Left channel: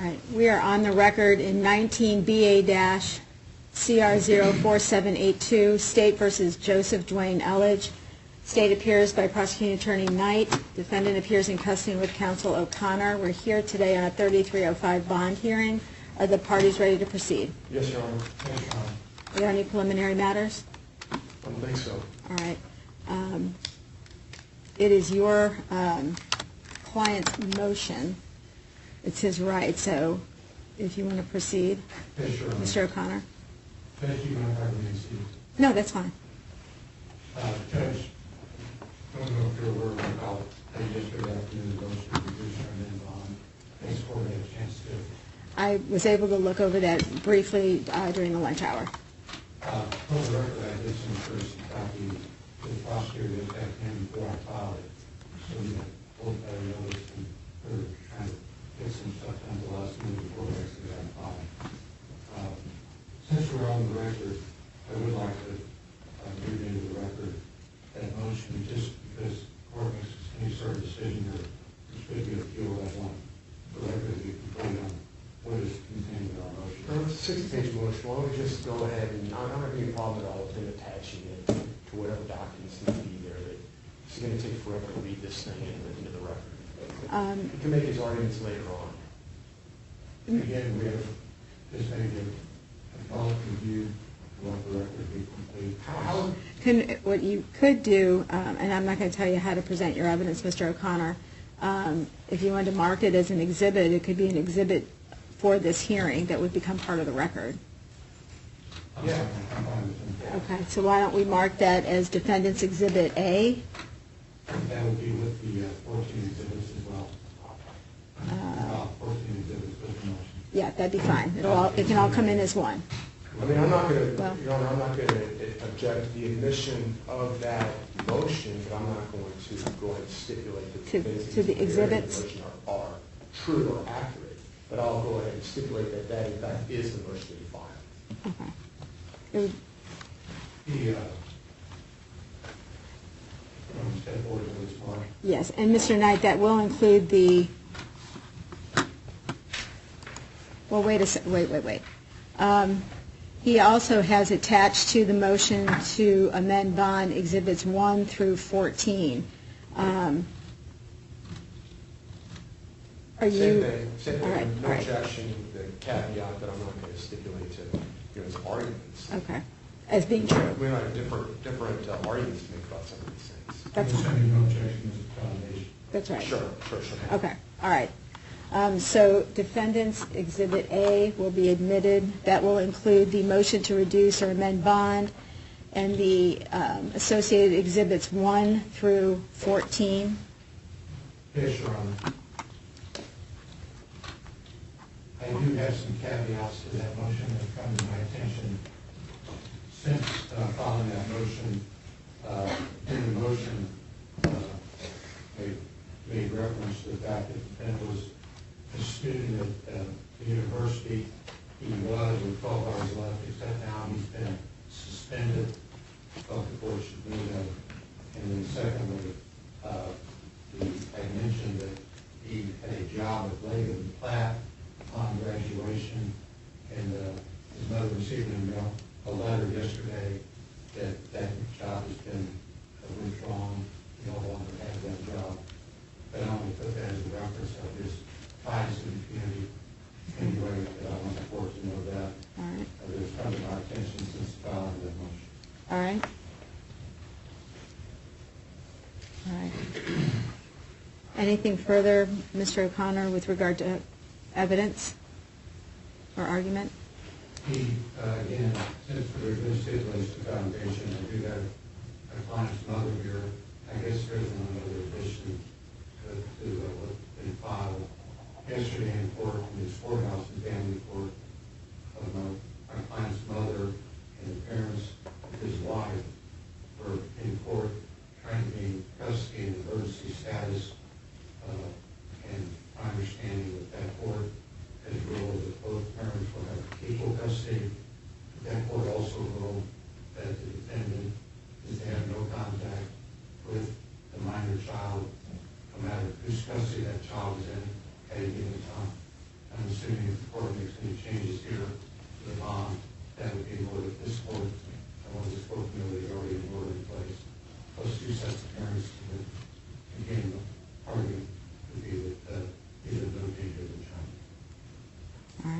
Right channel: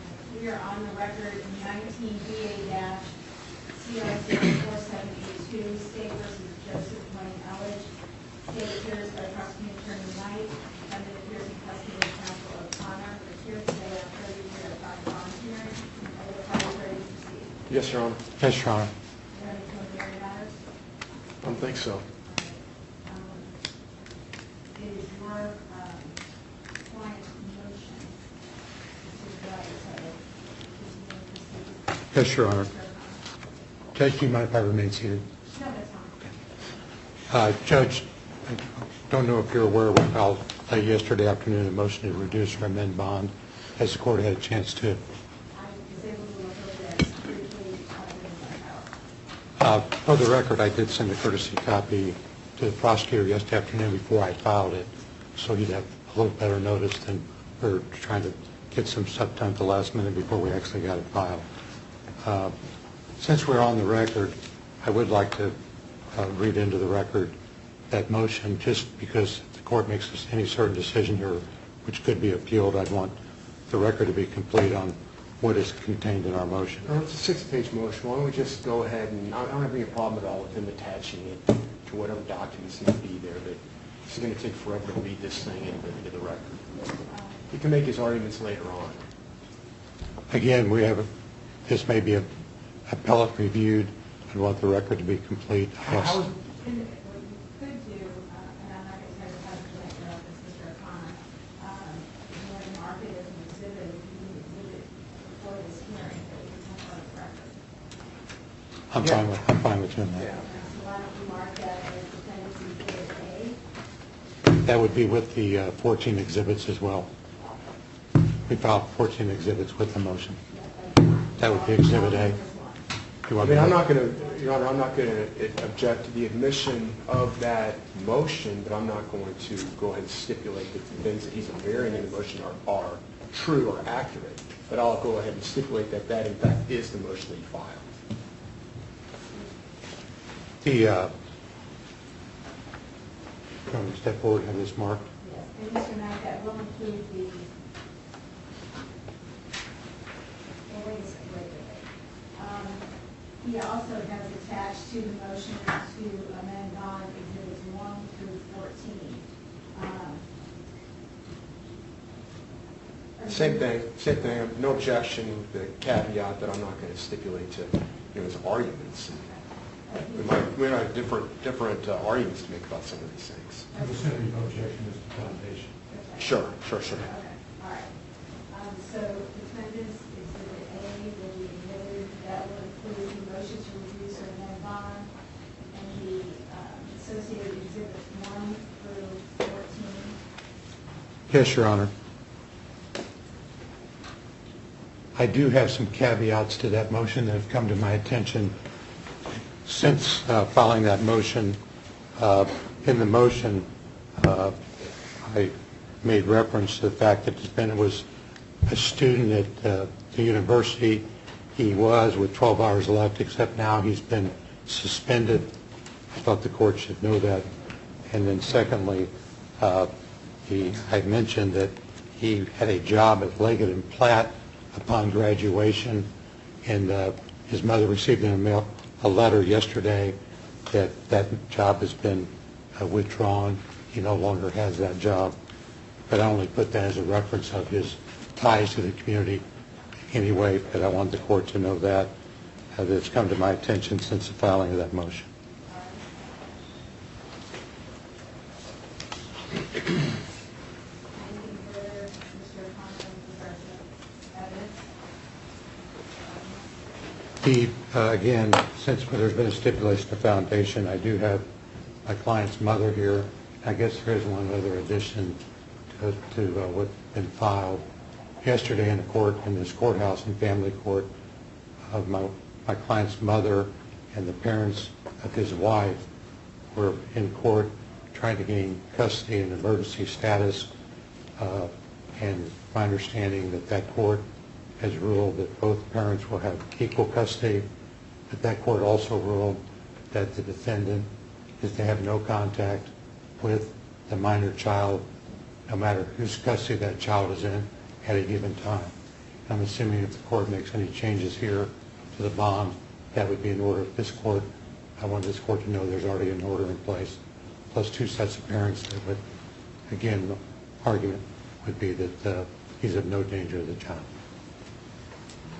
All right. We are on the record in 19 BA-CR04782, State versus Joseph Dwayne Elledge. State appears by Prosecuting Attorney Knight. Defendant appears in custody with Counsel O'Connor. We're here today on a 3305 bond hearing. Are the parties ready to proceed? Yes, Your Honor. Yes, Your Honor. Are there any preliminary matters? I don't think so. All right. It is your client's motion. It's his right, so if you want to proceed. Yes, Your Honor. Mr. O'Connor. Judge, do you mind if I remain seated? No, that's fine. Judge, I don't know if you're aware, we filed late yesterday afternoon a motion to reduce or amend bond. Has the court had a chance to? I was able to look over that briefly during the lunch hour. For the record, I did send a courtesy copy to the prosecutor yesterday afternoon before I filed it, so you'd have a little better notice than we're trying to get some stuff done at the last minute before we actually got it filed. Since we're on the record, I would like to read into the record that motion, just because the court makes any certain decision here, which could be appealed. I'd want the record to be complete on what is contained in our motion. It's a 6-page motion. Why don't we just go ahead, and I don't have any problem at all with him attaching it to whatever documents need to be there. But it's going to take forever to read this thing into the record. He can make his arguments later on. Again, this may be appellate reviewed. I want the record to be complete. What you could do, and I'm not going to tell you how to present your evidence, Mr. O'Connor, if you wanted to mark it as an exhibit, it could be an exhibit for this hearing that would become part of the record. I'm fine with doing that. Yeah. Okay, so why don't we mark that as Defendant's Exhibit A? That would be with the 14 exhibits as well. We filed 14 exhibits with the motion. Yeah, that'd be fine. That would be It can all Exhibit come A. in as one. I mean, I'm not going to, Your Honor, I'm not going to object to the admission of that motion, but I'm not going to go ahead and stipulate that the things that he's preparing in the motion are true or accurate. But I'll go ahead and stipulate that that, in fact, is the motion that he filed. Okay. Can we step forward to this, Mark? Yes, and Mr. Knight, that will include the, well, wait. He also has attached to the motion to amend bond Exhibits 1 through 14. Same thing. No objection with the caveat that I'm not going to stipulate to his arguments. Okay. As being true. We have different arguments to make about some of these things. That's no objection as a foundation. That's right. Sure. Okay, all right. So Defendant's Exhibit A will be admitted. That will include the motion to reduce or amend bond and the associated Exhibits 1 through 14. Yes, Your Honor. I do have some caveats to that motion that have come to my attention since filing that motion. In the motion, I made reference to the fact that the defendant was a student at the university. He was with 12 hours left, except now he's been suspended. I thought the court should know that. And then secondly, I mentioned that he had a job at Leggett and Platt upon graduation, and his mother received in the mail a letter yesterday that that job has been withdrawn. He no longer has that job. But I only put that as a reference of his ties to the community anyway, but I wanted the court to know that. That it's come to my attention since the filing of that motion. All right. Anything further, Mr. O'Connor, with regard to evidence or argument? Again, since there's been a stipulation of foundation, I do have my client's mother here. I guess there's one other addition to what's been filed yesterday in the court, in this courthouse and family court, of my client's mother and the parents of his wife were in court trying to gain custody and emergency status, and my understanding that court has ruled that both parents will have equal custody, but that court also ruled that the defendant is to have no contact with the minor child, no matter whose custody that child is in at a given time. I'm assuming if the court makes any changes here to the bond, that would be in order. This court, I want this court to know there's already an order in place, plus 2 sets of parents. But again, the argument would be that he's of no danger to the child. All right.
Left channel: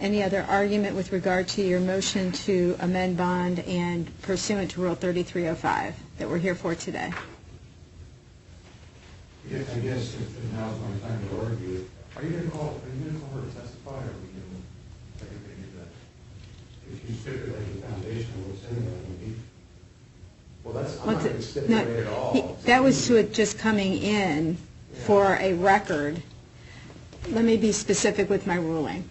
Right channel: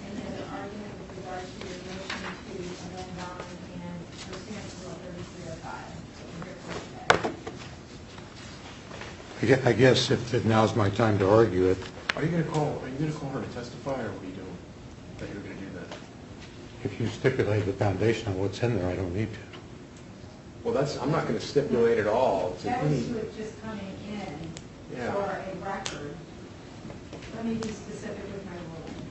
Any other argument with regard to your motion to amend bond and pursuant to Rule 3305 that we're here for today? I guess if now's my time to argue it. Are you going to call her to testify, or what are you doing? That you're going to do that? If you stipulate the foundation of what's in there, I don't need to. Well, I'm not going to stipulate at all. That was to it just coming in for a record. Let me be specific with my ruling.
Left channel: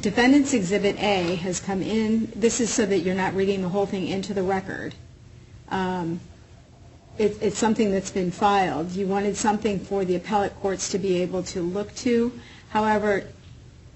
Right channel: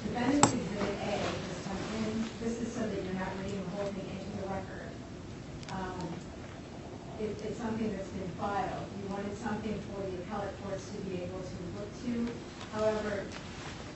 Defendant's Exhibit A has come in. This is so that you're not reading the whole thing into the record. It's something that's been filed. You wanted something for the appellate courts to be able to look to. However,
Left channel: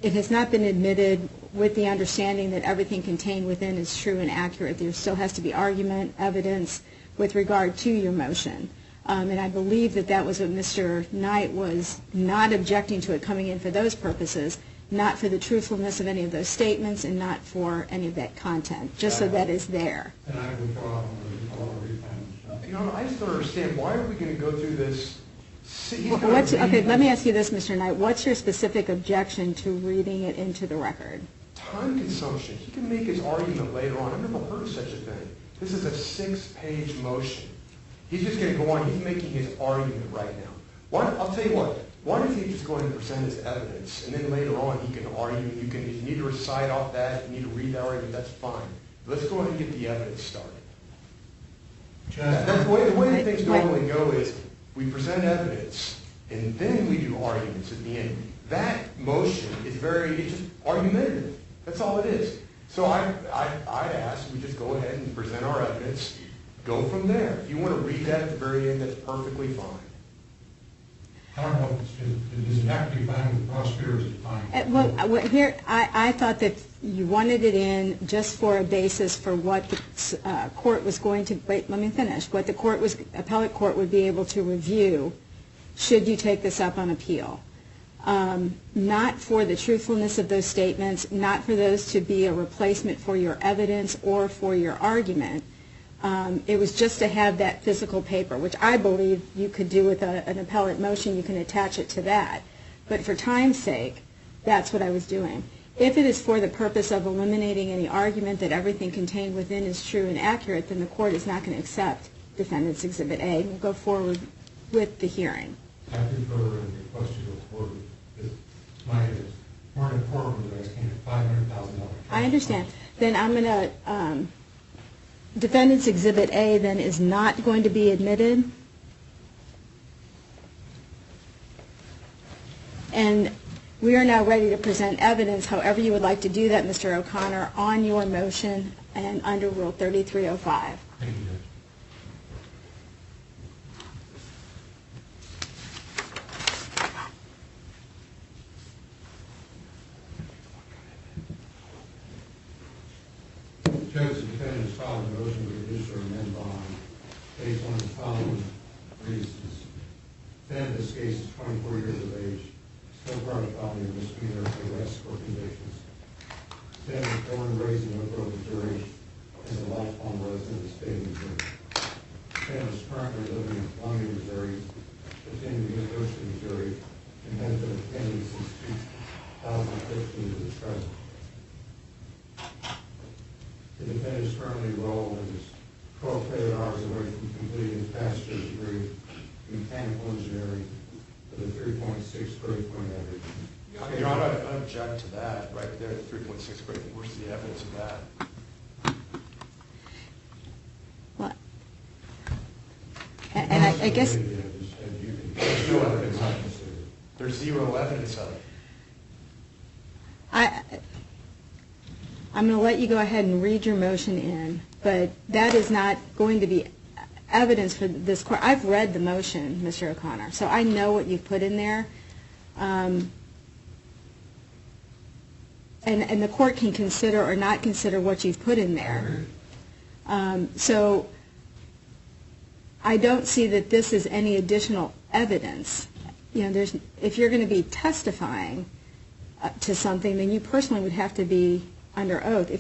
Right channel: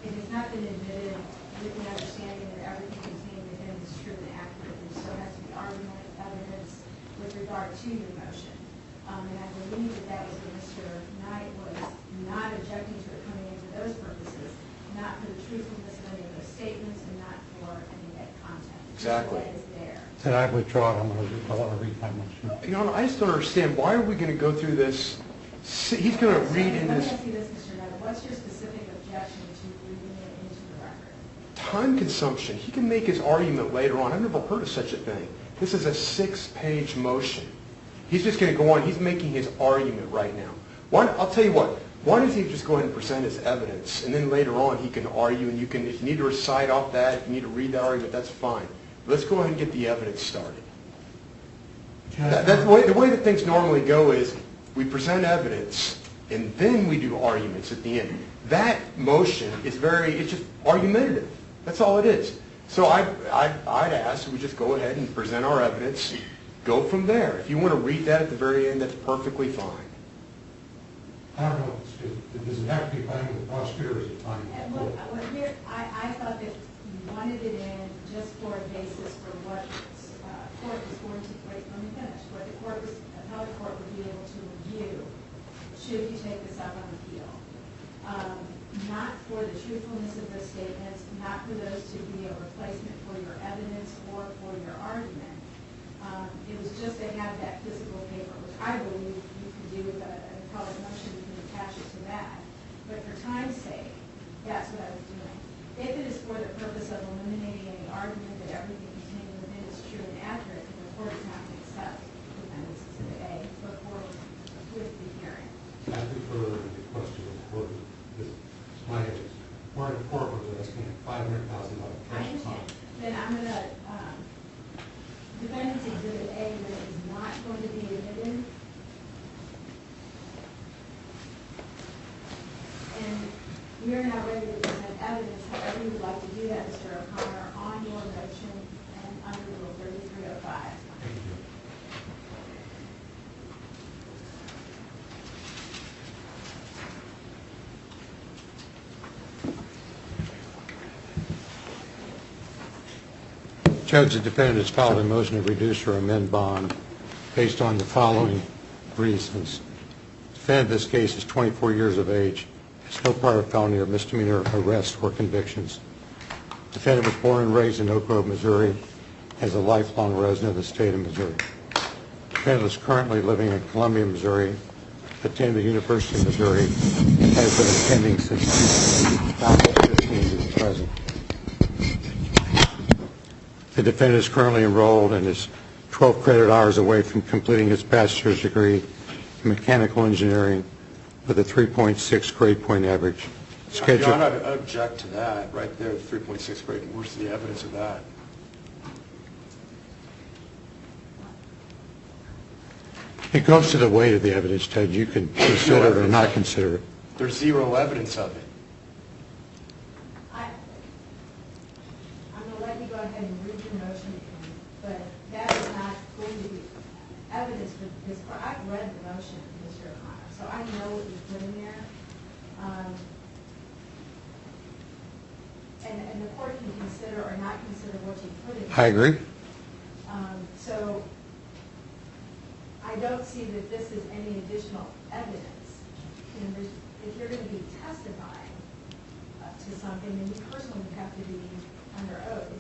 it has not been admitted with the understanding that everything contained within is true and accurate. There still has to be argument, evidence with regard to your motion. And I believe that was what Mr. Knight was not objecting to it coming in for those purposes, not for the truthfulness of any of those statements and not for any of that content, just so that is there. Then I withdraw. I want to read my motion. Your Honor, I just don't understand. Why are we going to go through this? He's going to read Okay, let me ask you this, Mr. Knight. What's your specific objection to reading it into the record? Time consumption. He can make his argument later on. I've never heard of such a thing. This is a 6-page motion. He's just going to go on. He's making his argument right now. I'll tell you what. Why doesn't he just go ahead and present his evidence, and then later on he can argue, and if you need to recite off that, if you need to read that argument, that's fine. Let's go ahead and get the evidence started. That's the way that things normally go is we present evidence, and then we do arguments at the end. That motion is it's just argumentative. That's all it is. So I'd ask we just go ahead and present our evidence, go from there. If you want to read that at the very end, that's perfectly fine. I don't know. Does it have to be fine with prosecutors at the time? Well, here, I thought that you wanted it in just for a basis for what the court was going to, wait, let me finish, what the appellate court would be able to review should you take this up on appeal. Not for the truthfulness of those statements, not for those to be a replacement for your evidence or for your argument. It was just to have that physical paper, which I believe you could do with an appellate motion. You can attach it to that. But for time's sake, that's what I was doing. If it is for the purpose of eliminating any argument that everything contained within is true and accurate, then the court is not going to accept Defendant's Exhibit A and go forward with the hearing. I prefer the question of the court. My evidence. Martin Court was asking a $500,000. I understand. Then I'm going to... Defendant's Exhibit A then is not going to be admitted. And we are now ready to present evidence, however you would like to do that, Mr. O'Connor, on your motion and under Rule 3305. Thank you, Judge, the defendant has filed a motion to reduce or amend bond based on the following reasons. The defendant in this case is 24 years of age, has no prior felony or misdemeanor arrest or convictions. The defendant was born and raised in Oak Grove, Missouri, as a lifelong resident of the state of Missouri. The defendant is currently living in Columbia, Missouri, attended the University of Missouri, and has been attending since 2015 to the present. The defendant is currently enrolled and is 12 credit hours away from completing his bachelor's degree in mechanical engineering with a 3.6 grade point average. Your Honor, I object to that right there, the 3.6 grade. Where's the evidence of that? What? It goes to the weight of the evidence, Ted. You can consider it or not consider it. There's zero evidence of it. I'm going to let you go ahead and read your motion in, but that is not going to be evidence for this court. I've read the motion, Mr. O'Connor, so I know what you've put in there. And the court can consider or not consider what you've put in there. I agree. So I don't see that this is any additional evidence. if you're going to be testifying to something, then you personally would have to be under oath.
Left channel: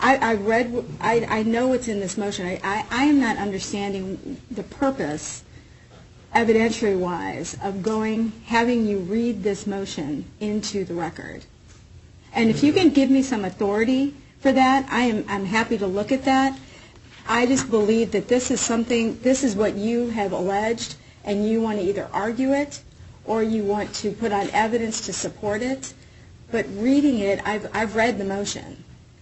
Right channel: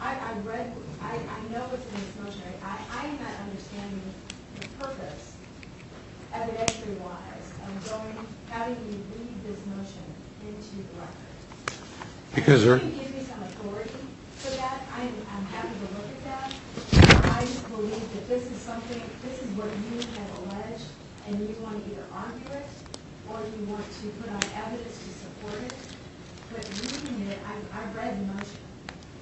I know what's in this motion. I am not understanding the purpose, evidentiary-wise, of having you read this motion into the record. And if you can give me some authority for that, I'm happy to look at that. I just believe that this is what you have alleged, and you want to either argue it or you want to put on evidence to support it. But reading it, I've read the motion.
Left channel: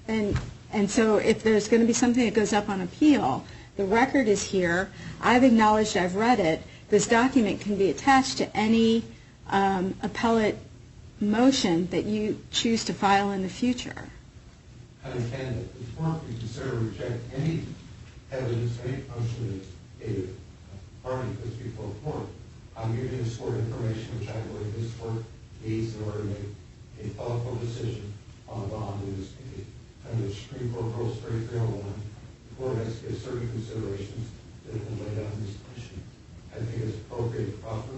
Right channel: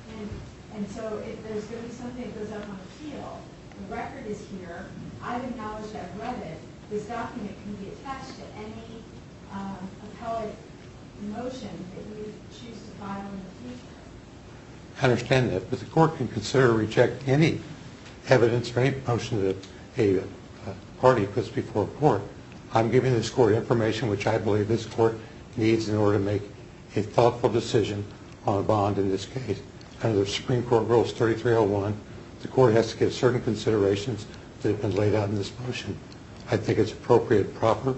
And so if there's going to be something that goes up on appeal, the record is here. I've acknowledged I've read it. This document can be attached to any appellate motion that you choose to file in the future. I understand that, but the court can consider or reject any evidence or any motion that a party puts before a court. I'm giving this court information which I believe this court needs in order to make a thoughtful decision on a bond in this case. Under the Supreme Court Rules 3301, the court has to give certain considerations that have been laid out in this motion. I think it's appropriate and proper.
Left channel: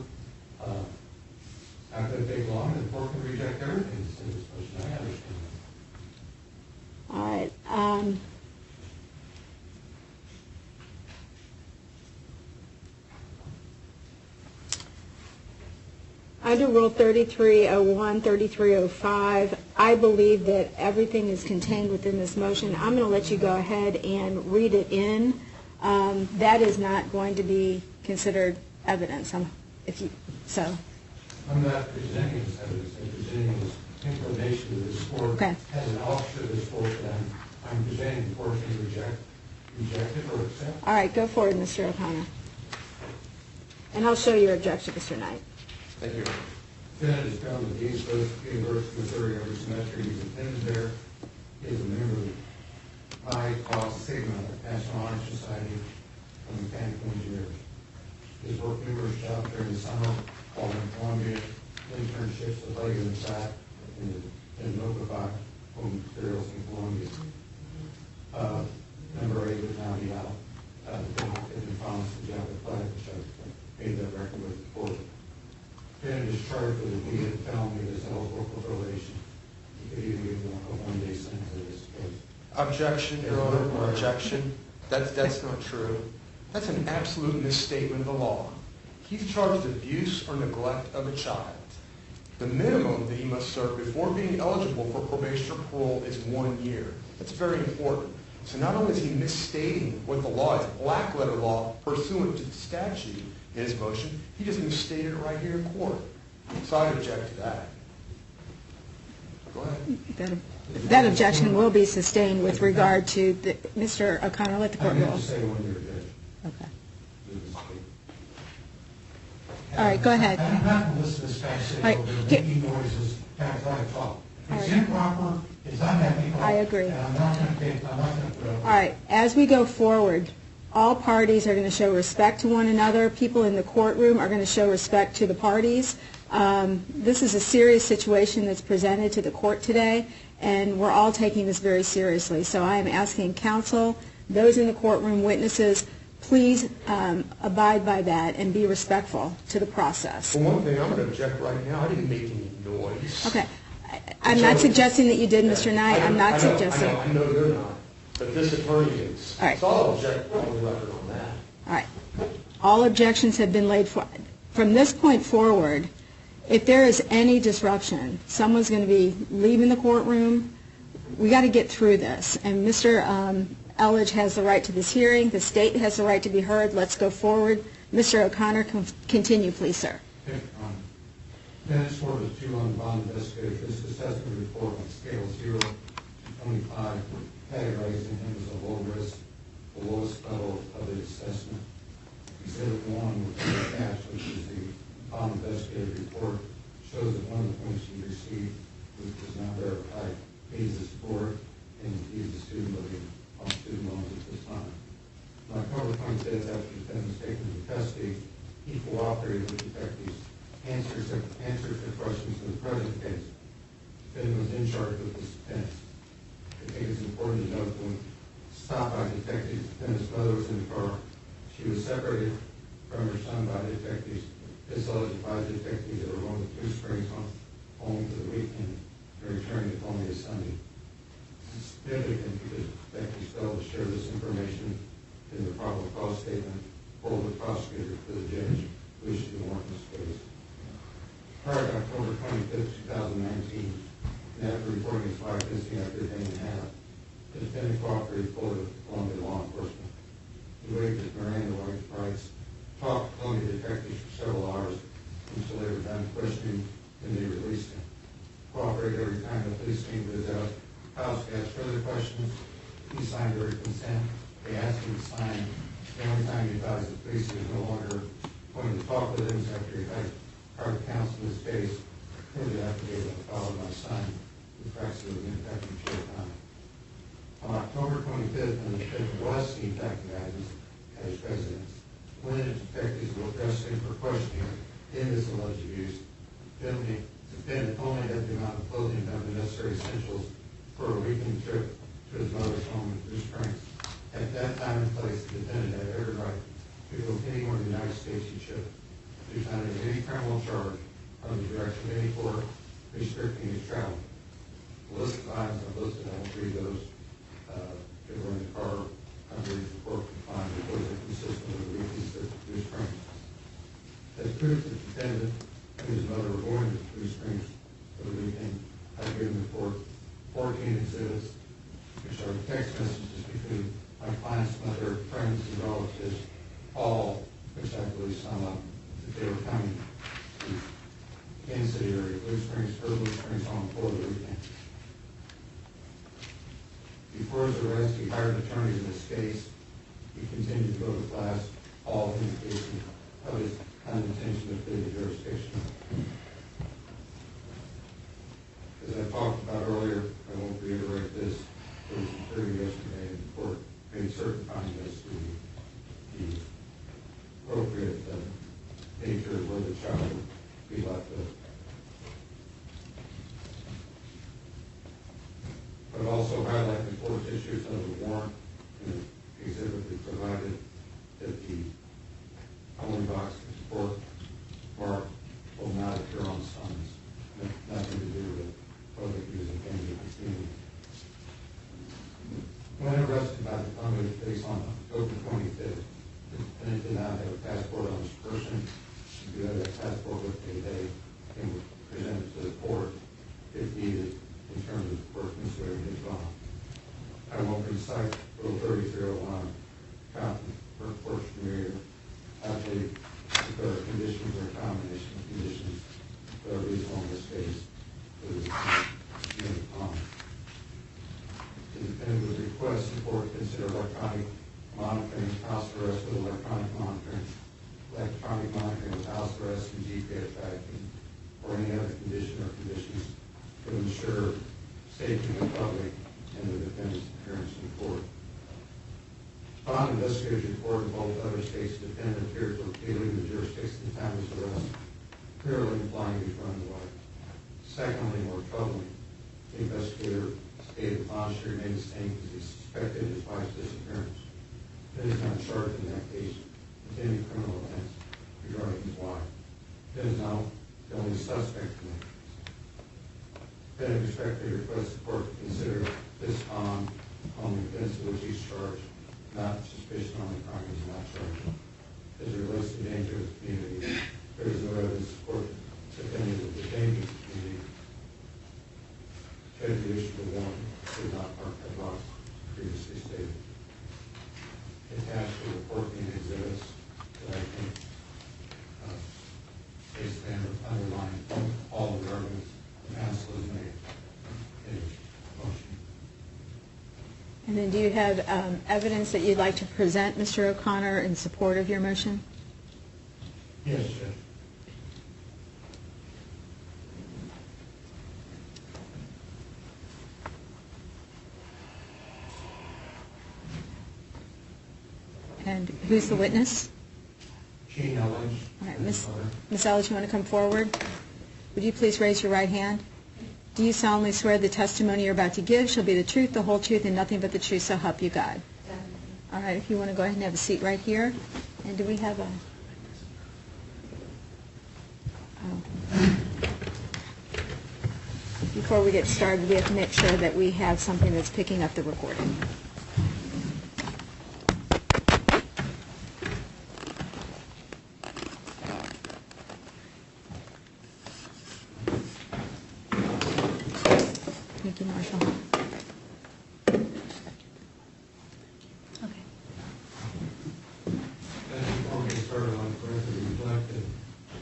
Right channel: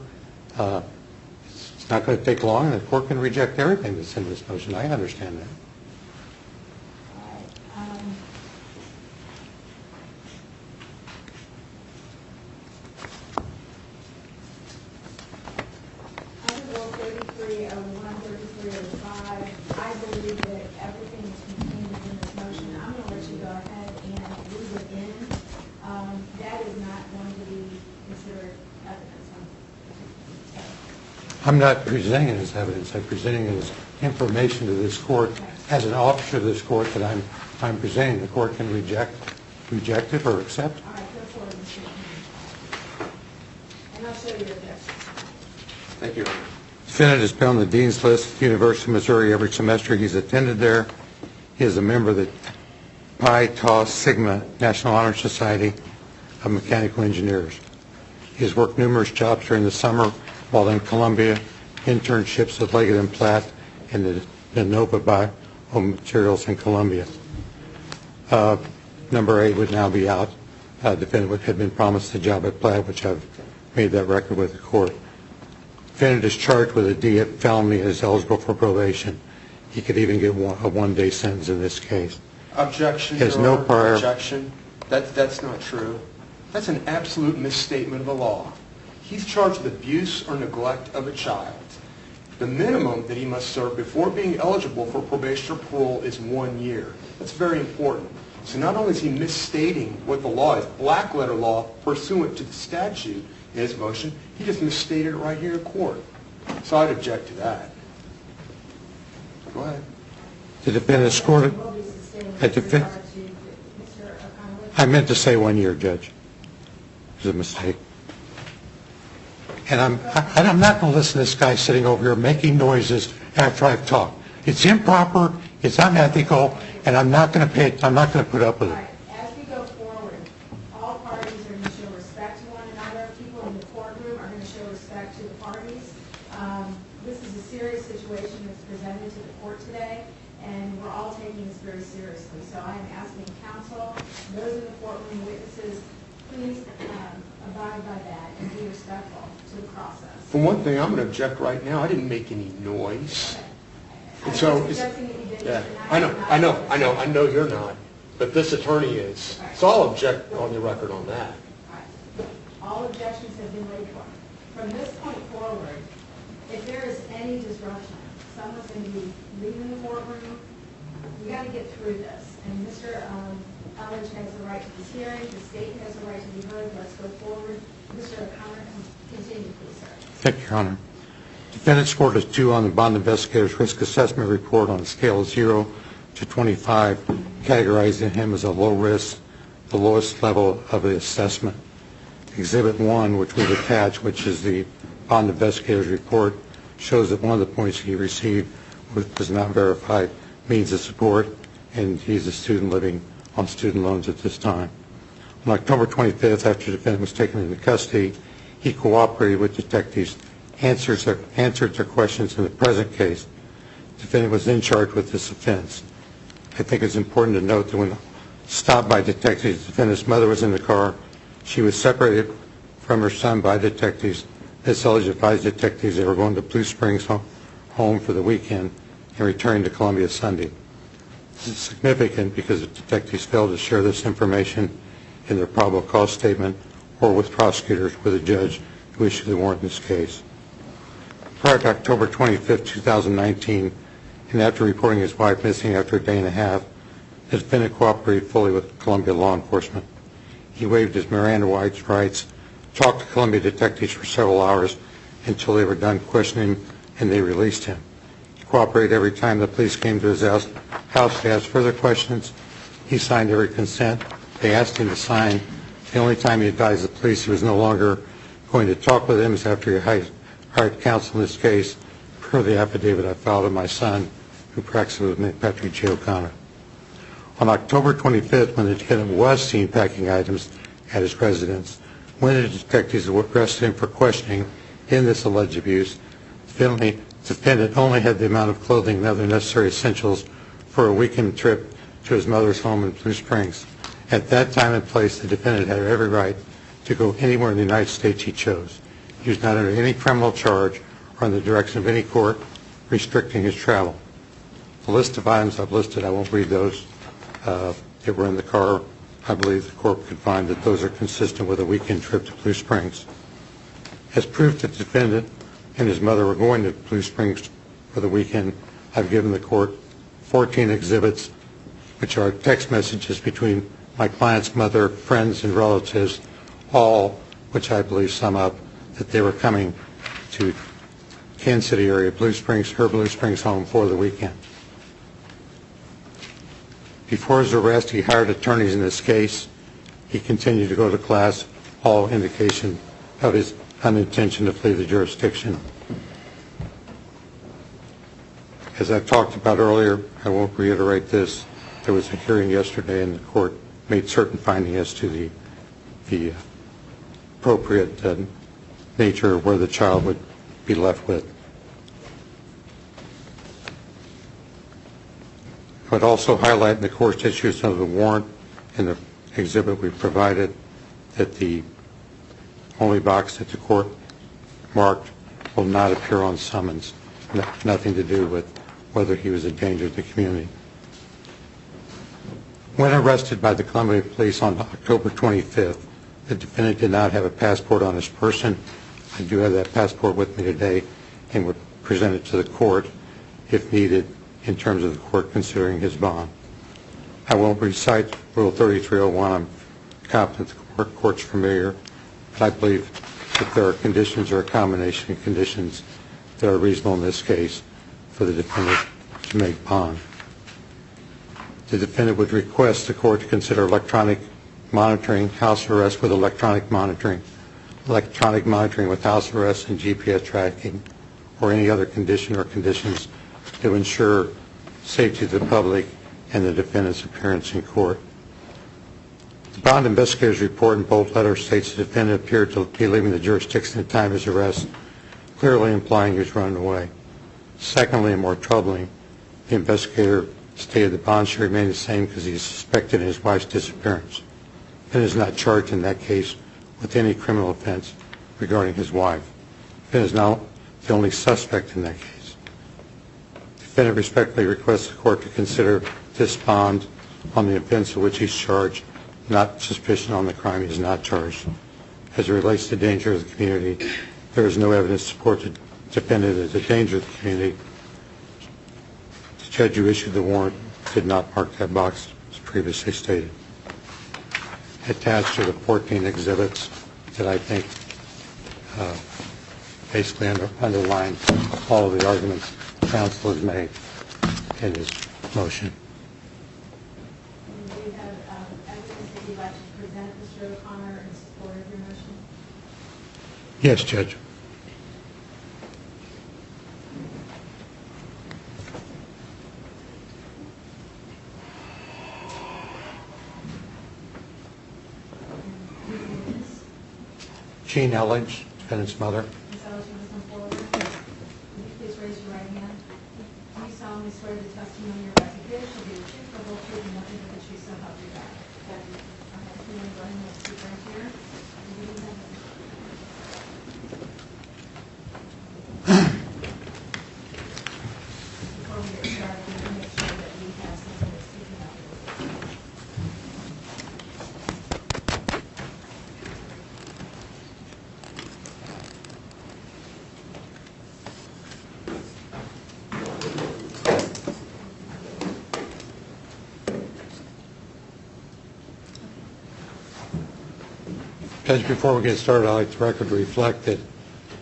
It's not going to take long, and the court can reject everything that's in this motion. I understand that. All right. Under Rule 3301, 3305, I believe that everything is contained within this motion. I'm going to let you go ahead and read it in. That is not going to be considered evidence. I'm not presenting it as evidence. I'm presenting it as information to this court. Okay. As an officer of this court that I'm presenting, the court can reject it or accept it. All right, go forward, Mr. O'Connor. And I'll show your objections tonight. Thank you. Defendant has been on the Dean's List at the University of Missouri every semester he's attended there. He is a member of the Pi Tau Sigma National Honor Society of Mechanical Engineers. He has worked numerous jobs during the summer while in Columbia, internships with Leggett & Platt and the Nova Biomaterials in Columbia. Number 8 would now be out. Defendant had been promised a job at Platt, which I've made that record with the court. Defendant is charged with a D felony and is eligible for probation. He could even get a one-day sentence in this case. Objection, Your Honor. Objection. That's not true. That's an absolute misstatement of the law. He's charged with abuse or neglect of a child. The minimum that he must serve before being eligible for probation or parole is 1 year. That's very important. So not only is he misstating what the law is, black letter law pursuant to the statute in his motion, he just misstated it right here in court. So I'd object to that. Go ahead. That objection will be sustained with regard to Mr. O'Connor. I meant to say 1 year, Judge. Okay. It was a mistake. And, right, go ahead. And I'm not going to listen to this guy sitting over here making noises after I've talked. It's improper, it's unethical, and I'm not going to put up with it. All right, as we go forward, all parties are going to show respect to one another. People in the courtroom are going to show respect to the parties. This is a serious situation that's presented to the court today, and we're all taking this very seriously. So I am asking counsel, those in the courtroom, witnesses, please abide by that and be respectful to the process. For one thing, I'm going to object right now. I didn't make any noise. Okay. I'm not suggesting that you did, Mr. Knight. I know you're not, but this attorney is. Right. So I'll object on the record on that. All right. All objections have been laid for. From this point forward, if there is any disruption, someone's going to be leaving the courtroom. We got to get through this. And Mr. Elledge has the right to this hearing. The state has the right to be heard. Let's go forward. Mr. O'Connor, continue, please, sir. Thank you, Your Honor. Defendant scored a 2 on the bond investigator's risk assessment report on a scale of 0 to 25, categorizing him as a low risk, the lowest level of the assessment. Exhibit 1, which was attached, which is the bond investigator's report, shows that one of the points he received was not verified, means of support, and he's a student living on student loans at this time. On October 25th, after the defendant was taken into custody, he cooperated with detectives, answered their questions in the present case. The defendant was then charged with this offense. I think it's important to note that when stopped by detectives, the defendant's mother was in the car. She was separated from her son by detectives. Ms. Elledge advised detectives they were going to Blue Springs home for the weekend and returning to Columbia Sunday. This is significant because the detectives failed to share this information in their probable cause statement or with prosecutors with a judge who issued the warrant in this case. Prior to October 25, 2019, and after reporting his wife missing after a day and a half, the defendant cooperated fully with Columbia law enforcement. He waived his Miranda rights, talked to Columbia detectives for several hours until they were done questioning and they released him. He cooperated every time the police came to his house to ask further questions. He signed every consent they asked him to sign. The only time he advised the police he was no longer going to talk with them is after he hired counsel in this case, per the affidavit I filed with my son, who practices with me, Mengqi Ji. On October 25th, when the defendant was seen packing items at his residence, when the detectives arrested him for questioning in this alleged abuse, the defendant only had the amount of clothing and other necessary essentials for a weekend trip to his mother's home in Blue Springs. At that time and place, the defendant had every right to go anywhere in the United States he chose. He was not under any criminal charge or in the direction of any court restricting his travel. The list of items I've listed, I won't read those. They were in the car. I believe the court could find that those are consistent with a weekend trip to Blue Springs. As proof that the defendant and his mother were going to Blue Springs for the weekend, I've given the court 14 exhibits, which are text messages between my client's mother, friends, and relatives, all which I believe sum up that they were coming to Kansas City area, Blue Springs, her Blue Springs home for the weekend. Before his arrest, he hired attorneys in this case. He continued to go to class, all indication of his unintention to flee the jurisdiction. As I talked about earlier, I won't reiterate this. There was a hearing yesterday and the court made certain findings as to the appropriate nature of where the child would be left with. I would also highlight in the court's issues of the warrant in the exhibit we provided that the only box that the court marked will not appear on summons. Nothing to do with whether he was a danger to the community. When arrested by the Columbia Police on October 25th, the defendant did not have a passport on his person. I do have that passport with me today and would present it to the court if needed in terms of the court considering his bond. I won't recite Rule 3301. I'm confident the court's familiar, but I believe that there are conditions or a combination of conditions that are reasonable in this case for the defendant to make bond. The defendant would request the court to consider electronic monitoring, house arrest with electronic monitoring with house arrest and GPS tracking, or any other condition or conditions to ensure safety of the public and the defendant's appearance in court. The bond investigator's report in bold letters states the defendant appeared to be leaving the jurisdiction at the time of his arrest, clearly implying he was running away. Secondly, and more troubling, the investigator stated the bond should remain the same because he is suspected in his wife's disappearance and is not charged in that case with any criminal offense regarding his wife. He is now the only suspect in that case. The defendant respectfully requests the court to consider this bond on the offense of which he's charged, not suspicion on the crime he is not charged. As it relates to danger of the community, there is no evidence to support the defendant as a danger of the community. The judge who issued the warrant did not mark that box as previously stated. Attached to the 14 exhibits that I think basically underline all of the arguments counsel has made in his motion. And then do you have evidence that you'd like to present, Mr. O'Connor, in support of your motion? Yes, Judge. And who's the witness? Jean Elledge and his mother. Ms. Elledge, you want to come forward? Would you please raise your right hand? Do you solemnly swear the testimony you're about to give shall be the truth, the whole truth, and nothing but the truth, so help you God? All right, if you want to go ahead and have a seat right here. And do we have before we get started, we have to make sure that we have something that's picking up the recording. Thank you, Marshall. Okay. Judge, before we get started, I'd like the record to reflect that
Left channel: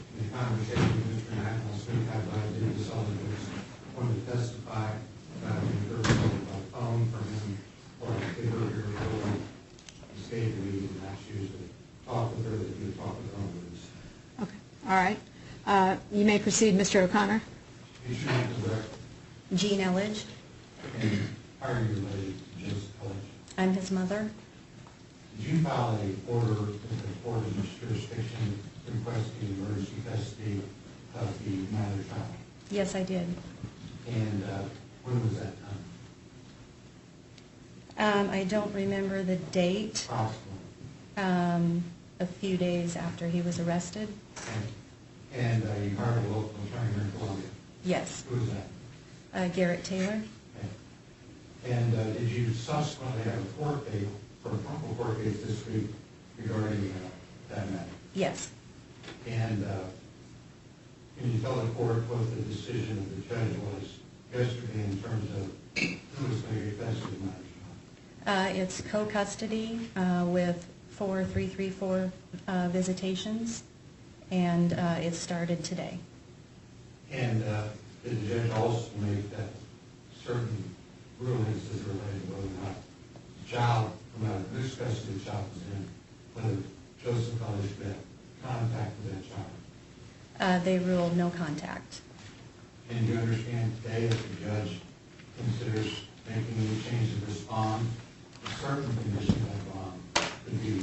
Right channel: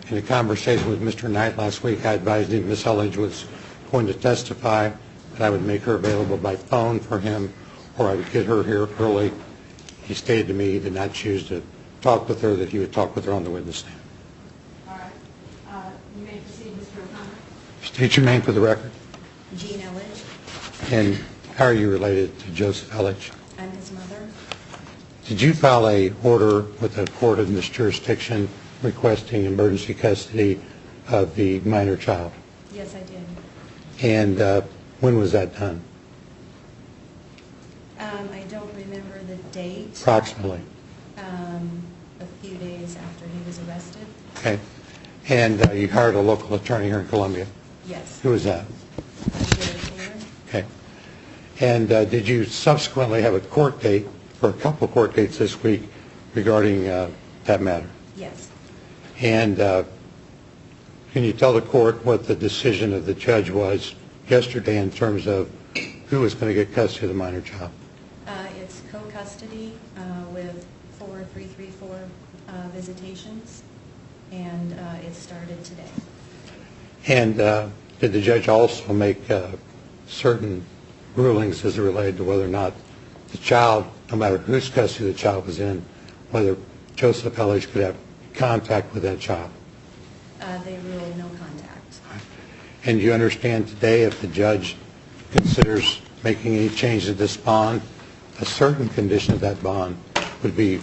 in a conversation with Mr. Knight last week, I advised him Ms. Elledge was going to testify, that I would make her available by phone for him, or I would get her here early. He stated to me he did not choose to talk with her, that he would talk with her on the witness stand. Okay. All right. You may proceed, Mr. O'Connor. State your name for the record. Jean Elledge. And how are you related to Joseph Elledge? I'm his mother. Did you file a order with the court in this jurisdiction requesting emergency custody of the minor child? Yes, I did. And when was that done? I don't remember the date. Approximately. A few days after he was arrested. Okay. And you hired a local attorney here in Columbia? Yes. Who was that? Garrett Taylor. Okay. And did you subsequently have a court date, or a couple of court dates this week regarding that matter? Yes. And can you tell the court what the decision of the judge was yesterday in terms of who was going to get custody of the minor child? It's co-custody with 4334 visitations, and it started today. And did the judge also make certain rulings as it related to whether or not the child, no matter whose custody the child was in, whether Joseph Elledge could have contact with that child? They ruled no contact. And you understand today if the judge considers making any change to this bond, a certain condition of that bond would be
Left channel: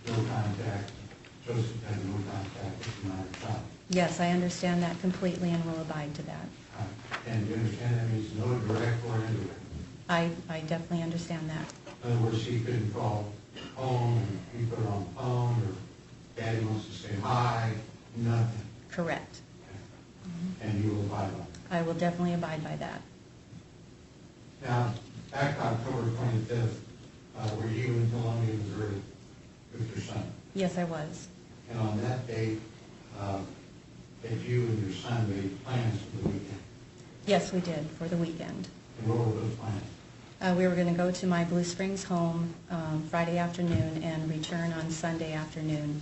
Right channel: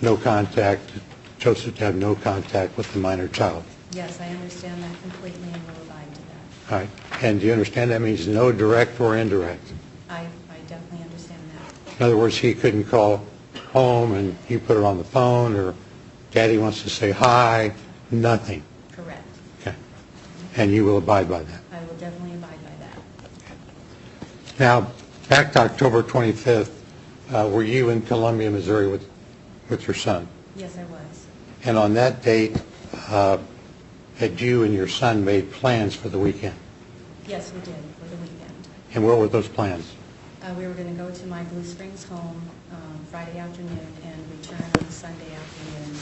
no contact, Joseph to have no contact with the minor child? Yes, I understand that completely and will abide to that. All right. And do you understand that means no direct or indirect? I definitely understand that. In other words, he couldn't call home and you put her on the phone, or Daddy wants to say hi, nothing? Correct. Okay. And you will abide by that? I will definitely abide by that. Now, back to October 25th, were you in Columbia, Missouri with your son? Yes, I was. And on that date, had you and your son made plans for the weekend? Yes, we did, for the weekend. And what were those plans? We were going to go to my Blue Springs home Friday afternoon and return on Sunday afternoon.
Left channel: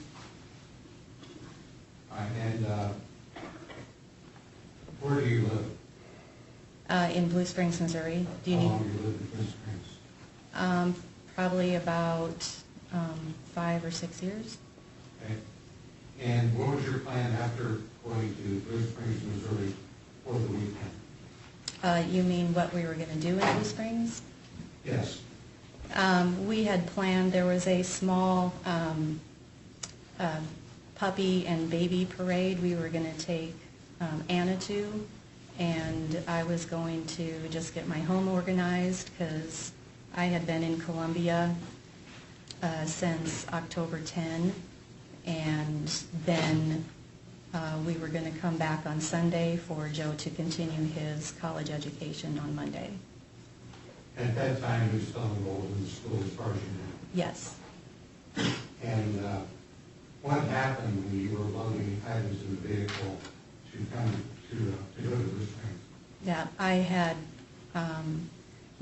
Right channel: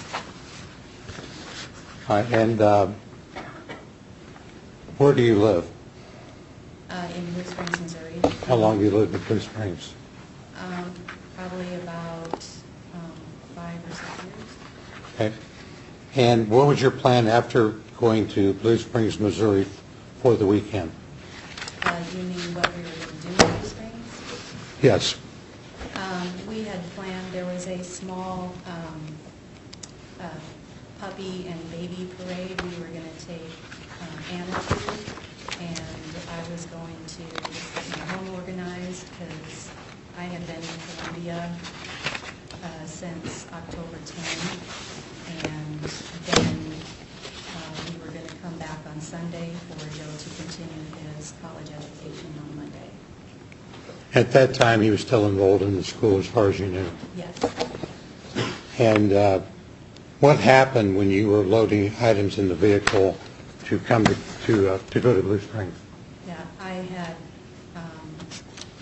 All right. And where do you live? In Blue Springs, Missouri. How long have you lived in Blue Springs? Probably about 5 or 6 years. Okay. And what was your plan after going to Blue Springs, Missouri for the weekend? You mean what we were going to do in Blue Springs? Yes. We had planned, there was a small puppy and baby parade we were going to take Anna to, and I was going to just get my home organized because I had been in Columbia since October 10, and then we were going to come back on Sunday for Joe to continue his college education on Monday. At that time, he was still enrolled in the school as far as you knew? Yes. And what happened when you were loading items in the vehicle to come to go to Blue Springs? Yeah, I had,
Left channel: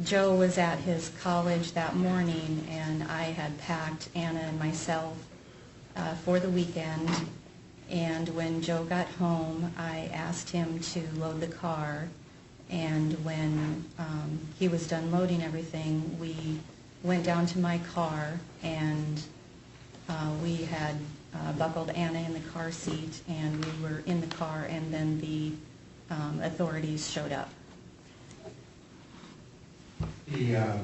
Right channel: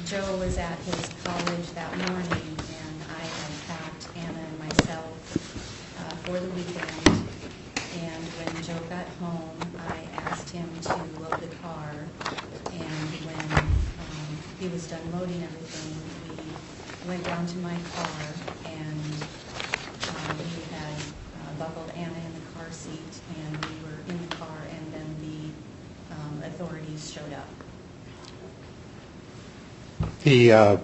Joe was at his college that morning, and I had packed Anna and myself for the weekend. And when Joe got home, I asked him to load the car. And when he was done loading everything, we went down to my car, and we had buckled Anna in the car seat, and we were in the car, and then the authorities showed up. You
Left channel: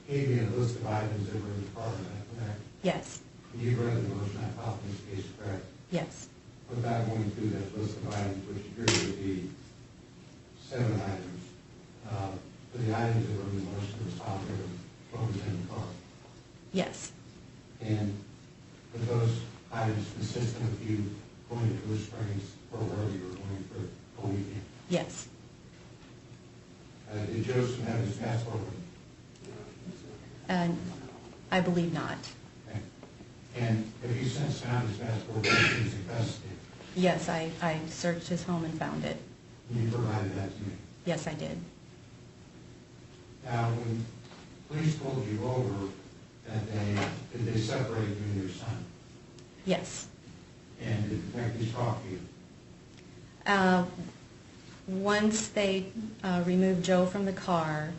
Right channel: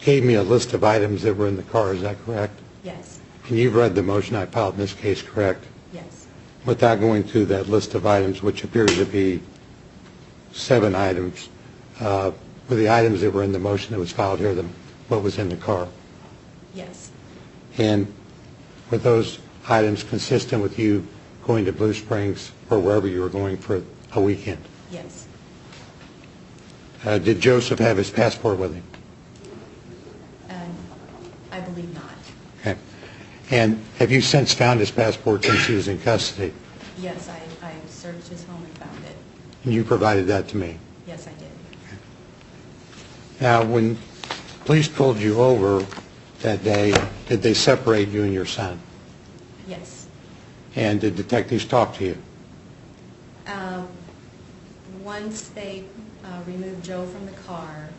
gave me a list of items that were in the car, is that correct? Yes. And you've read the motion I filed in this case, correct? Yes. Without going through that list of items, which appears to be 7 items, were the items that were in the motion that was filed here what was in the car? Yes. And were those items consistent with you going to Blue Springs or wherever you were going for a weekend? Yes. Did Joseph have his passport with him? I believe not. Okay. And have you since found his passport since he was in custody? Yes, I searched his home and found it. And you provided that to me? Yes, I did. Now, when police pulled you over that day, did they separate you and your son? Yes. And did detectives talk to you? Once they removed Joe from the car,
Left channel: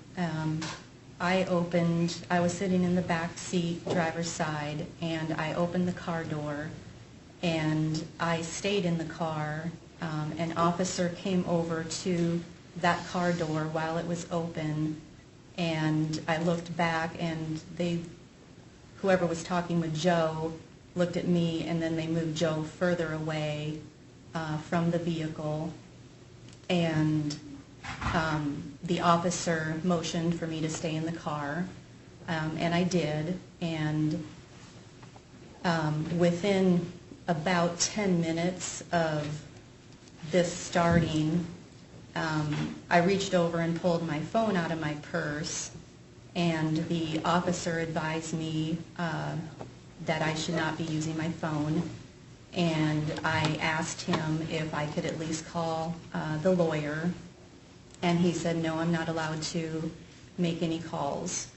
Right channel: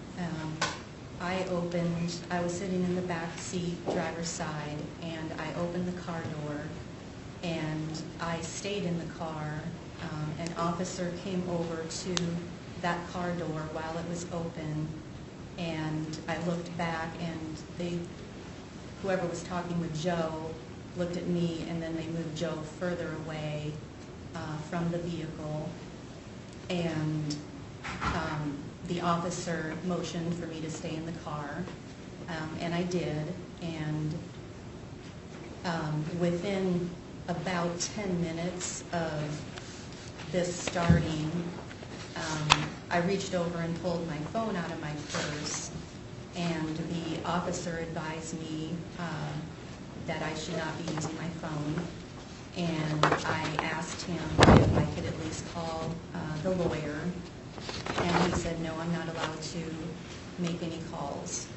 I was sitting in the back seat, driver's side, and I opened the car door, and I stayed in the car. An officer came over to that car door while it was open, and I looked back, and whoever was talking with Joe looked at me, and then they moved Joe further away from the vehicle, and the officer motioned for me to stay in the car, and I did, and within about 10 minutes of this starting, I reached over and pulled my phone out of my purse, and the officer advised me that I should not be using my phone, and I asked him if I could at least call the lawyer, and he said, no, I'm not allowed to make any calls.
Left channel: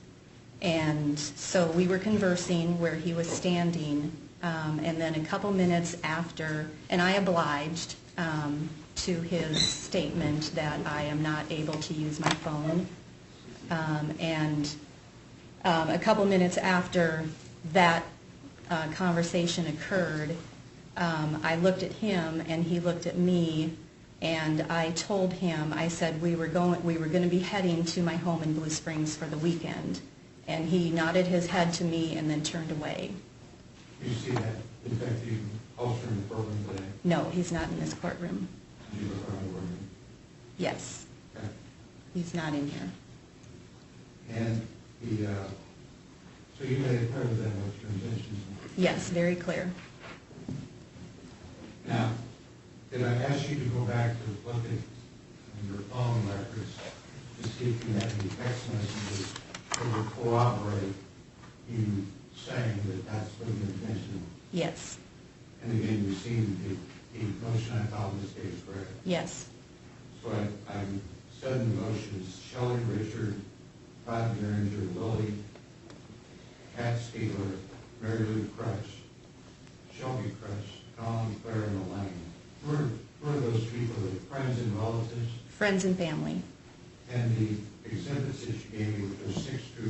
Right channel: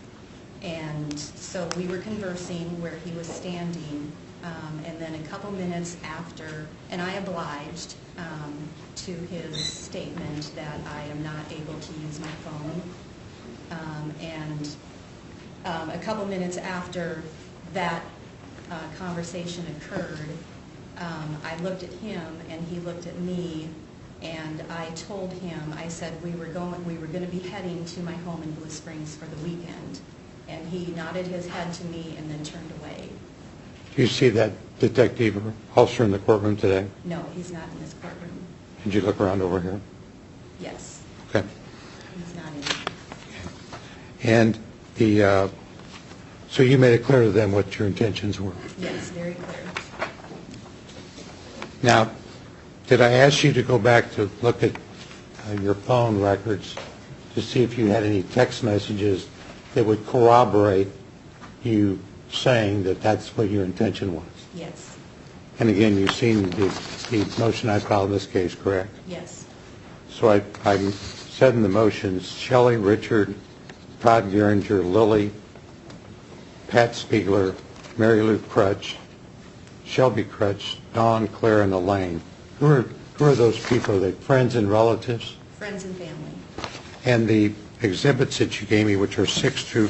And so we were conversing where he was standing, and then a couple minutes after, and I obliged to his statement that I am not able to use my phone, and a couple minutes after that conversation occurred, I looked at him and he looked at me, and I told him, I said we were going to be heading to my home in Blue Springs for the weekend, and he nodded his head to me and then turned away. Do you see that detective or officer in the courtroom today? No, he's not in this courtroom. Did you look around over here? Yes. Okay. He's not in here. And so you made it clear to them what your intentions were? Yes, very clear. Now, did I ask you to go back to look at your phone records to see if you had any text messages that would corroborate you saying that that's what your intention was? Yes. And again, you've seen the motion I filed in this case, correct? Yes. So I said in the motions, Shelley, Richard, Todd Geringer, Lily, Pat Spiegler, Mary Lou Crutch, Shelby Crutch, Dawn, Claire, and Elaine. Who are those people? Are they friends and relatives? Friends and family. And the exhibits that you gave me, which are 6 through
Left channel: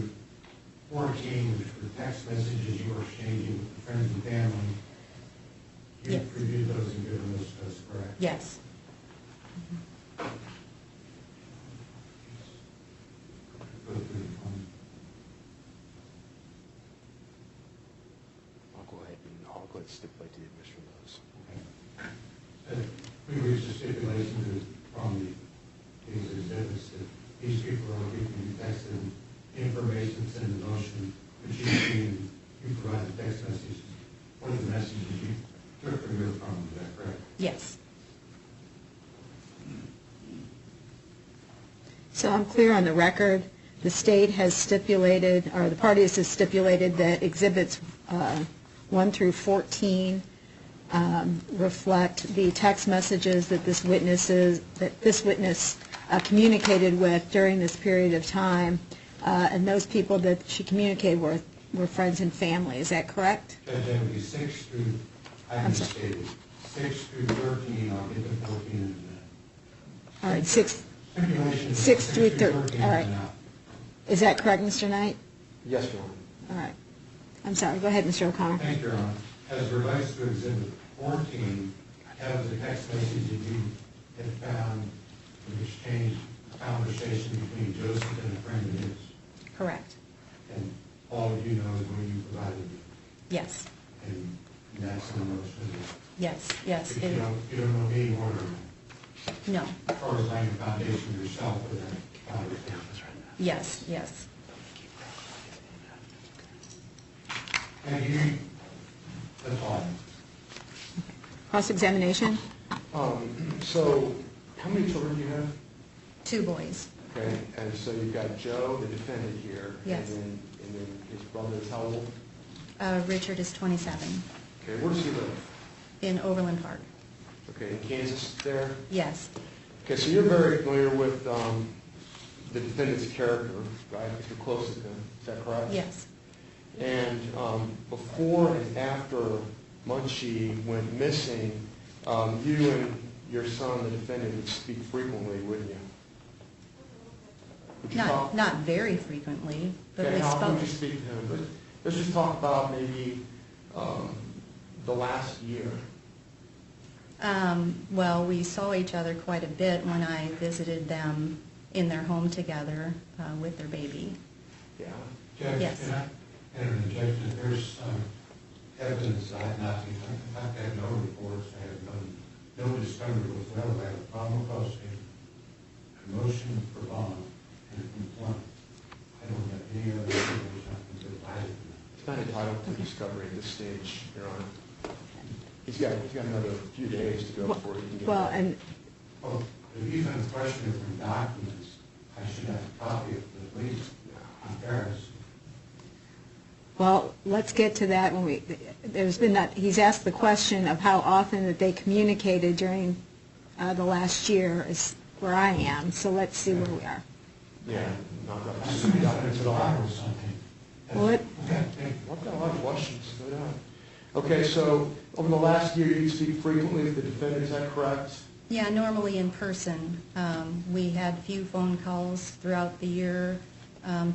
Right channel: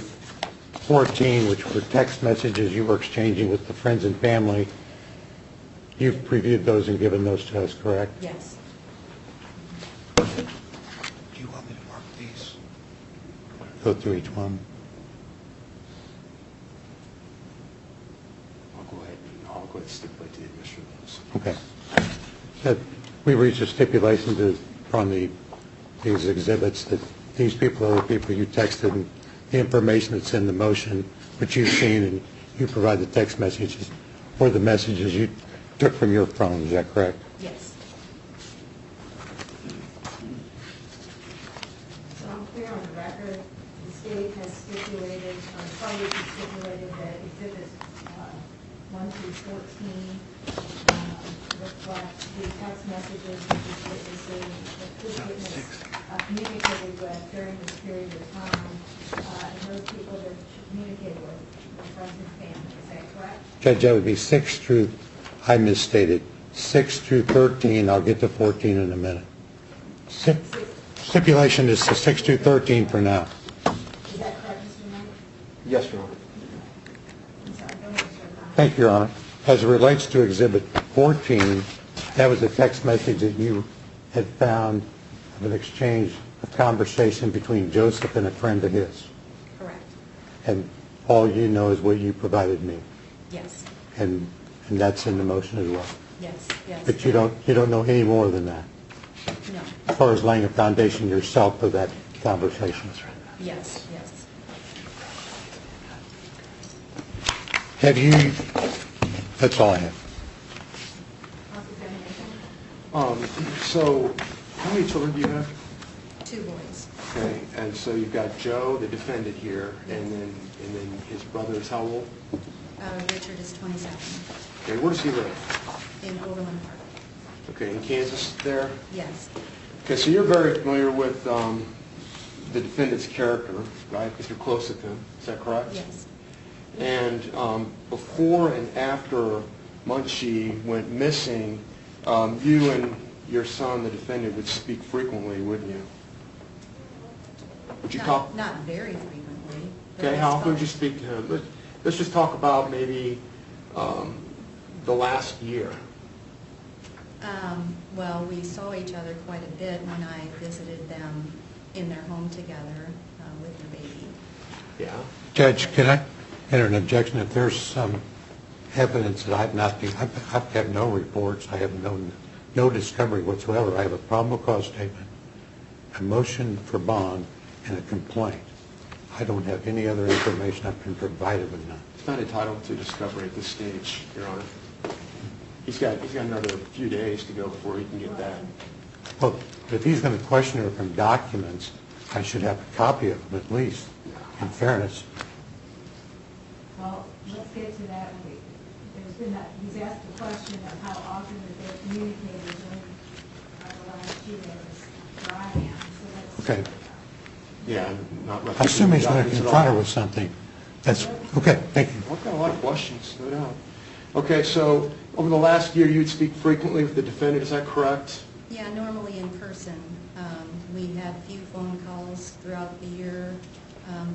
14, which were text messages you were exchanging with the friends and family, you've Yes. reviewed those and given those to us, correct? Yes. Do you want me to mark these? Go through each one. I'll go ahead and stipulate to the admission of those. Okay. That we reached a stipulation from these exhibits that these people are the people you texted, and the information that's in the motion, which you've seen, and you provide the text messages, or the messages you took from your phone, is that correct? Yes. So I'm clear on the record, the state has stipulated, or the parties have stipulated that exhibits 1 through 14 reflect the text messages that this witness communicated with during this period of time, and those people that she communicated with were friends and family. Is that correct? Judge, that would be 6 through, I misstated, 6 through 13. I'll get to 14 in a minute. Stipulation is 6 through 13 for now. Is that correct, Mr. Knight? Yes, Your Honor. All right. I'm sorry. Go ahead, Mr. O'Connor. Thank you, Your Honor. As it relates to Exhibit 14, that was a text message that you had found of an exchange, a conversation between Joseph and a friend of his. Correct. And all you know is what you provided me. Yes. And that's in the motion as well. Yes. Yes. But you don't know any more than that, No. as far as laying a foundation yourself for that conversation. Yes. Yes. Have you, that's all I have. Cross-examination? So, how many children do you have? 2 boys. Okay, and so you've got Joe, the defendant here, Yes. and then his brother is how old? Richard is 27, Okay, where does he live? in Overland Park. Okay, in Kansas there? Yes, Okay, so you're very familiar with the defendant's character, right, because you're close with him, is that correct? yes. And before and after Mengqi went missing, you and your son, the defendant, would speak frequently, wouldn't you? Would you talk? Not very frequently, but Okay, we how often spoke. would you speak to him? Let's just talk about maybe the last year. Well, we saw each other quite a bit when I visited them in their home together with their baby. Yeah. Judge, Yes. can I enter an objection? If there's some evidence that I've not, I've had no reports, I have no discovery whatsoever. I have a probable cause statement, a motion for bond, and a complaint. I don't have any other information I've been provided with none. He's not entitled to discovery at this stage, Your Honor. He's got another few days to go before he can get Well, that. and Well, if he's going to question her from documents, I should have a copy of them at least, in fairness. Well, let's get to that when there's been that, he's asked the question of how often that they communicated during the last year is where I am, so let's see Okay. where we are. Yeah, not I assume he's going to documents at confront her all. with something. That's, What? okay, thank you. I've got a lot of questions, no doubt. Okay, so over the last year, you'd speak frequently with the defendant, is that correct? Yeah, normally in person. We had few phone calls throughout the year,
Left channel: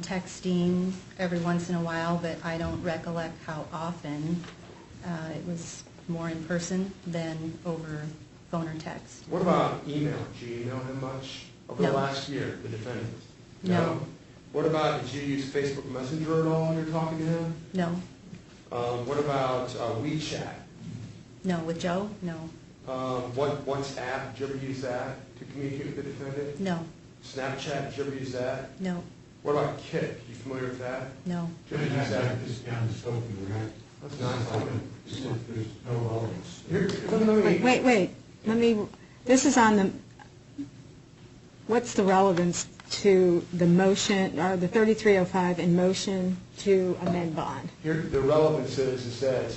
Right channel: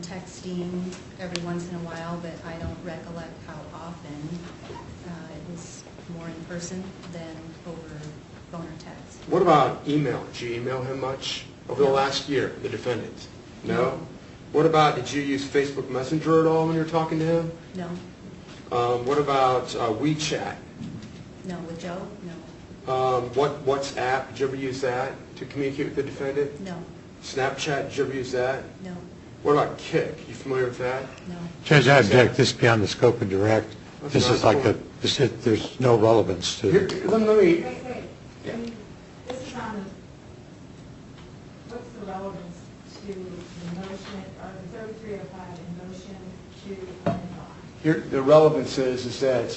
texting every once in a while, but I don't recollect how often. It was more in person than over phone or text. What about email? Did you email him much over the No. last year, the defendant? No. What about, did you use Facebook Messenger at all when you were talking to him? No, What about WeChat? no, with Joe, no, WhatsApp, did you ever use that to communicate with the defendant? no, Snapchat, did you ever use that? no, What about Kik? You familiar with that? no. Judge, I object this beyond the scope of direct. That's This is not like there's no relevance to Here, it. let me, Wait, this is on the, what's the relevance to the motion, or the 3305 in motion to amend bond? here, the relevance is that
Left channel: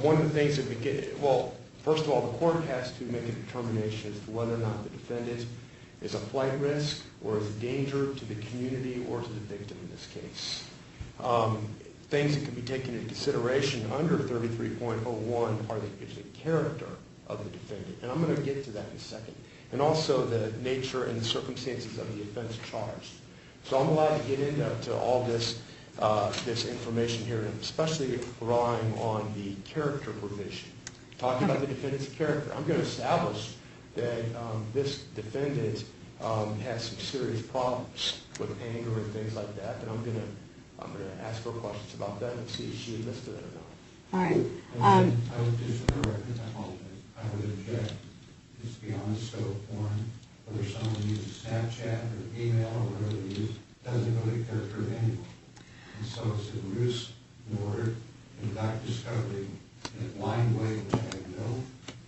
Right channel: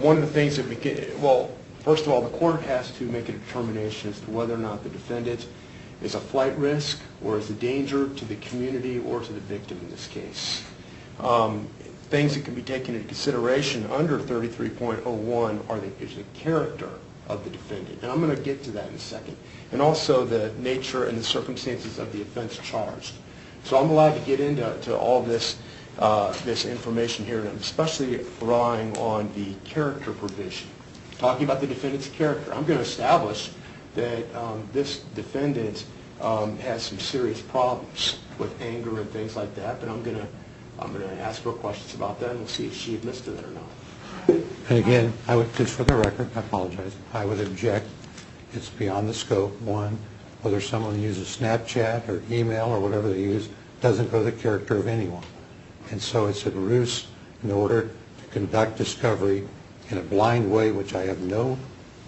one of the things that we get, well, first of all, the court has to make a determination as to whether or not the defendant is a flight risk or is a danger to the community or to the victim in this case. Things that can be taken into consideration under 33.01 is the character of the defendant, and I'm going to get to that in a second, and also the nature and the circumstances of the offense charged. So I'm allowed to get into all this information here, and I'm especially relying on the character provision, talking about the defendant's character. I'm going to establish that this defendant has some serious problems with anger and things like that, but I'm going to ask her questions about that, and we'll see if she admits to that or not. All right. And again, I would, just for the record, I apologize, I would object. It's beyond the scope. One, whether someone uses Snapchat or email or whatever they use, doesn't go to the character of anyone. And so it's a ruse in order to conduct discovery in a blind way, which I have no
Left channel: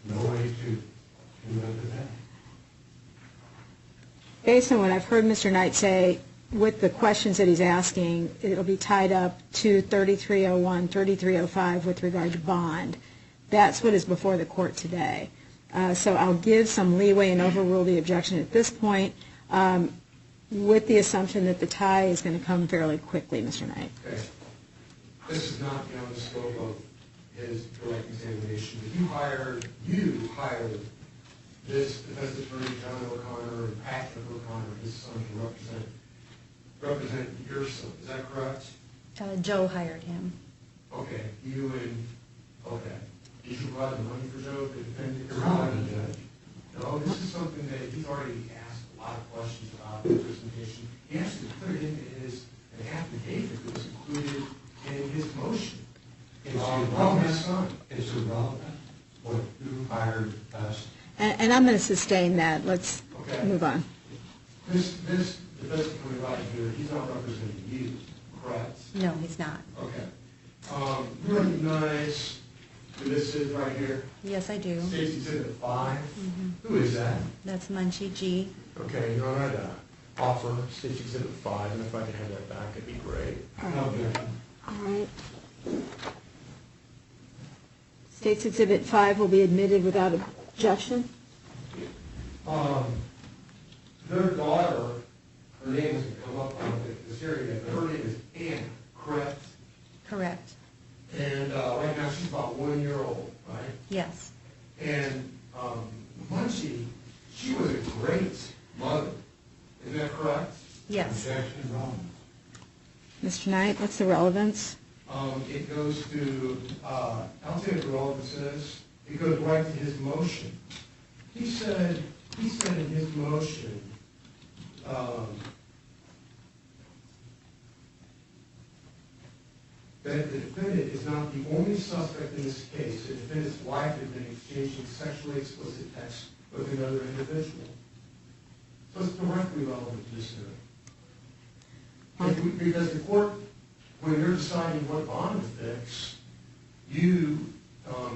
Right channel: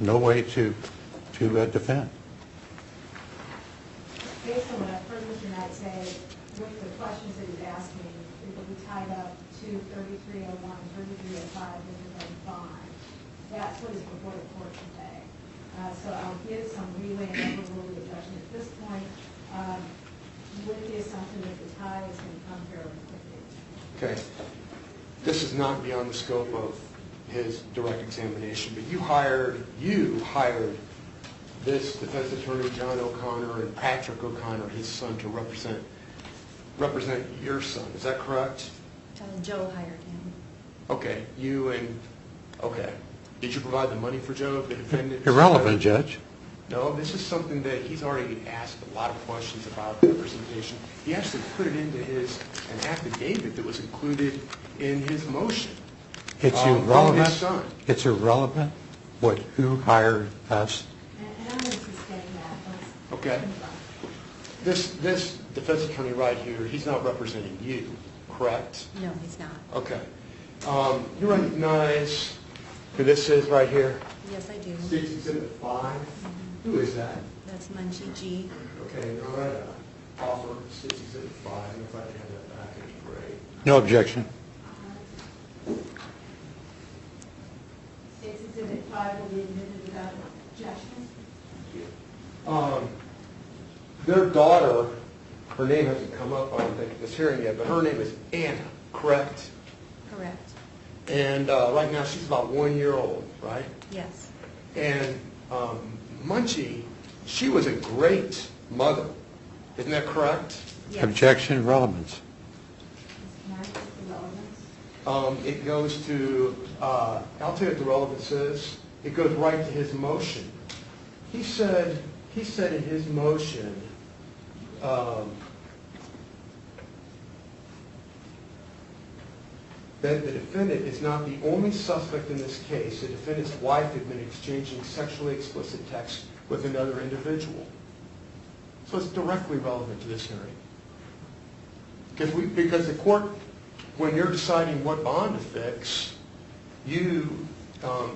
way to defend. Based on what I've heard Mr. Knight say, with the questions that he's asking, it'll be tied up to 3301, 3305 with regard to bond. That's what is before the court today. So I'll give some leeway and overrule the objection at this point, with the assumption that the tie is going to come fairly quickly, Mr. Knight. Okay. This is not beyond the scope of his direct examination, but you hired this defense attorney, John O'Connor, and Patrick O'Connor, his son, to represent your son. Is that correct? Joe hired him. Okay. Okay. Did you provide the money for Joe, the defendant? Irrelevant, Judge. No, this is something that he's already asked a lot of questions about representation. He actually put it into an affidavit that was included in his motion. It's from irrelevant. his son. It's irrelevant who hired us. And I'm going to sustain that. Let's Okay. move on. This defense attorney right here, he's not representing you, correct? No, he's not. Okay. You recognize who this is right here? Yes, I do. State's Exhibit 5. Who is that? That's Mengqi Ji. Okay, Your Honor, I'd offer State's Exhibit 5, and if I could have that back, it'd be great. No objection. All right. State's Exhibit 5 will be admitted without objection. Their daughter, her name hasn't come up on this hearing yet, but her name is Anna, correct? Correct. And right now she's about 1 year old, right? Yes. And Mengqi, she was a great mother. Isn't that correct? Yes. Objection, relevance. Mr. Knight, what's the relevance? It goes to, I'll tell you what the relevance is. It goes right to his motion. He said in his motion, that the defendant is not the only suspect in this case. The defendant's wife had been exchanging sexually explicit texts with another individual. So it's directly relevant to this hearing. Because the court, when you're deciding what bond to fix, you are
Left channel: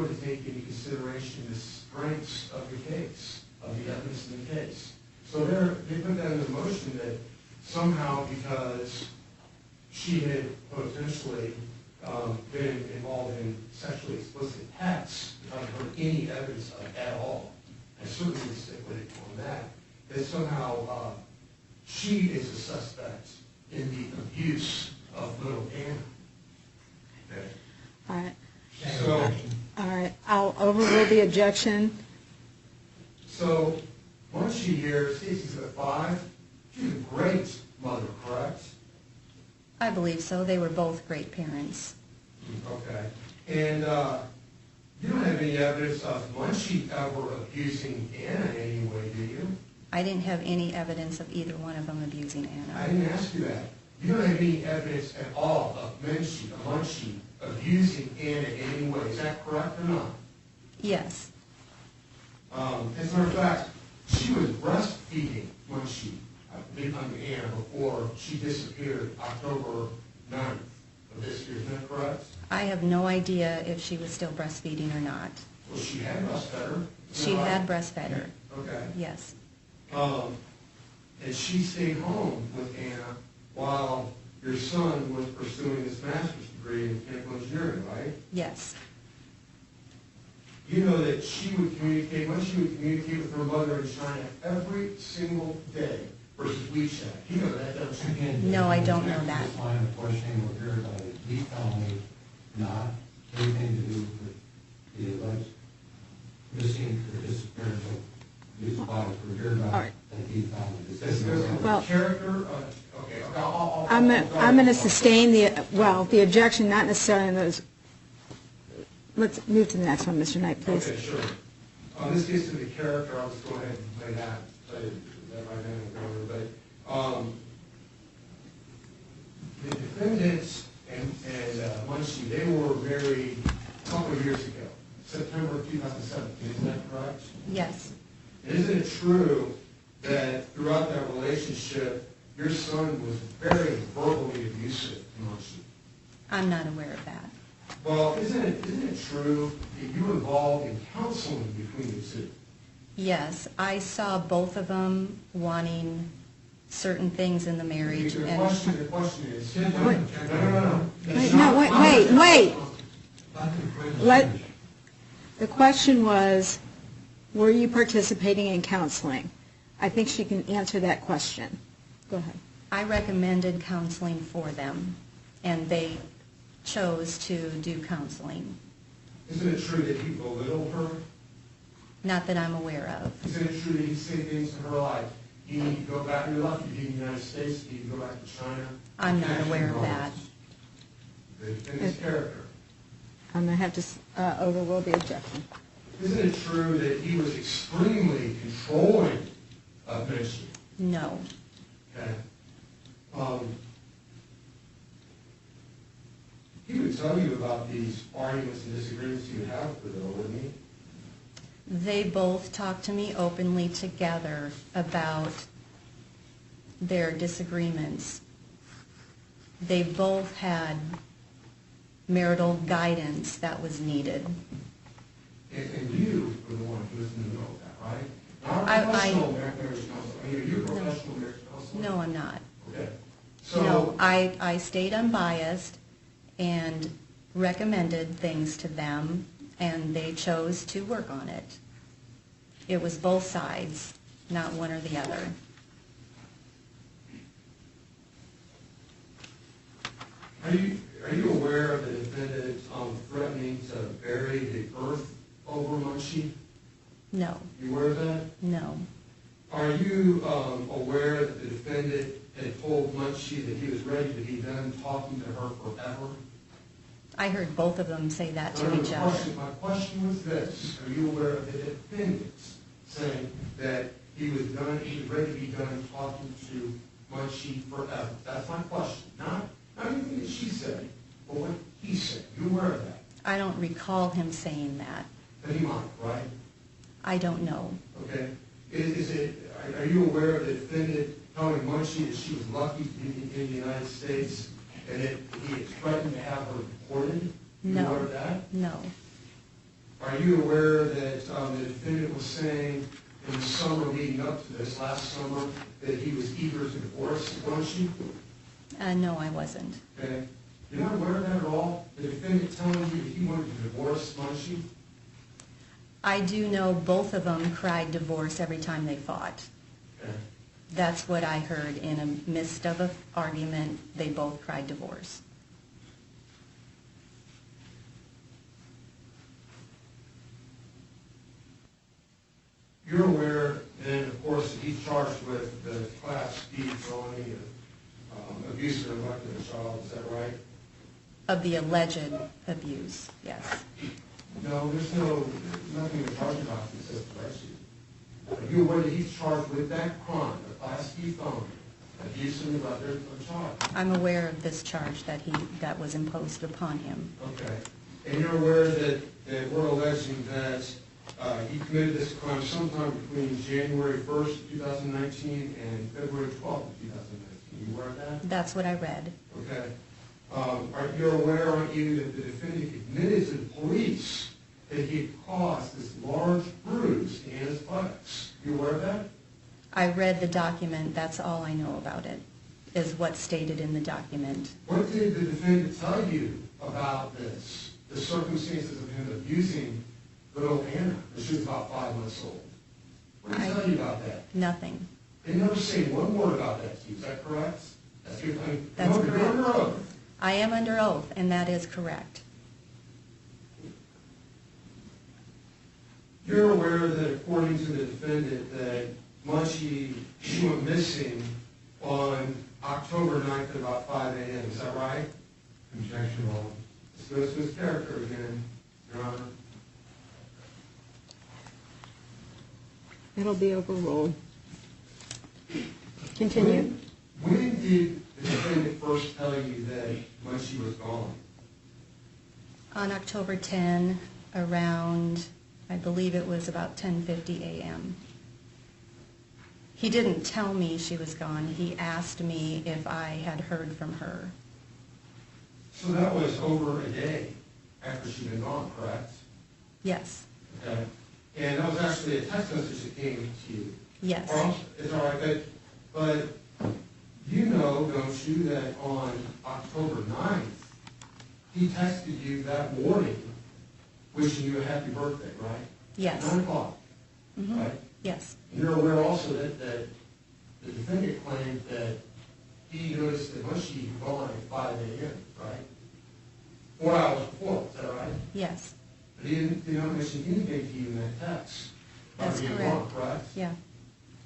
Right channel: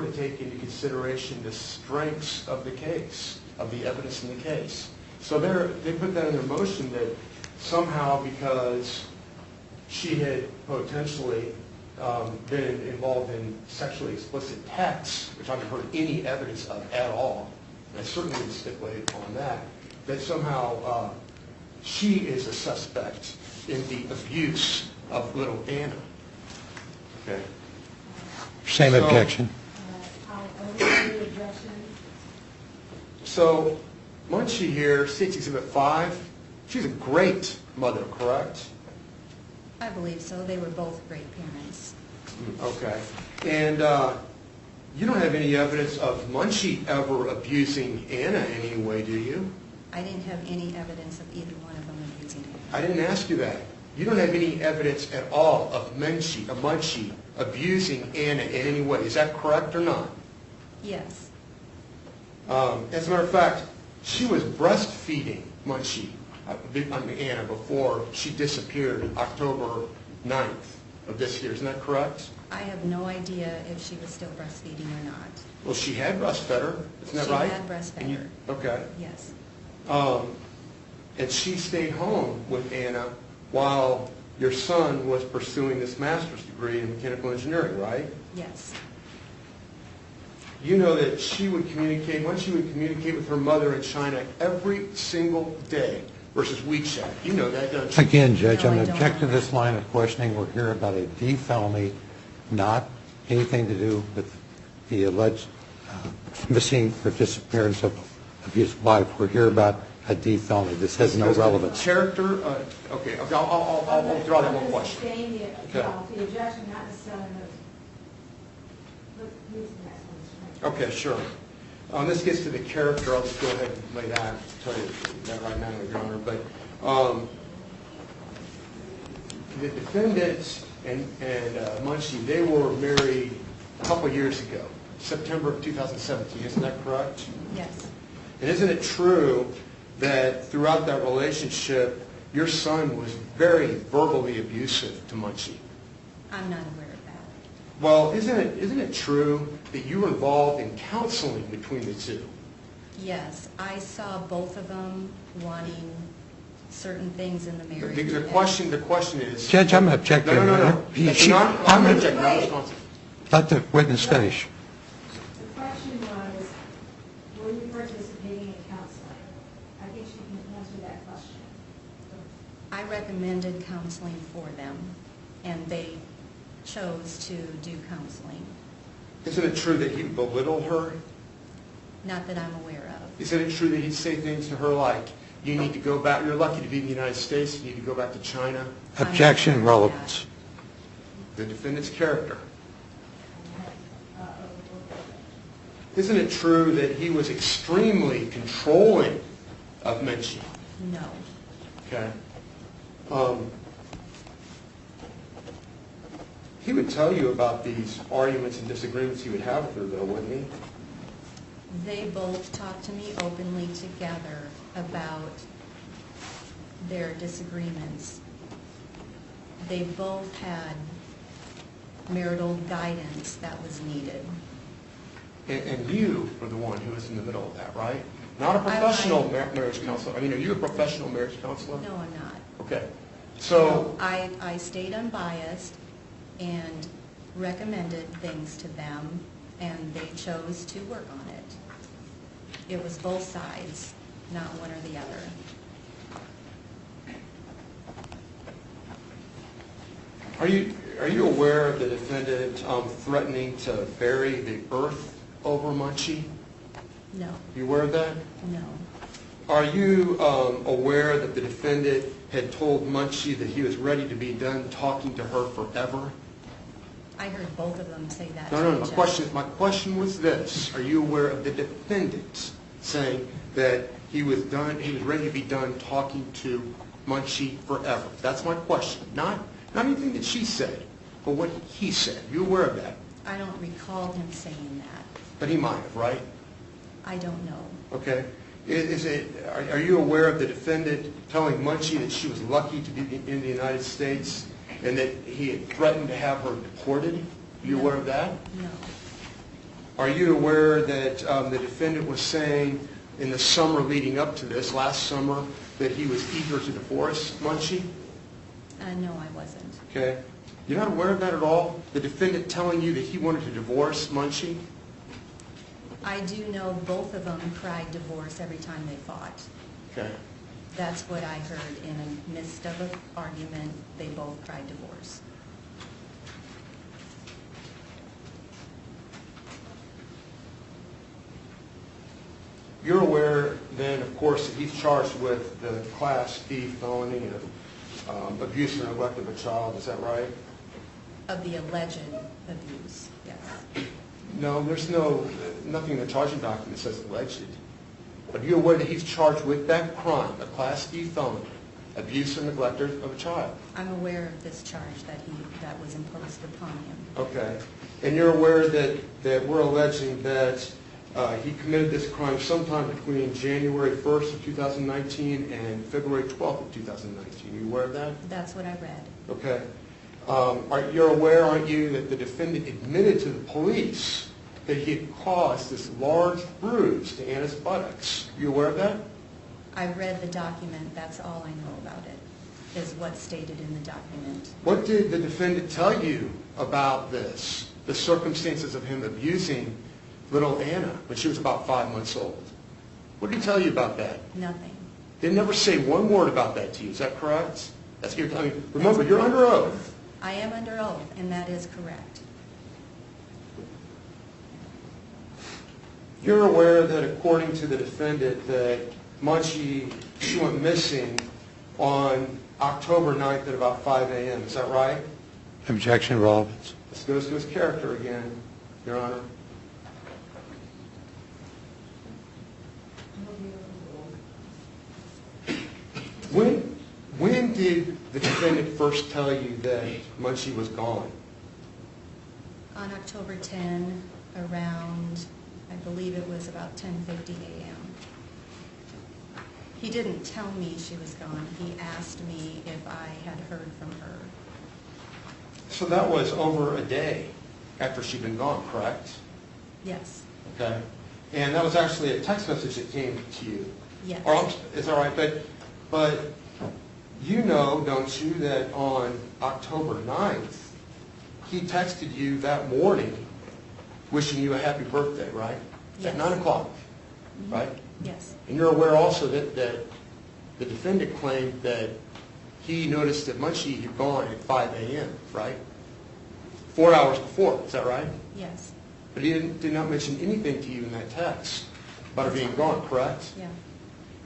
to take into consideration the strengths of the case, of the evidence in the case. So they put that in the motion that somehow because she had potentially been involved in sexually explicit texts, which I haven't heard any evidence of at all, and I certainly would stipulate on that somehow she is a suspect in the abuse of little Anna. Okay. All right. Same So- objection. All right, I'll overrule the objection. So Mengqi here, State's Exhibit 5, she's a great mother, correct? I believe so. They were both great parents. Okay. And you don't have any evidence of Mengqi ever abusing Anna in any way, do you? I didn't have any evidence of either one of them abusing I Anna. didn't ask you that. You don't have any evidence at all of Mengqi abusing Anna in any way. Is that correct or not? Yes. As a matter of fact, she was breastfeeding Mengqi, Anna, before she disappeared October 9th of this year. Isn't that correct? I have no idea if she was still breastfeeding or not. Well, she had breastfed her. Isn't that She right? had breastfed her. Okay. Yes. And she stayed home with Anna while your son was pursuing this master's degree in mechanical engineering, right? Yes. You know that she would communicate with her mother in China every single day versus WeChat. You know that, don't you? Again, Judge, No, I I'm don't know objecting to this that. line of questioning. We're here about a D felony, not anything to do with the alleged missing or disappearance of his wife. We're here about a D felony. This has no relevance. The character, okay, I'll I'm draw going to the line. sustain the objection, not necessarily in those. Let's move to the next one, Mr. Knight, please. Okay, sure. This gets to the character. I'll just go ahead and lay that, tell you that right now, Your Honor. But the defendants and Mengqi, they were married a couple of years ago, September of 2017. Isn't that correct? Yes. And isn't it true that throughout that relationship, your son was very verbally abusive to Mengqi? I'm not aware of that. Well, isn't it true that you were involved in counseling between the two? Yes. I saw both of them wanting certain things in the marriage. The and- question is... Judge, I'm objecting. No. That's No, not- I'm wait, objecting. wait. Let the witness Let- finish. The question was, were you participating in counseling? I think she can answer that question. Go ahead. I recommended counseling for them, and they chose to do counseling. Isn't it true that he belittled her? Not that I'm aware of. Isn't it true that he'd say things to her like, you need to go back, you're lucky to be in the United States, you need to go back to China? I'm not Objection, aware of relevance. The defendant's character. I'm going to have to overrule the objection. Isn't it true that he was extremely controlling of Mengqi? No. Okay. He would tell you about these arguments and disagreements he would have with her, though, wouldn't he? They both talked to me openly together about their disagreements. They both had marital guidance that was needed. And you were the one who was in the middle of that, right? Not a professional marriage counselor. I mean, are you a professional marriage counselor? No, I'm not. Okay. So, No, I stayed unbiased and recommended things to them, and they chose to work on it. It was both sides, not one or the other. are you aware of the defendant threatening to bury the earth over Mengqi? No, You aware of that? no. Are you aware that the defendant had told Mengqi that he was ready to be done talking to her forever? I heard both of them say that to No, each other. my question was this. Are you aware of the defendant saying that he was ready to be done talking to Mengqi forever? That's my question. Not anything that she said, but what he said. You aware of that? I don't recall him saying that. But he might have, right? I don't know. Okay. Are you aware of the defendant telling Mengqi that she was lucky to be in the United States and that he had threatened to have her deported? Are you aware of that? No. Are you aware that the defendant was saying in the summer leading up to this, last summer, that he was eager to divorce Mengqi? No, I wasn't. Okay. You're not aware of that at all? The defendant telling you that he wanted to divorce Mengqi? I do know both of them cried divorce every time they fought. Okay. That's what I heard. In the midst of an argument, they both cried divorce. You're aware then, of course, that he's charged with the Class D felony of abuse and neglect of a child. Is that right? Of the alleged abuse, yes. No, there's nothing in the charging document that says alleged. Are you aware that he's charged with that crime, a Class D felony, abuse and neglect of a child? I'm aware of this charge that was imposed upon him. Okay. And you're aware that we're alleging that he committed this crime sometime between January 1st, 2019 and February 12th of 2019. Are you aware of that? That's what I read. Okay. You're aware, aren't you, that the defendant admitted to the police that he had caused this large bruise to Anna's buttocks? Are you aware of that? I read the document. That's all I know about it, is what's stated in the document. What did the defendant tell you about this, the circumstances of him abusing little Anna when she was about 5 months old? What did he tell you about that? Nothing. They never say one word about that to you. Is that correct? Remember, you're under oath. I am under oath, and that is correct. You're aware that according to the defendant that Mengqi, she went missing on October 9th at about 5 a.m. Is that right? Objection, relevance. This goes to his character again, Your Honor. It'll be overruled. Continue. When did the defendant first tell you that Mengqi was gone? On October 10, around, I believe it was about 10:50 a.m. He didn't tell me she was gone. He asked me if I had heard from her. So that was over a day after she'd been gone, correct? Yes. Okay. And that was actually a text message that came to you. Yes. Is that right? But you know, don't you, that on October 9th, he texted you that morning wishing you a happy birthday, right? Yes. At 9 o'clock, right? Yes. And you're aware also that the defendant claimed that he noticed that Mengqi had gone at 5 a.m., right? 4 hours before, is that right? Yes. But he did not mention anything to you in that text about That's being correct. gone, correct? Yeah.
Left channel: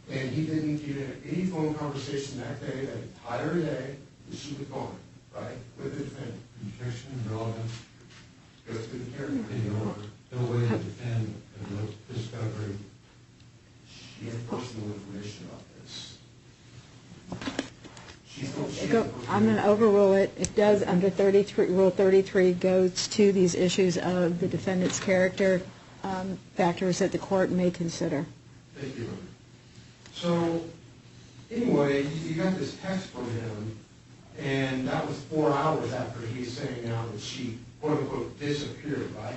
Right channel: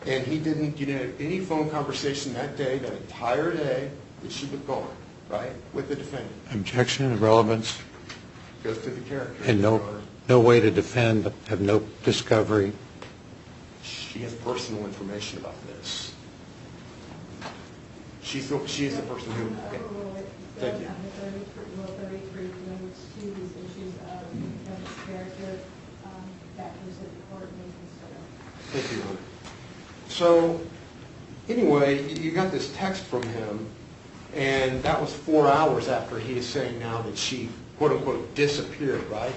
And he didn't get any phone conversation that day, that entire day, that she was gone, right, with the defendant. Objection, relevance. Goes to the character. And no way to defend, have no discovery. She has personal information about this. She's a personal I'm going to overrule it. It does, under Rule 33, goes to these issues of the defendant's character, factors that the court may consider. Thank you, Your Honor. So, anyway, you got this text from him, and that was 4 hours after he is saying now that she quote-unquote disappeared, right?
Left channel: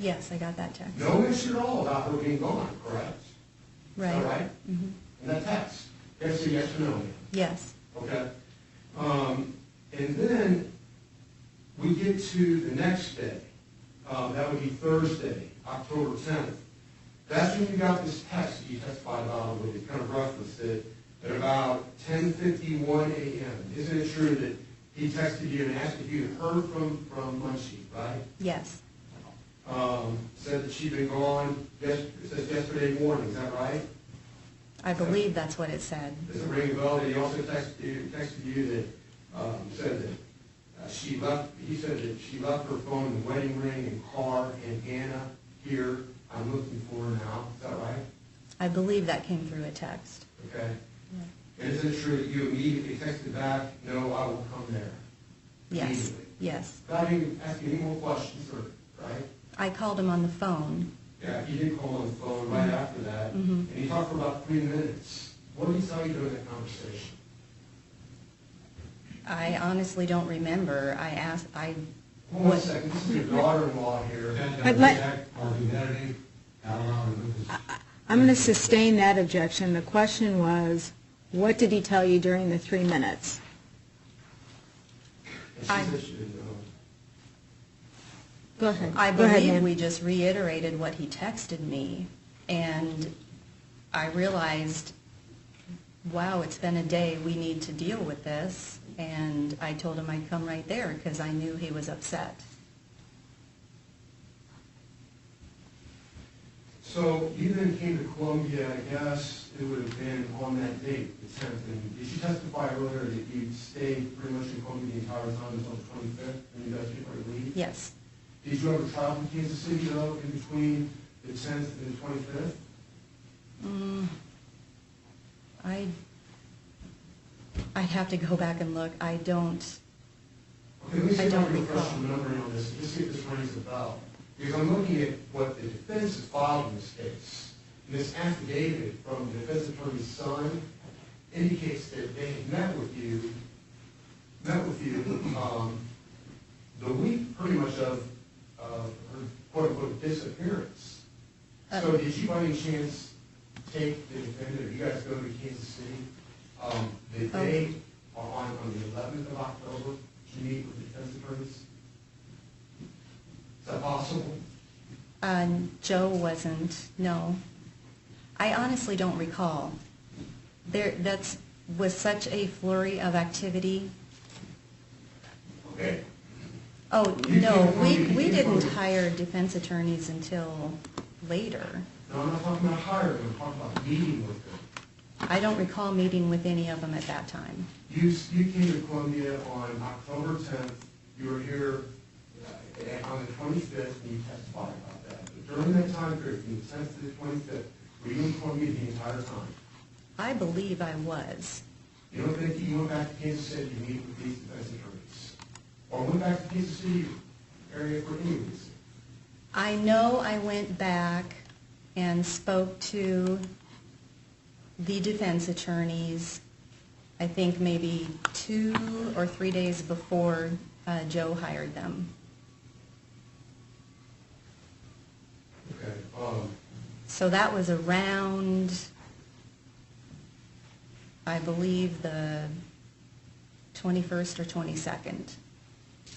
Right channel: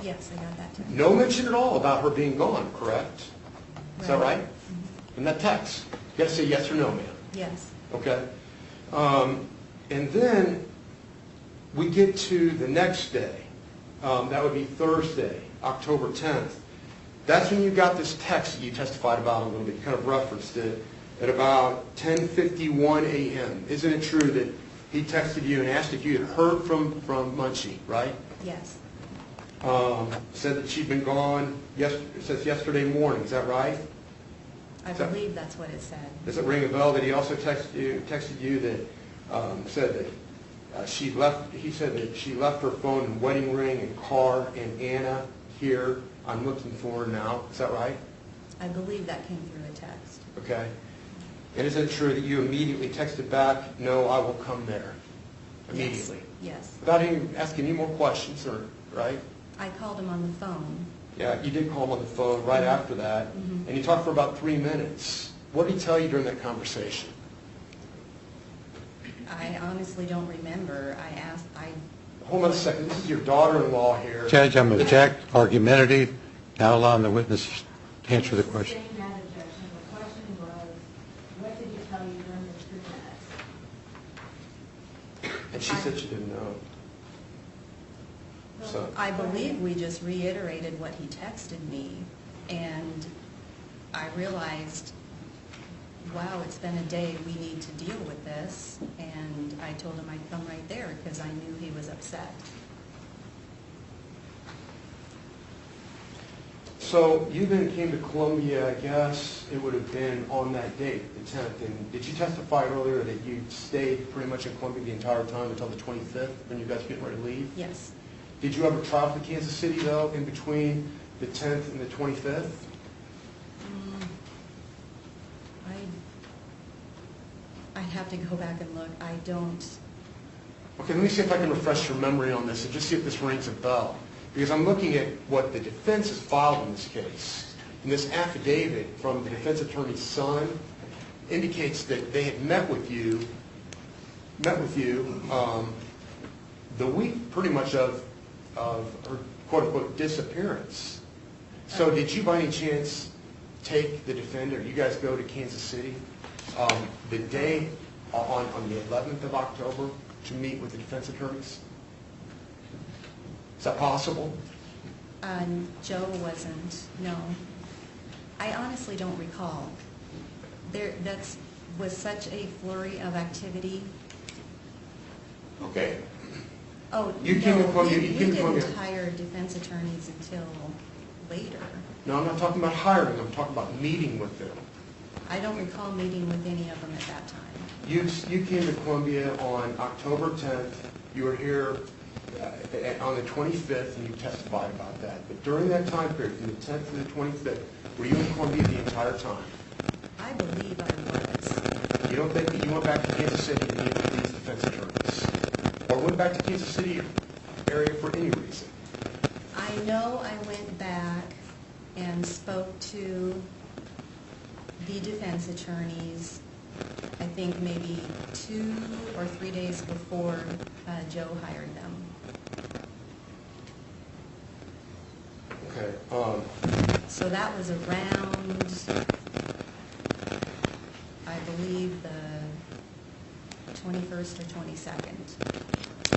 Yes, I got that text. No mention at all about her being gone, correct? Is that right? Mhm. In that text? You gotta say yes or no, ma'am. Yes. Okay. And then we get to the next day. That would be Thursday, October 10th. That's when you got this text that you testified about a little bit. You kind of referenced it at about 10:51 a.m. Isn't it true that he texted you and asked if you had heard from Mengqi, right? Yes. Said that she'd been gone, it says yesterday morning, is that right? I believe that's what it said. Does it ring a bell that he also texted you that said that he said that she left her phone and wedding ring and car and Anna here, I'm looking for her now, is that right? I believe that came through a text. Okay. And is it true that you immediately texted back, no, I will come there? Yes. Immediately? Yes. Without even asking any more questions, right? I called him on the phone. Yeah, you did call him on the phone right after that, and you talked for about 3 minutes. What did he tell you during that conversation? I honestly don't remember. Hold on a second, this is your daughter-in-law here. Judge, I'm going to object, argumentative, now allowing the witness to I'm going answer to the question. sustain that objection. The question was, what did he tell you during the 3 minutes? And she said she didn't know. Go ahead. I Go ahead, believe ma'am. we just reiterated what he texted me, and I realized, wow, it's been a day, we need to deal with this, and I told him I'd come right there because I knew he was upset. So you then came to Columbia, I guess it would have been on that date, the 10th, and did you testify earlier that you stayed pretty much in Columbia the entire time until the 25th when you guys were getting ready to leave? Yes. Did you ever travel to Kansas City, though, in between the 10th and the 25th? I'd have to go back and look. I don't. Okay, let me see if I can refresh your memory on this and just see if this rings a bell. Because I'm looking at what the defense has filed in this case. And this affidavit from the defense attorney's son indicates that they had met with you the week pretty much of her quote-unquote disappearance. So did you by any chance take the defendant, you guys go to Kansas City the day on the 11th of October to meet with the defense attorneys? Is that possible? Joe wasn't, no. I honestly don't recall. That was such a flurry of activity. Okay. Oh, You no, came from- we you came didn't from- hire defense attorneys until later. No, I'm not talking about hiring them, I'm talking about meeting with them. I don't recall meeting with any of them at that time. You came to Columbia on October 10th, you were here on the 25th, and you testified about that. But during that time period, from the 10th to the 25th, were you in Columbia the entire time? I believe I was. You don't think that you went back to Kansas City to meet with these defense attorneys? Or went back to Kansas City area for any reason? I know I went back and spoke to the defense attorneys, I think maybe 2 or 3 days before Joe hired them. Okay. So that was around, I believe, the 21st or 22nd.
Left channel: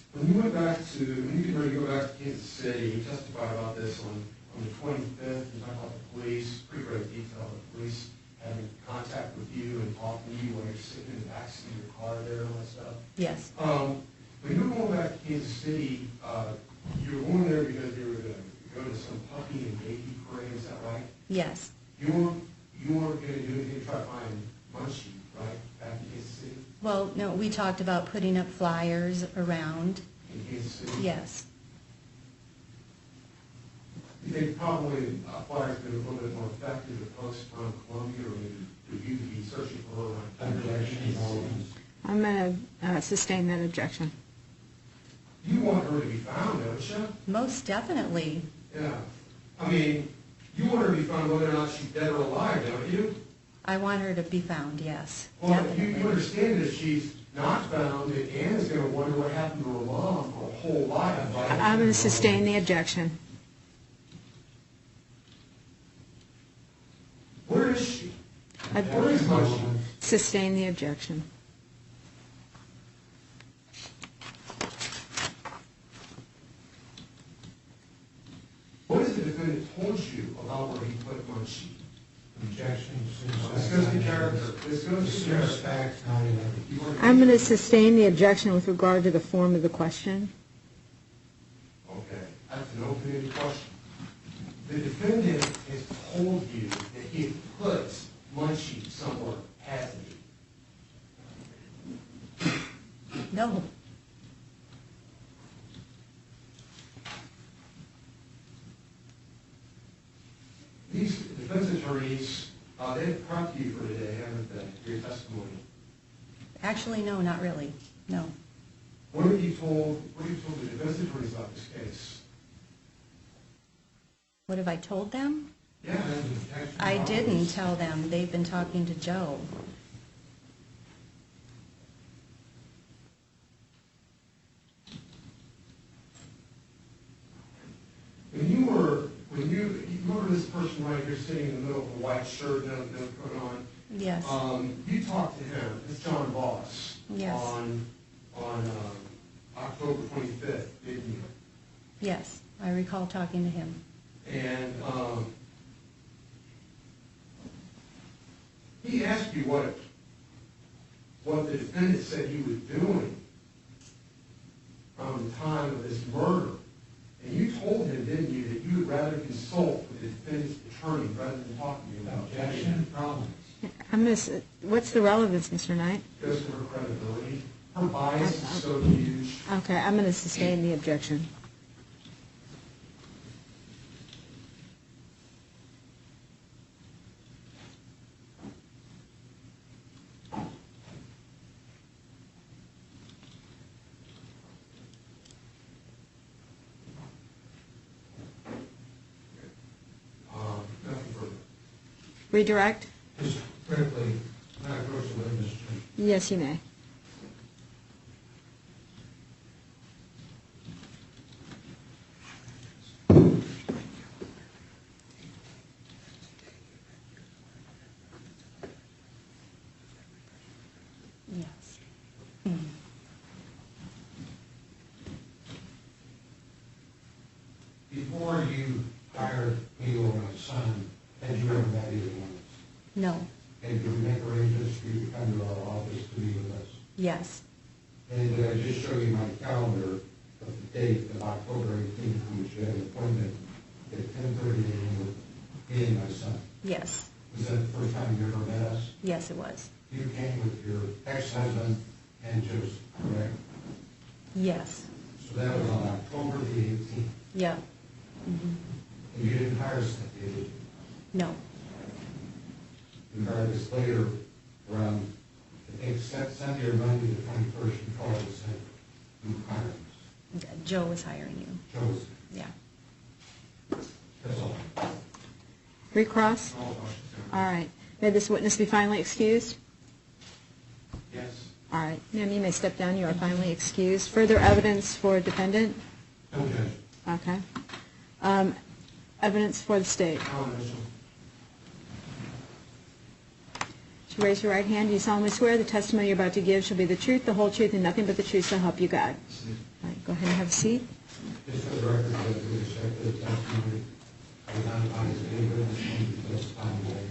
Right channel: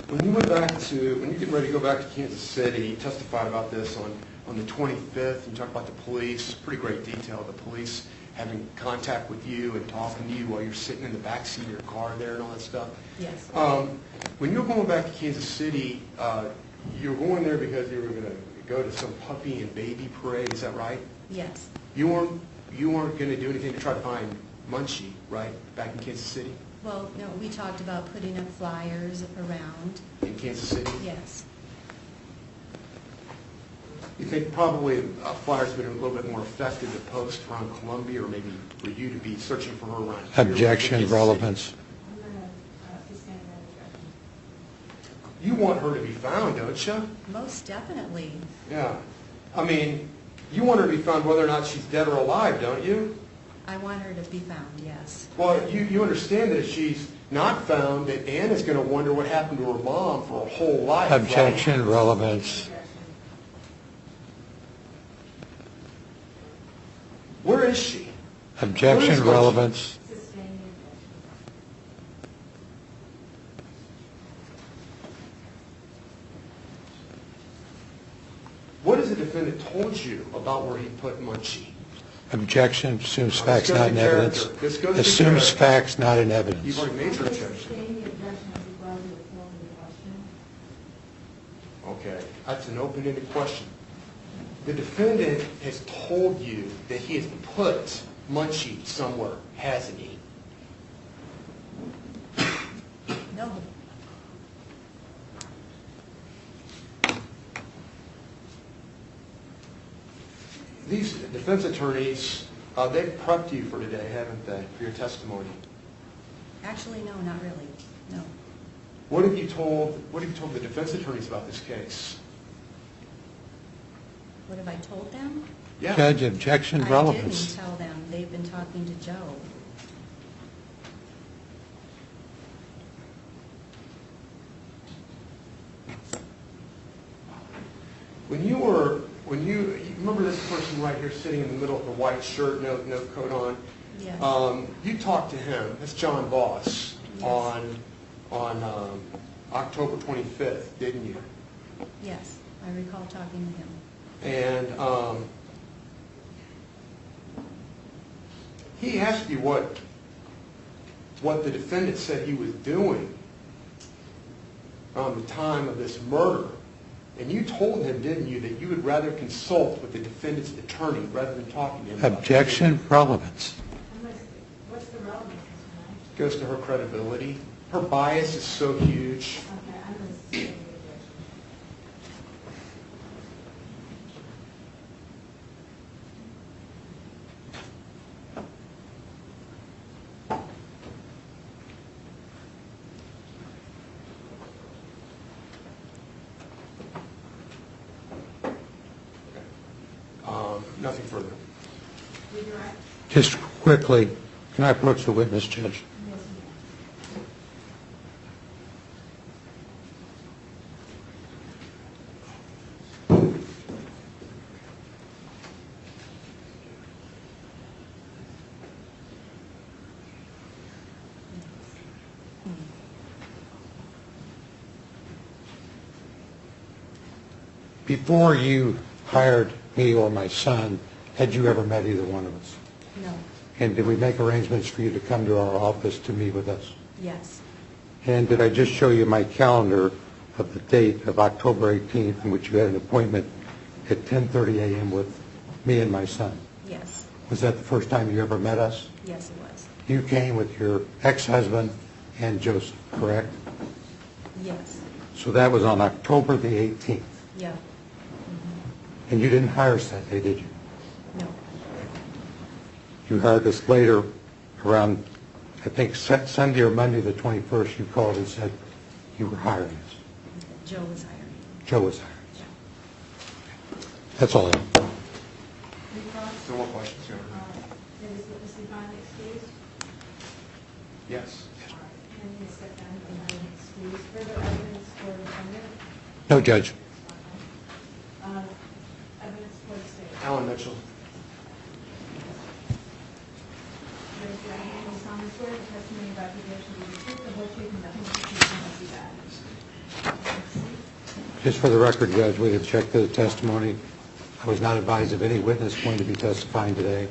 When you get ready to go back to Kansas City, you testified about this on the 25th, you talked about the police, pretty great detail, the police having contact with you and talking to you while you're sitting in the backseat of your car there and all that stuff. Yes. When you were going back to Kansas City, you were going there because you were going to go to some puppy and baby parade, is that right? Yes. You weren't going to do anything to try to find Mengqi, right, back in Kansas City? Well, no, we talked about putting up flyers around. In Kansas City? Yes. You think probably flyers would have been a little bit more effective to post around Columbia, or maybe for you to be searching for her around here? Objection, relevance. I'm going to sustain that objection. You want her to be found, don't you? Most definitely. Yeah. I mean, you want her to be found whether or not she's dead or alive, don't you? I want her to be found, yes. Well, you understand that if she's not found, that Anna's going to wonder what happened to her mom for her whole life. right? Objection. I'm going to sustain relevance. the objection. Where is she? Objection, relevance. Sustain the objection. What has the defendant told you about where he put Mengqi? Objection, assumes This facts goes not to in character. evidence. This goes to Assumes character. facts not in evidence. You've already made I'm your going to objection. sustain the objection with regard to the form of the question. Okay, that's an open-ended question. The defendant has told you that he has put Mengqi somewhere, hasn't he? No. These defense attorneys, they've prepped you for today, haven't they, for your testimony? Actually, no, not really. No. What have you told the defense attorneys about this case? What have I told them? Yeah. Judge, objection, I relevance. didn't tell them. They've been talking to Joe. When you remember this person right here sitting in the middle with a white shirt, no coat on? Yes. You talked to him, that's John Boss, Yes. on October 25th, didn't you? Yes, I recall talking to him. And he asked you what the defendant said he was doing on the time of this murder. And you told him, didn't you, that you would rather consult with the defendant's attorney rather than talking to him about Objection, relevance. I'm going to, what's the relevance, Mr. Knight? it? Goes to her credibility. Her bias is so huge. Okay, I'm going to sustain the objection. Nothing further. Redirect? Just quickly, can I approach the witness, Judge? Yes, you may. Yes. Before you hired me or my son, had you ever met either one of us? No. And did we make arrangements for you to come to our office to meet with us? Yes. And did I just show you my calendar of the date of October 18th in which you had an appointment at 10:30 a.m. with me and my son? Yes. Was that the first time you ever met us? Yes, it was. You came with your ex-husband and Joseph, correct? Yes. So that was on October the 18th. Yeah. And you didn't hire us that day, did you? No. You hired us later around, I think, Sunday or Monday the 21st. You called and said you were hiring us. Joe was hiring you. Joe was hiring. Yeah. That's all I have. Recross? No more questions, Your Honor. All right. May this witness be finally excused? Yes. All right. Ma'am, you may step down. You are finally excused. Further evidence for defendant? No, Judge. Okay. Evidence for the state. Alan Mitchell. Raise your right hand. Do you solemnly swear the testimony you're about to give shall be the truth, the whole truth, and nothing but the truth, so help you God? Go ahead and have a seat. Just for the record, Judge, we have checked the testimony. I was not advised of any witness going to be testifying today.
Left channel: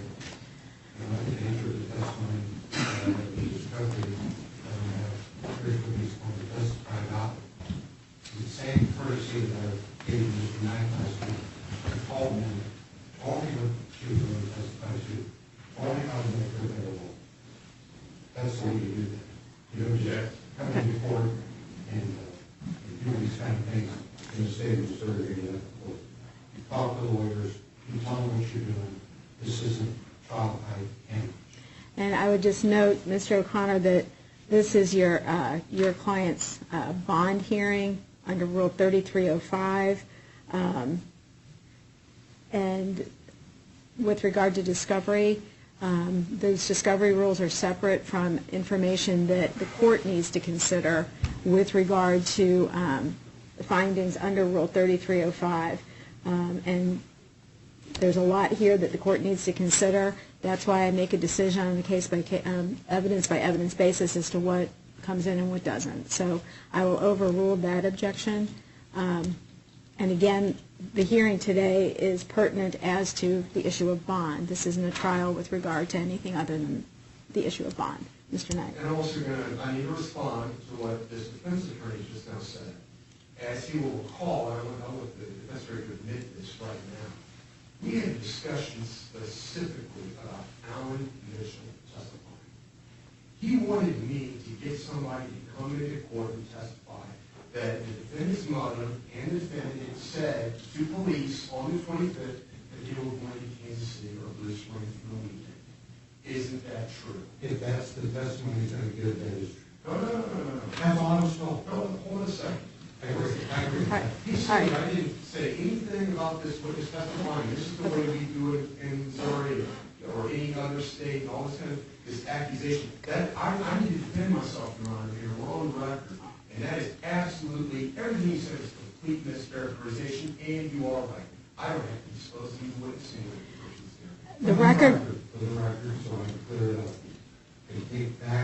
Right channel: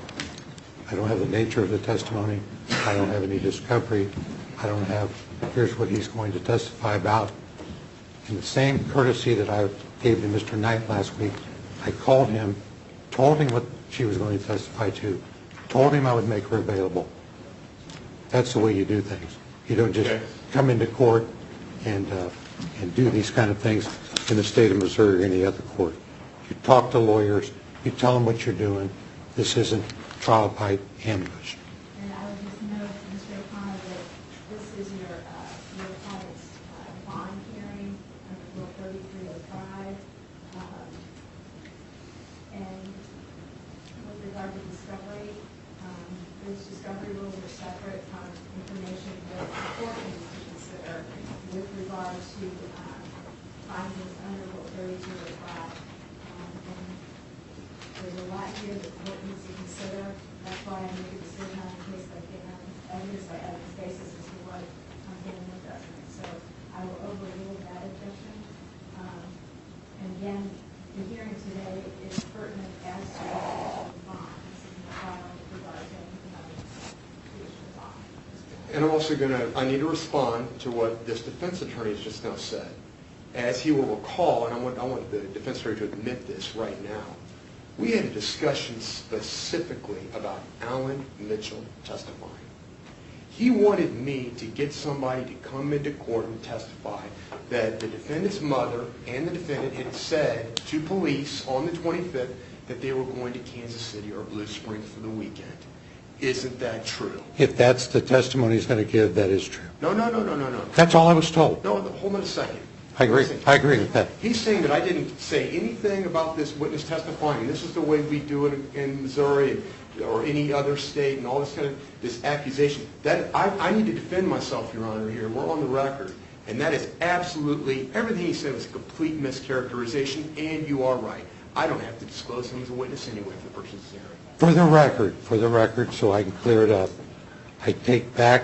I don't have the nature of the testimony. I don't have any discovery. I don't have, here's what he's going to testify about. In the same courtesy that I gave to Mr. Knight last week, I called him, told him what she was going to testify to, told him I would make her available. That's the way you do things. You don't just come into court and do these kind of things in the state of Missouri or any other court. You talk to lawyers, you tell them what you're doing. This isn't trial by ambush. And I would just note, Mr. O'Connor, that this is your client's bond hearing under Rule 3305. And with regard to discovery, Those discovery rules are separate from information that the court needs to consider with regard to the findings under Rule 3305. And there's a lot here that the court needs to consider. That's why I make a decision on a case-by-case, evidence-by-evidence basis as to what comes in and what doesn't. So I will overrule that objection. And again, the hearing today is pertinent as to the issue of bond. This isn't a trial with regard to anything other than the issue of bond. Mr. Knight. And I'm also I need to respond to what this defense attorney has just now said. As he will recall, and I want the defense attorney to admit this right now, we had a discussion specifically about Alan Mitchell testifying. He wanted me to get somebody to come into court and testify that the defendant's mother and the defendant had said to police on the 25th that they were going to Kansas City or Blue Springs for the weekend. Isn't that true? If that's the testimony he's going to give, that is true. No. That's all I was told. No, hold on a second. I agree with that. He's saying that I didn't say anything about this witness testifying. This is the way we do it in Missouri or any other state and all this kind of this accusation. That I need to defend myself, Your Honor, here. We're on the record. And that is absolutely, everything he said was a complete mischaracterization, and you are right. I don't have to disclose him as a witness anyway for purposes of hearing. For the record, so I can clear it up, I take back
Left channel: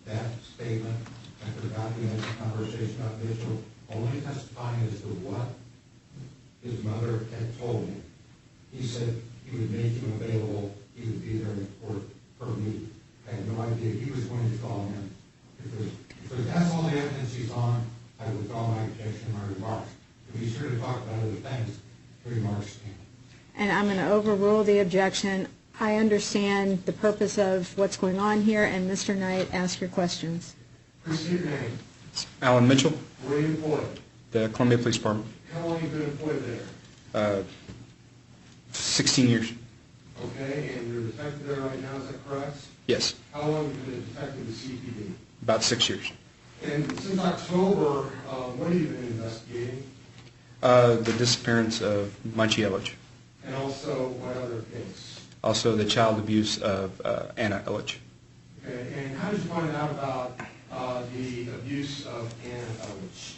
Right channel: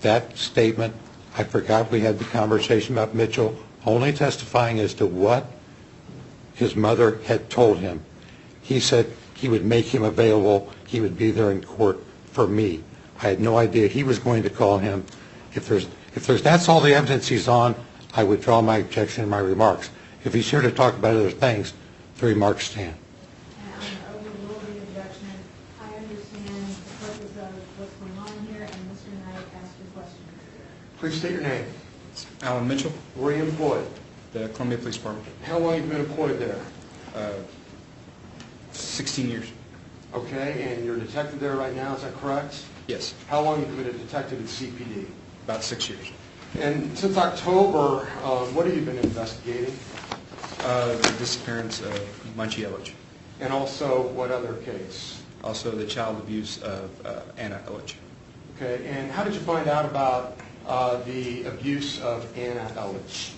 that statement. I forgot we had the conversation about Mitchell only testifying as to what his mother had told him. He said he would make him available. He would be there in court for me. I had no idea he was going to call him. If that's all the evidence he's on, I withdraw my objection and my remarks. If he's here to talk about other things, the remarks stand. And I'm going to overrule the objection. I understand the purpose of what's going on here, and Mr. Knight, ask your questions. Please state your name. Alan Mitchell, Where are you employed? the Columbia Police Department. How long have you been employed there? 16 years. Okay, and you're a detective there right now, is that correct? Yes, How long have you been a detective at CPD? about 6 years. And since October, what have you been investigating? The disappearance of Mengqi Elledge. And also, what other case? Also, the child abuse of Anna Elledge. Okay, and how did you find out about the abuse of Anna Elledge?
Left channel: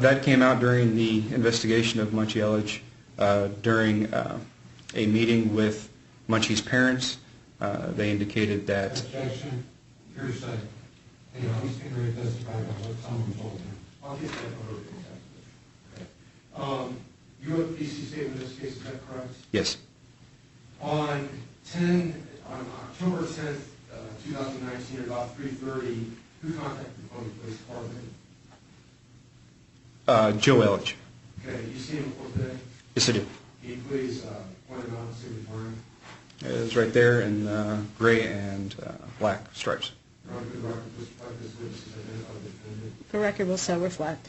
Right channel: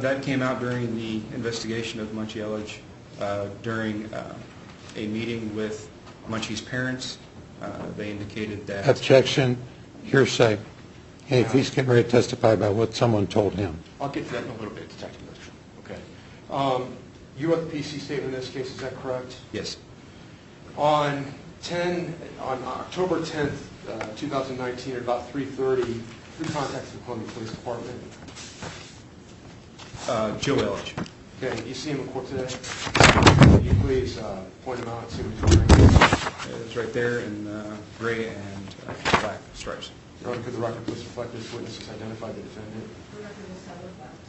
That came out during the investigation of Mengqi Elledge during a meeting with Mengqi's parents. They indicated that... Objection, hearsay. Hey, if he's getting ready to testify about what someone told him. I'll get to that in a little bit, Detective Mitchell. Okay. You are the PC statement in this case, is that correct? Yes. On October 10th, 2019, at about 3:30, who contacted the Columbia Police Department? Joe Elledge. Okay, do you see him in court today? Yes, I do. Can you please point him out and see what he's wearing? It's right there in gray and black stripes. Your Honor, could the record please reflect this witness has identified the defendant? The record will so reflect.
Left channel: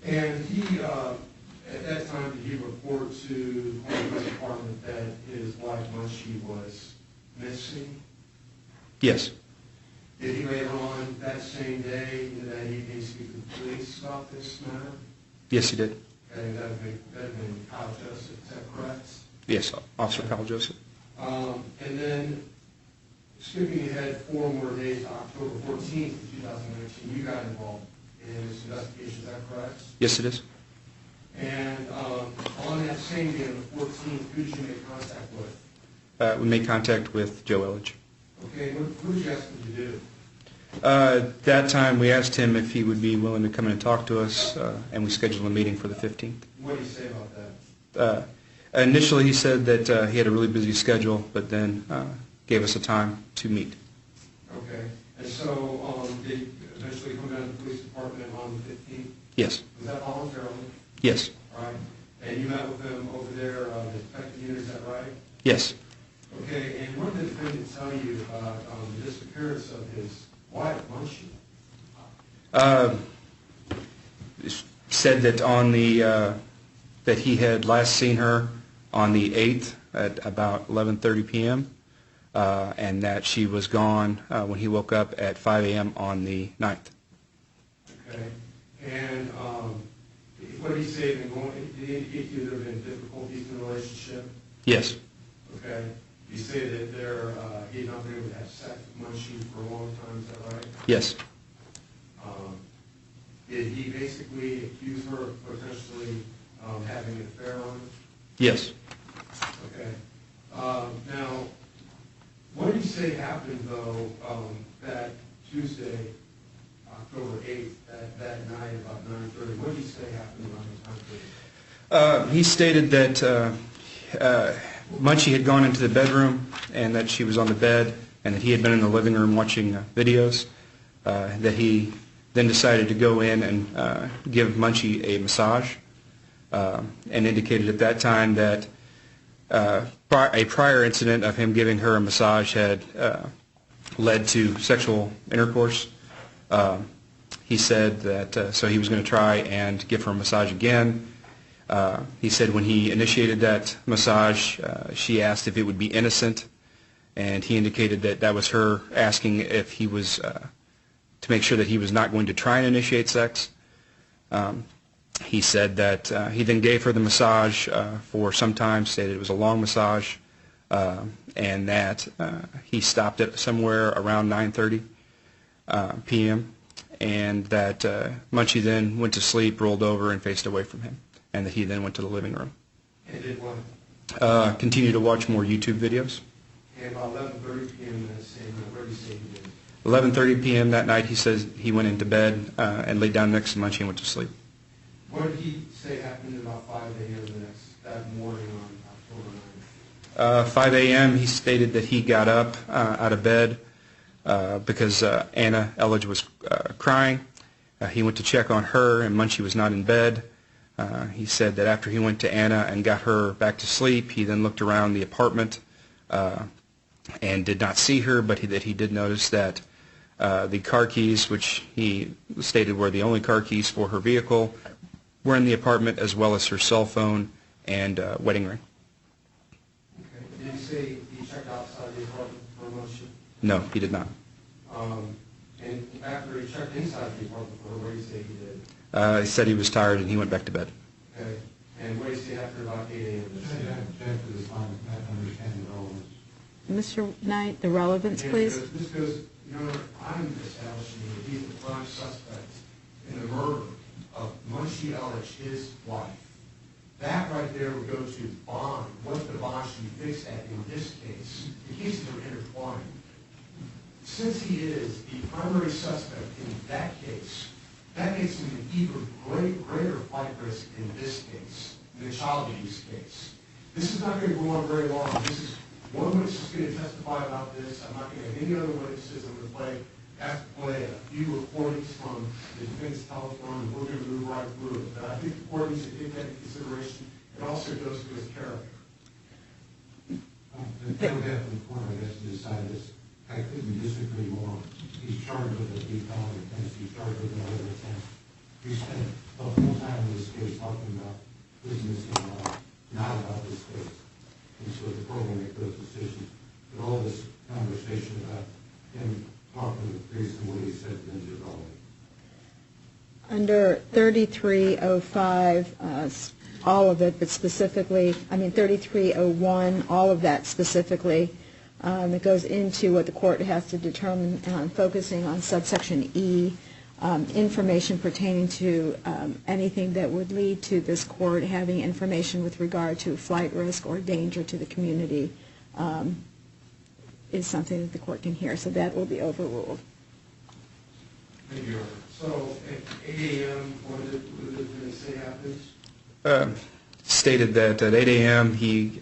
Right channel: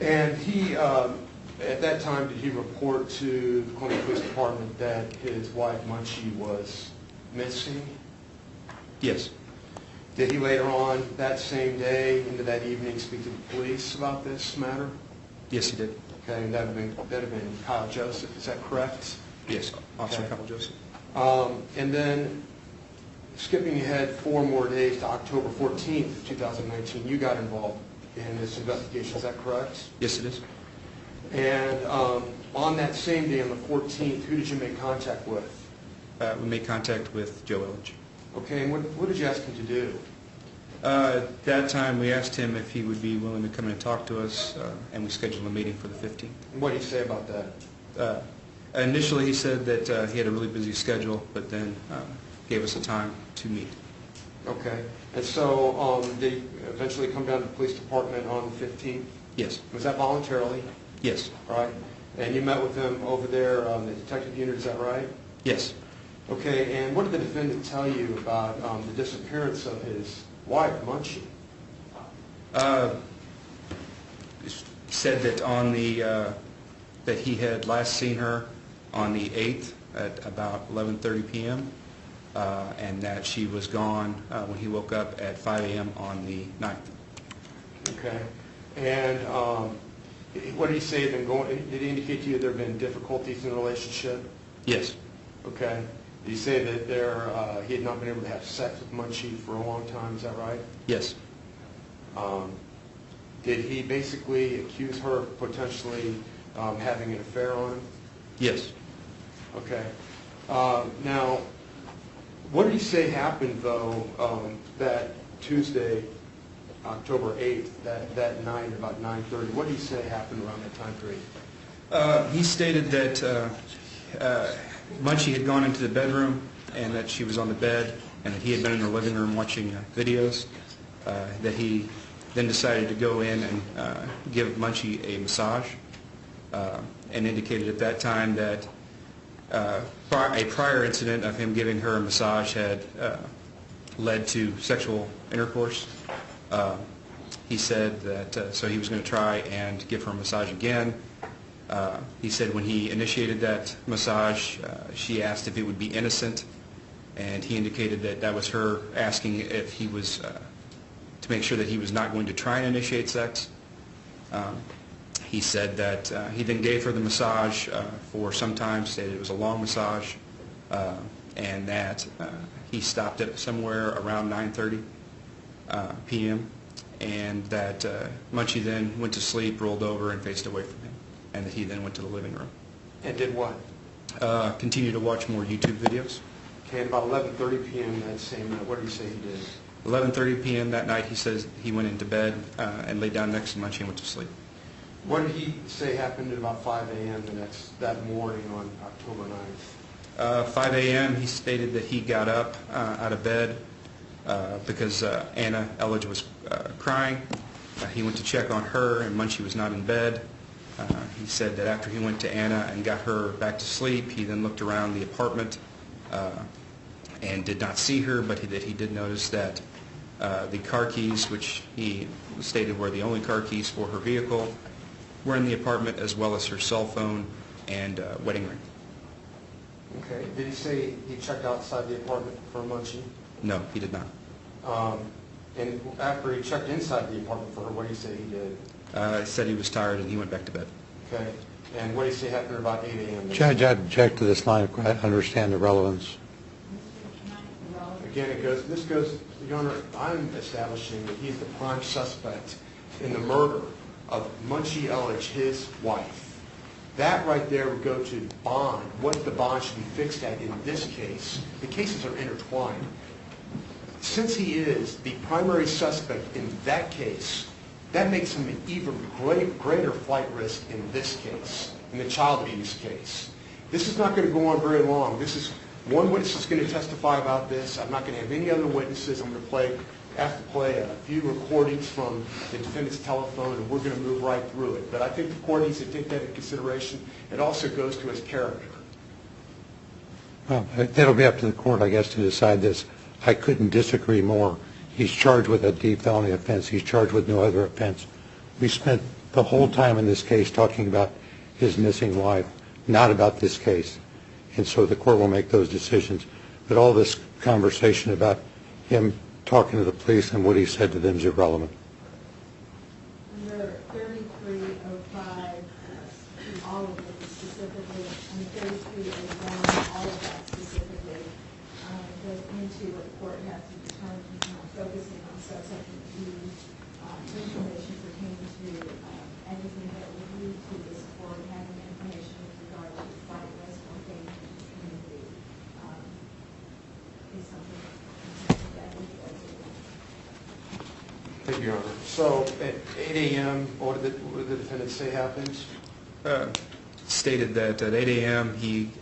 And he, at that time, did he report to the Columbia Police Department that his wife, Mengqi, was missing? Yes. Did he later on that same day, into that evening, speak to the police about this matter? Yes, he did. Okay, and that would have been Kyle Joseph, is that correct? Yes, Officer Kyle Joseph. And then, skipping ahead 4 more days to October 14th, 2019, you got involved in this investigation, is that correct? Yes, it is. And on that same day, on the 14th, who did you make contact with? We made contact with Joe Elledge. Okay, and what did you ask him to do? That time, we asked him if he would be willing to come in and talk to us, and we scheduled a meeting for the 15th. And what did he say about that? Initially, he said that he had a really busy schedule, but then gave us a time to meet. Okay, and so did he eventually come down to the police department on the 15th? Yes. Was that voluntarily? Yes. Right. And you met with him over there on the detective unit, is that right? Yes. Okay, and what did the defendant tell you about the disappearance of his wife, Mengqi? Said that on the that he had last seen her on the 8th at about 11:30 p.m. And that she was gone when he woke up at 5 a.m. on the 9th. Okay, and what did he say had been going? Did he indicate to you there had been difficulties in the relationship? Yes. Okay. You say that he had not been able to have sex with Mengqi for a long time, is that right? Yes. Did he basically accuse her of potentially having an affair on him? Yes. Okay. Now, what did he say happened, though, that Tuesday, October 8th, that night about 9:30? What did he say happened around that time period? He stated that Mengqi had gone into the bedroom and that she was on the bed and that he had been in the living room watching videos, that he then decided to go in and give Mengqi a massage, and indicated at that time that a prior incident of him giving her a massage had led to sexual intercourse. He said that so he was going to try and give her a massage again. He said when he initiated that massage, she asked if it would be innocent, and he indicated that that was her asking if he was to make sure that he was not going to try and initiate sex. He said that he then gave her the massage for some time, stated it was a long massage, and that he stopped it somewhere around 9:30 p.m., and that Mengqi then went to sleep, rolled over, and faced away from him, and that he then went to the living room. And did what? Continued to watch more YouTube videos. Okay, about 11:30 p.m. that same night, what did he say he did? 11:30 p.m. that night, he says he went into bed and laid down next to Mengqi and went to sleep. What did he say happened at about 5 a.m. that morning on October 9th? 5 a.m. he stated that he got up out of bed because Anna Elledge was crying. He went to check on her, and Mengqi was not in bed. He said that after he went to Anna and got her back to sleep, he then looked around the apartment and did not see her, but that he did notice that the car keys, which he stated were the only car keys for her vehicle, were in the apartment, as well as her cell phone and wedding ring. Okay. Did he say he checked outside the apartment for Mengqi? No, he did not. And after he checked inside the apartment for her, what did he say he did? He said he was tired and he went back to bed. Okay. And what did he say happened at about 8 a.m.? Judge, I'd object to this line. I understand the relevance. Mr. Knight, the relevance, Again, please. this goes, Your Honor, I'm establishing that he's the prime suspect in the murder of Mengqi Elledge, his wife. That right there would go to bond, what the bond should be fixed at in this case. The cases are intertwined. Since he is the primary suspect in that case, that makes him an even greater flight risk in this case, in the child abuse case. This is not going to go on very long. This is one witness is going to testify about this. I'm not going to have any other witnesses. I'm going to ask to play a few recordings from the defendant's telephone, and we're going to move right through it. But I think the court needs to take that into consideration. It also goes to his character. Well, that'll be up to the court, I guess, to decide this. I couldn't disagree more. He's charged with a deep felony offense. He's charged with no other offense. We spent the whole time in this case talking about his missing wife, not about this case. And so the court will make those decisions. But all this conversation about him talking to the police and what he said to them is irrelevant. Under 3305, all of it, but specifically, 3301, all of that specifically, it goes into what the court has to determine, focusing on subsection E, information pertaining to anything that would lead to this court having information with regard to flight risk or danger to the community is something that the court can hear. So that will be overruled. Thank you, Your Honor. So at 8 a.m., what did the defendant say happened? Stated that at 8 a.m. he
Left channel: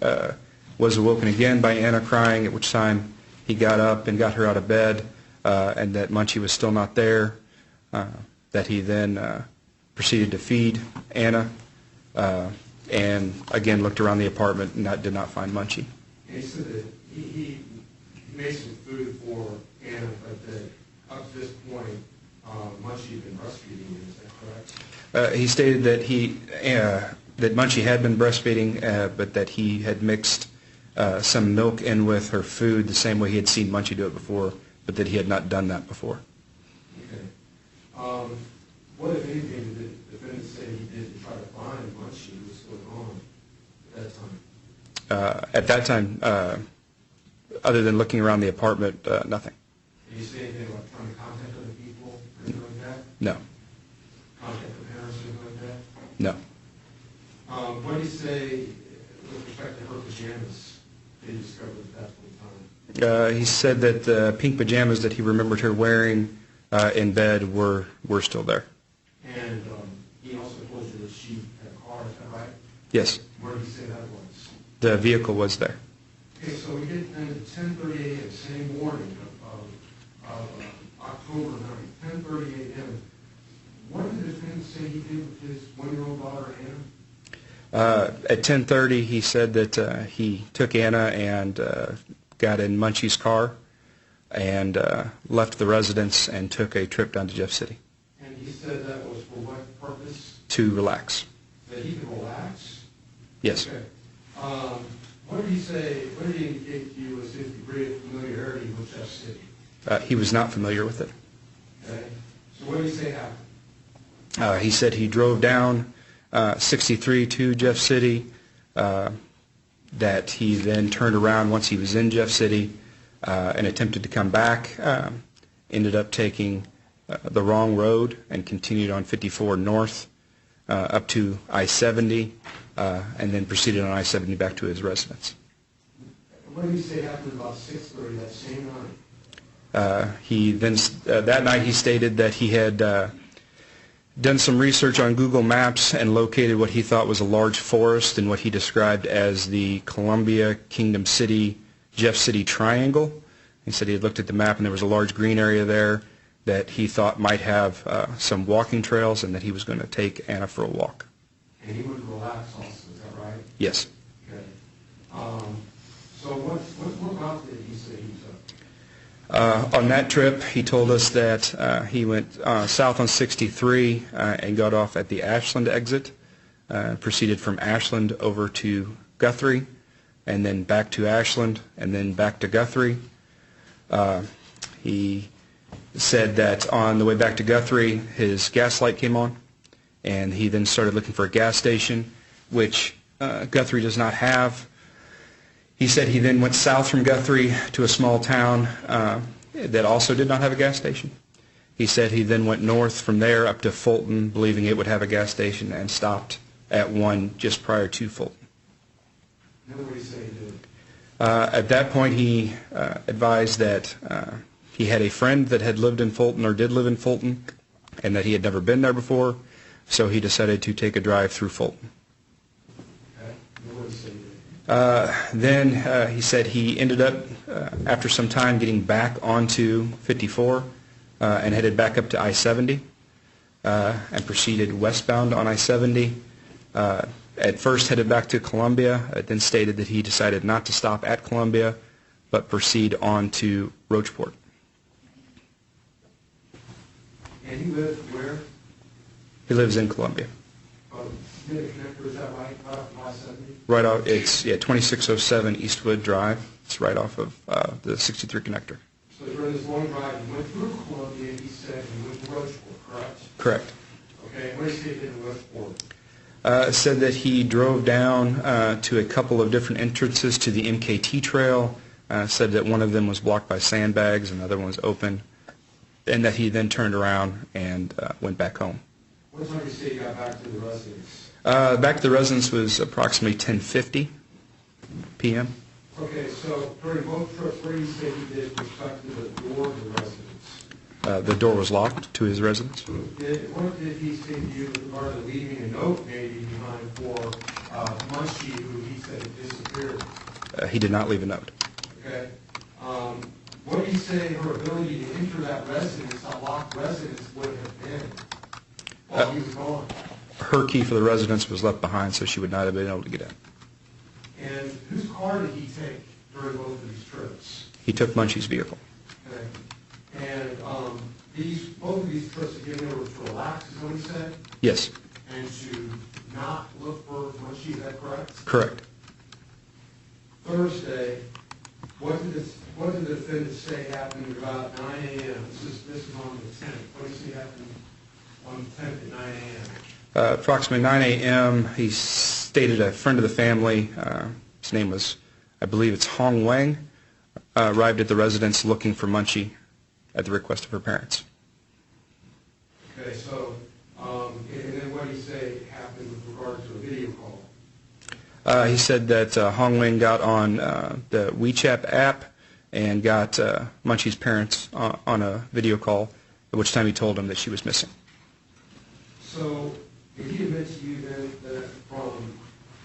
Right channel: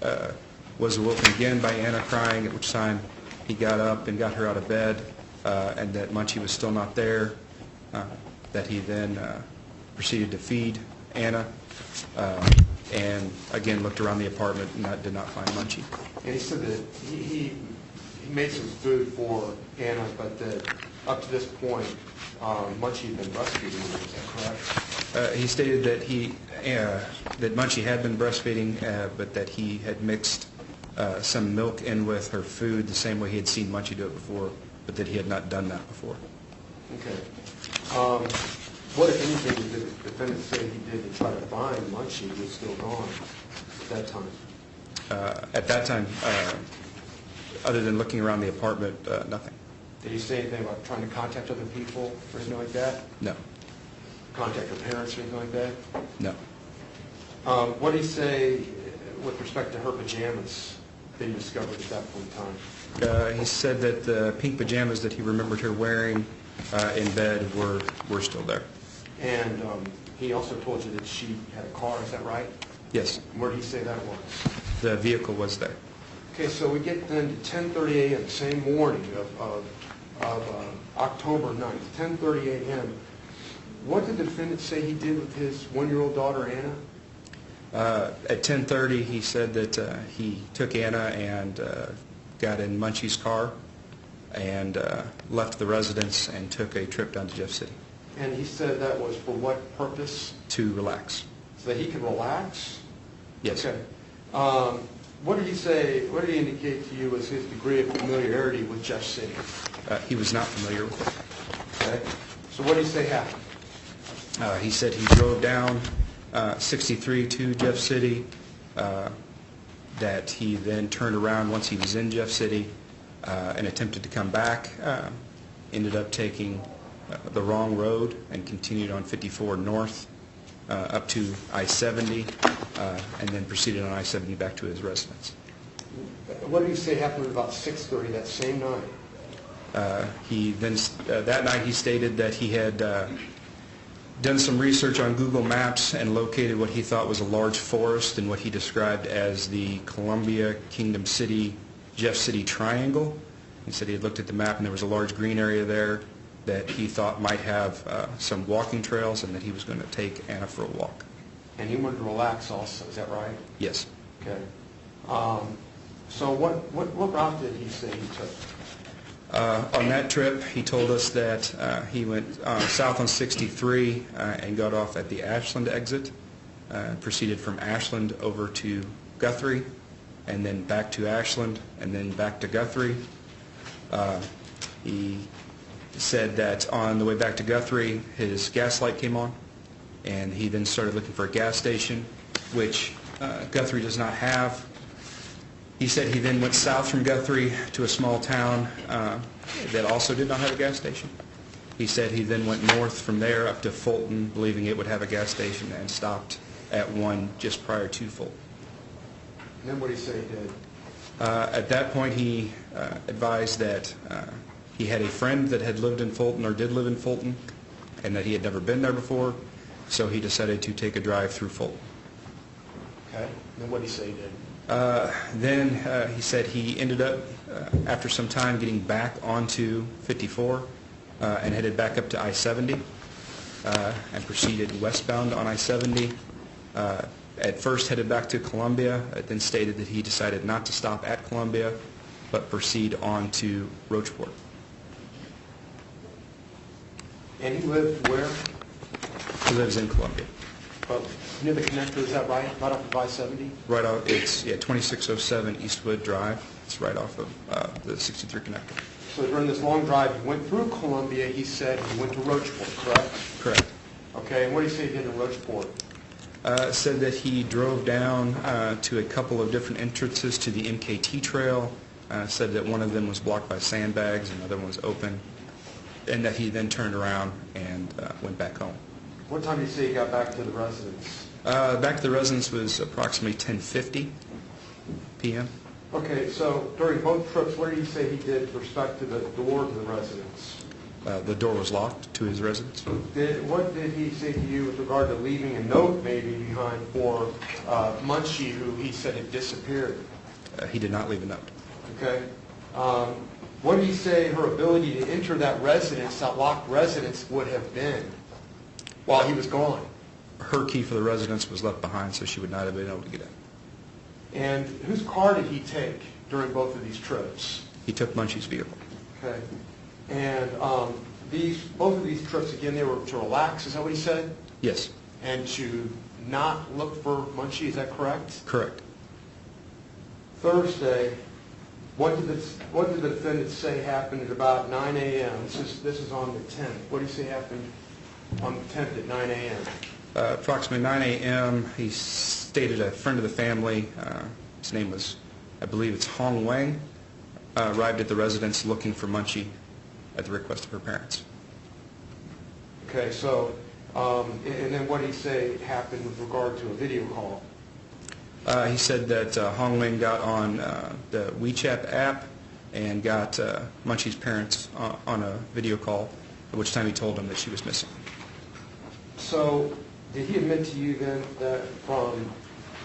was awoken again by Anna crying, at which time he got up and got her out of bed, and that Mengqi was still not there, that he then proceeded to feed Anna, and again looked around the apartment and did not find Mengqi. And he said that he made some food for Anna, but that up to this point, Mengqi had been breastfeeding. Is that correct? He stated that that Mengqi had been breastfeeding, but that he had mixed some milk in with her food the same way he had seen Mengqi do it before, but that he had not done that before. Okay. What, if anything, did the defendant say he did to try to find Mengqi who was still gone at that time? At that time, other than looking around the apartment, nothing. Did he say anything about trying to contact other people or anything like that? No. Contact her parents or anything like that? No. What did he say with respect to her pajamas that he discovered at that point in time? He said that the pink pajamas that he remembered her wearing in bed were still there. And he also told you that she had a car, is that right? Yes. Where did he say that was? The vehicle was there. Okay, so we get then to 10:30 a.m., the same morning of October 9th, 10:30 a.m. What did the defendant say he did with his 1-year-old daughter, Anna? At 10:30, he said that he took Anna and got in Mengqi's car and left the residence and took a trip down to Jeff City. And he said that was for what purpose? To relax. So that he could relax? Yes. Okay. What did he say, what did he indicate to you as his degree of familiarity with Jeff City? He was not familiar with it. Okay. So what did he say happened? He said he drove down 63 to Jeff City, that he then turned around once he was in Jeff City and attempted to come back, ended up taking the wrong road and continued on 54 north up to I-70, and then proceeded on I-70 back to his residence. What did he say happened at about 6:30 that same night? He then, that night he stated that he had done some research on Google Maps and located what he thought was a large forest in what he described as the Columbia, Kingdom City, Jeff City triangle. He said he had looked at the map and there was a large green area there that he thought might have some walking trails, and that he was going to take Anna for a walk. And he wanted to relax also, is that right? Yes. Okay. So what route did he say he took? On that trip, he told us that he went south on 63 and got off at the Ashland exit, proceeded from Ashland over to Guthrie, and then back to Ashland, and then back to Guthrie. He said that on the way back to Guthrie, his gas light came on, and he then started looking for a gas station, which Guthrie does not have. He said he then went south from Guthrie to a small town that also did not have a gas station. He said he then went north from there up to Fulton, believing it would have a gas station, and stopped at one just prior to Fulton. And then what did he say he did? At that point, he advised that he had a friend that had lived in Fulton, or did live in Fulton, and that he had never been there before, so he decided to take a drive through Fulton. Okay. And then what did he say he did? Then he said he ended up, after some time, getting back onto 54 and headed back up to I-70 and proceeded westbound on I-70. At first headed back to Columbia, then stated that he decided not to stop at Columbia, but proceed on to Rocheport. And he lived where? He lives in Columbia. Near the connector, is that right? Right off of I-70? Right off, it's 2607 Eastwood Drive. It's right off of the 63 connector. So during this long drive, he went through Columbia, he said he went to Rocheport, correct? Correct. Okay, and what did he say he did in Rocheport? Said that he drove down to a couple of different entrances to the MKT trail, said that one of them was blocked by sandbags and the other one was open, and that he then turned around and went back home. What time did he say he got back to the residence? Back to the residence was approximately 10:50 p.m. Okay, so during both trips, what did he say he did with respect to the door of the residence? The door was locked to his residence. What did he say to you with regard to leaving a note maybe behind for Mengqi, who he said had disappeared? He did not leave a note. Okay. What did he say her ability to enter that residence, that locked residence, would have been while he was gone? Her key for the residence was left behind, so she would not have been able to get in. And whose car did he take during both of these trips? He took Mengqi's vehicle. Okay. And both of these trips, again, they were to relax, is that what he said? Yes. And to not look for Mengqi, is that correct? Correct. Thursday, what did the defendant say happened at about 9 a.m.? This is on the 10th. What did he say happened on the 10th at 9 a.m.? Approximately 9 a.m., he stated a friend of the family, his name was, I believe it's Hong Wang, arrived at the residence looking for Mengqi at the request of her parents. Okay, so, and then what did he say happened with regard to a video call? He said that Hong Ling got on the WeChat app and got Mengqi's parents on a video call, at which time he told them that she was missing. So, did he admit to you then that from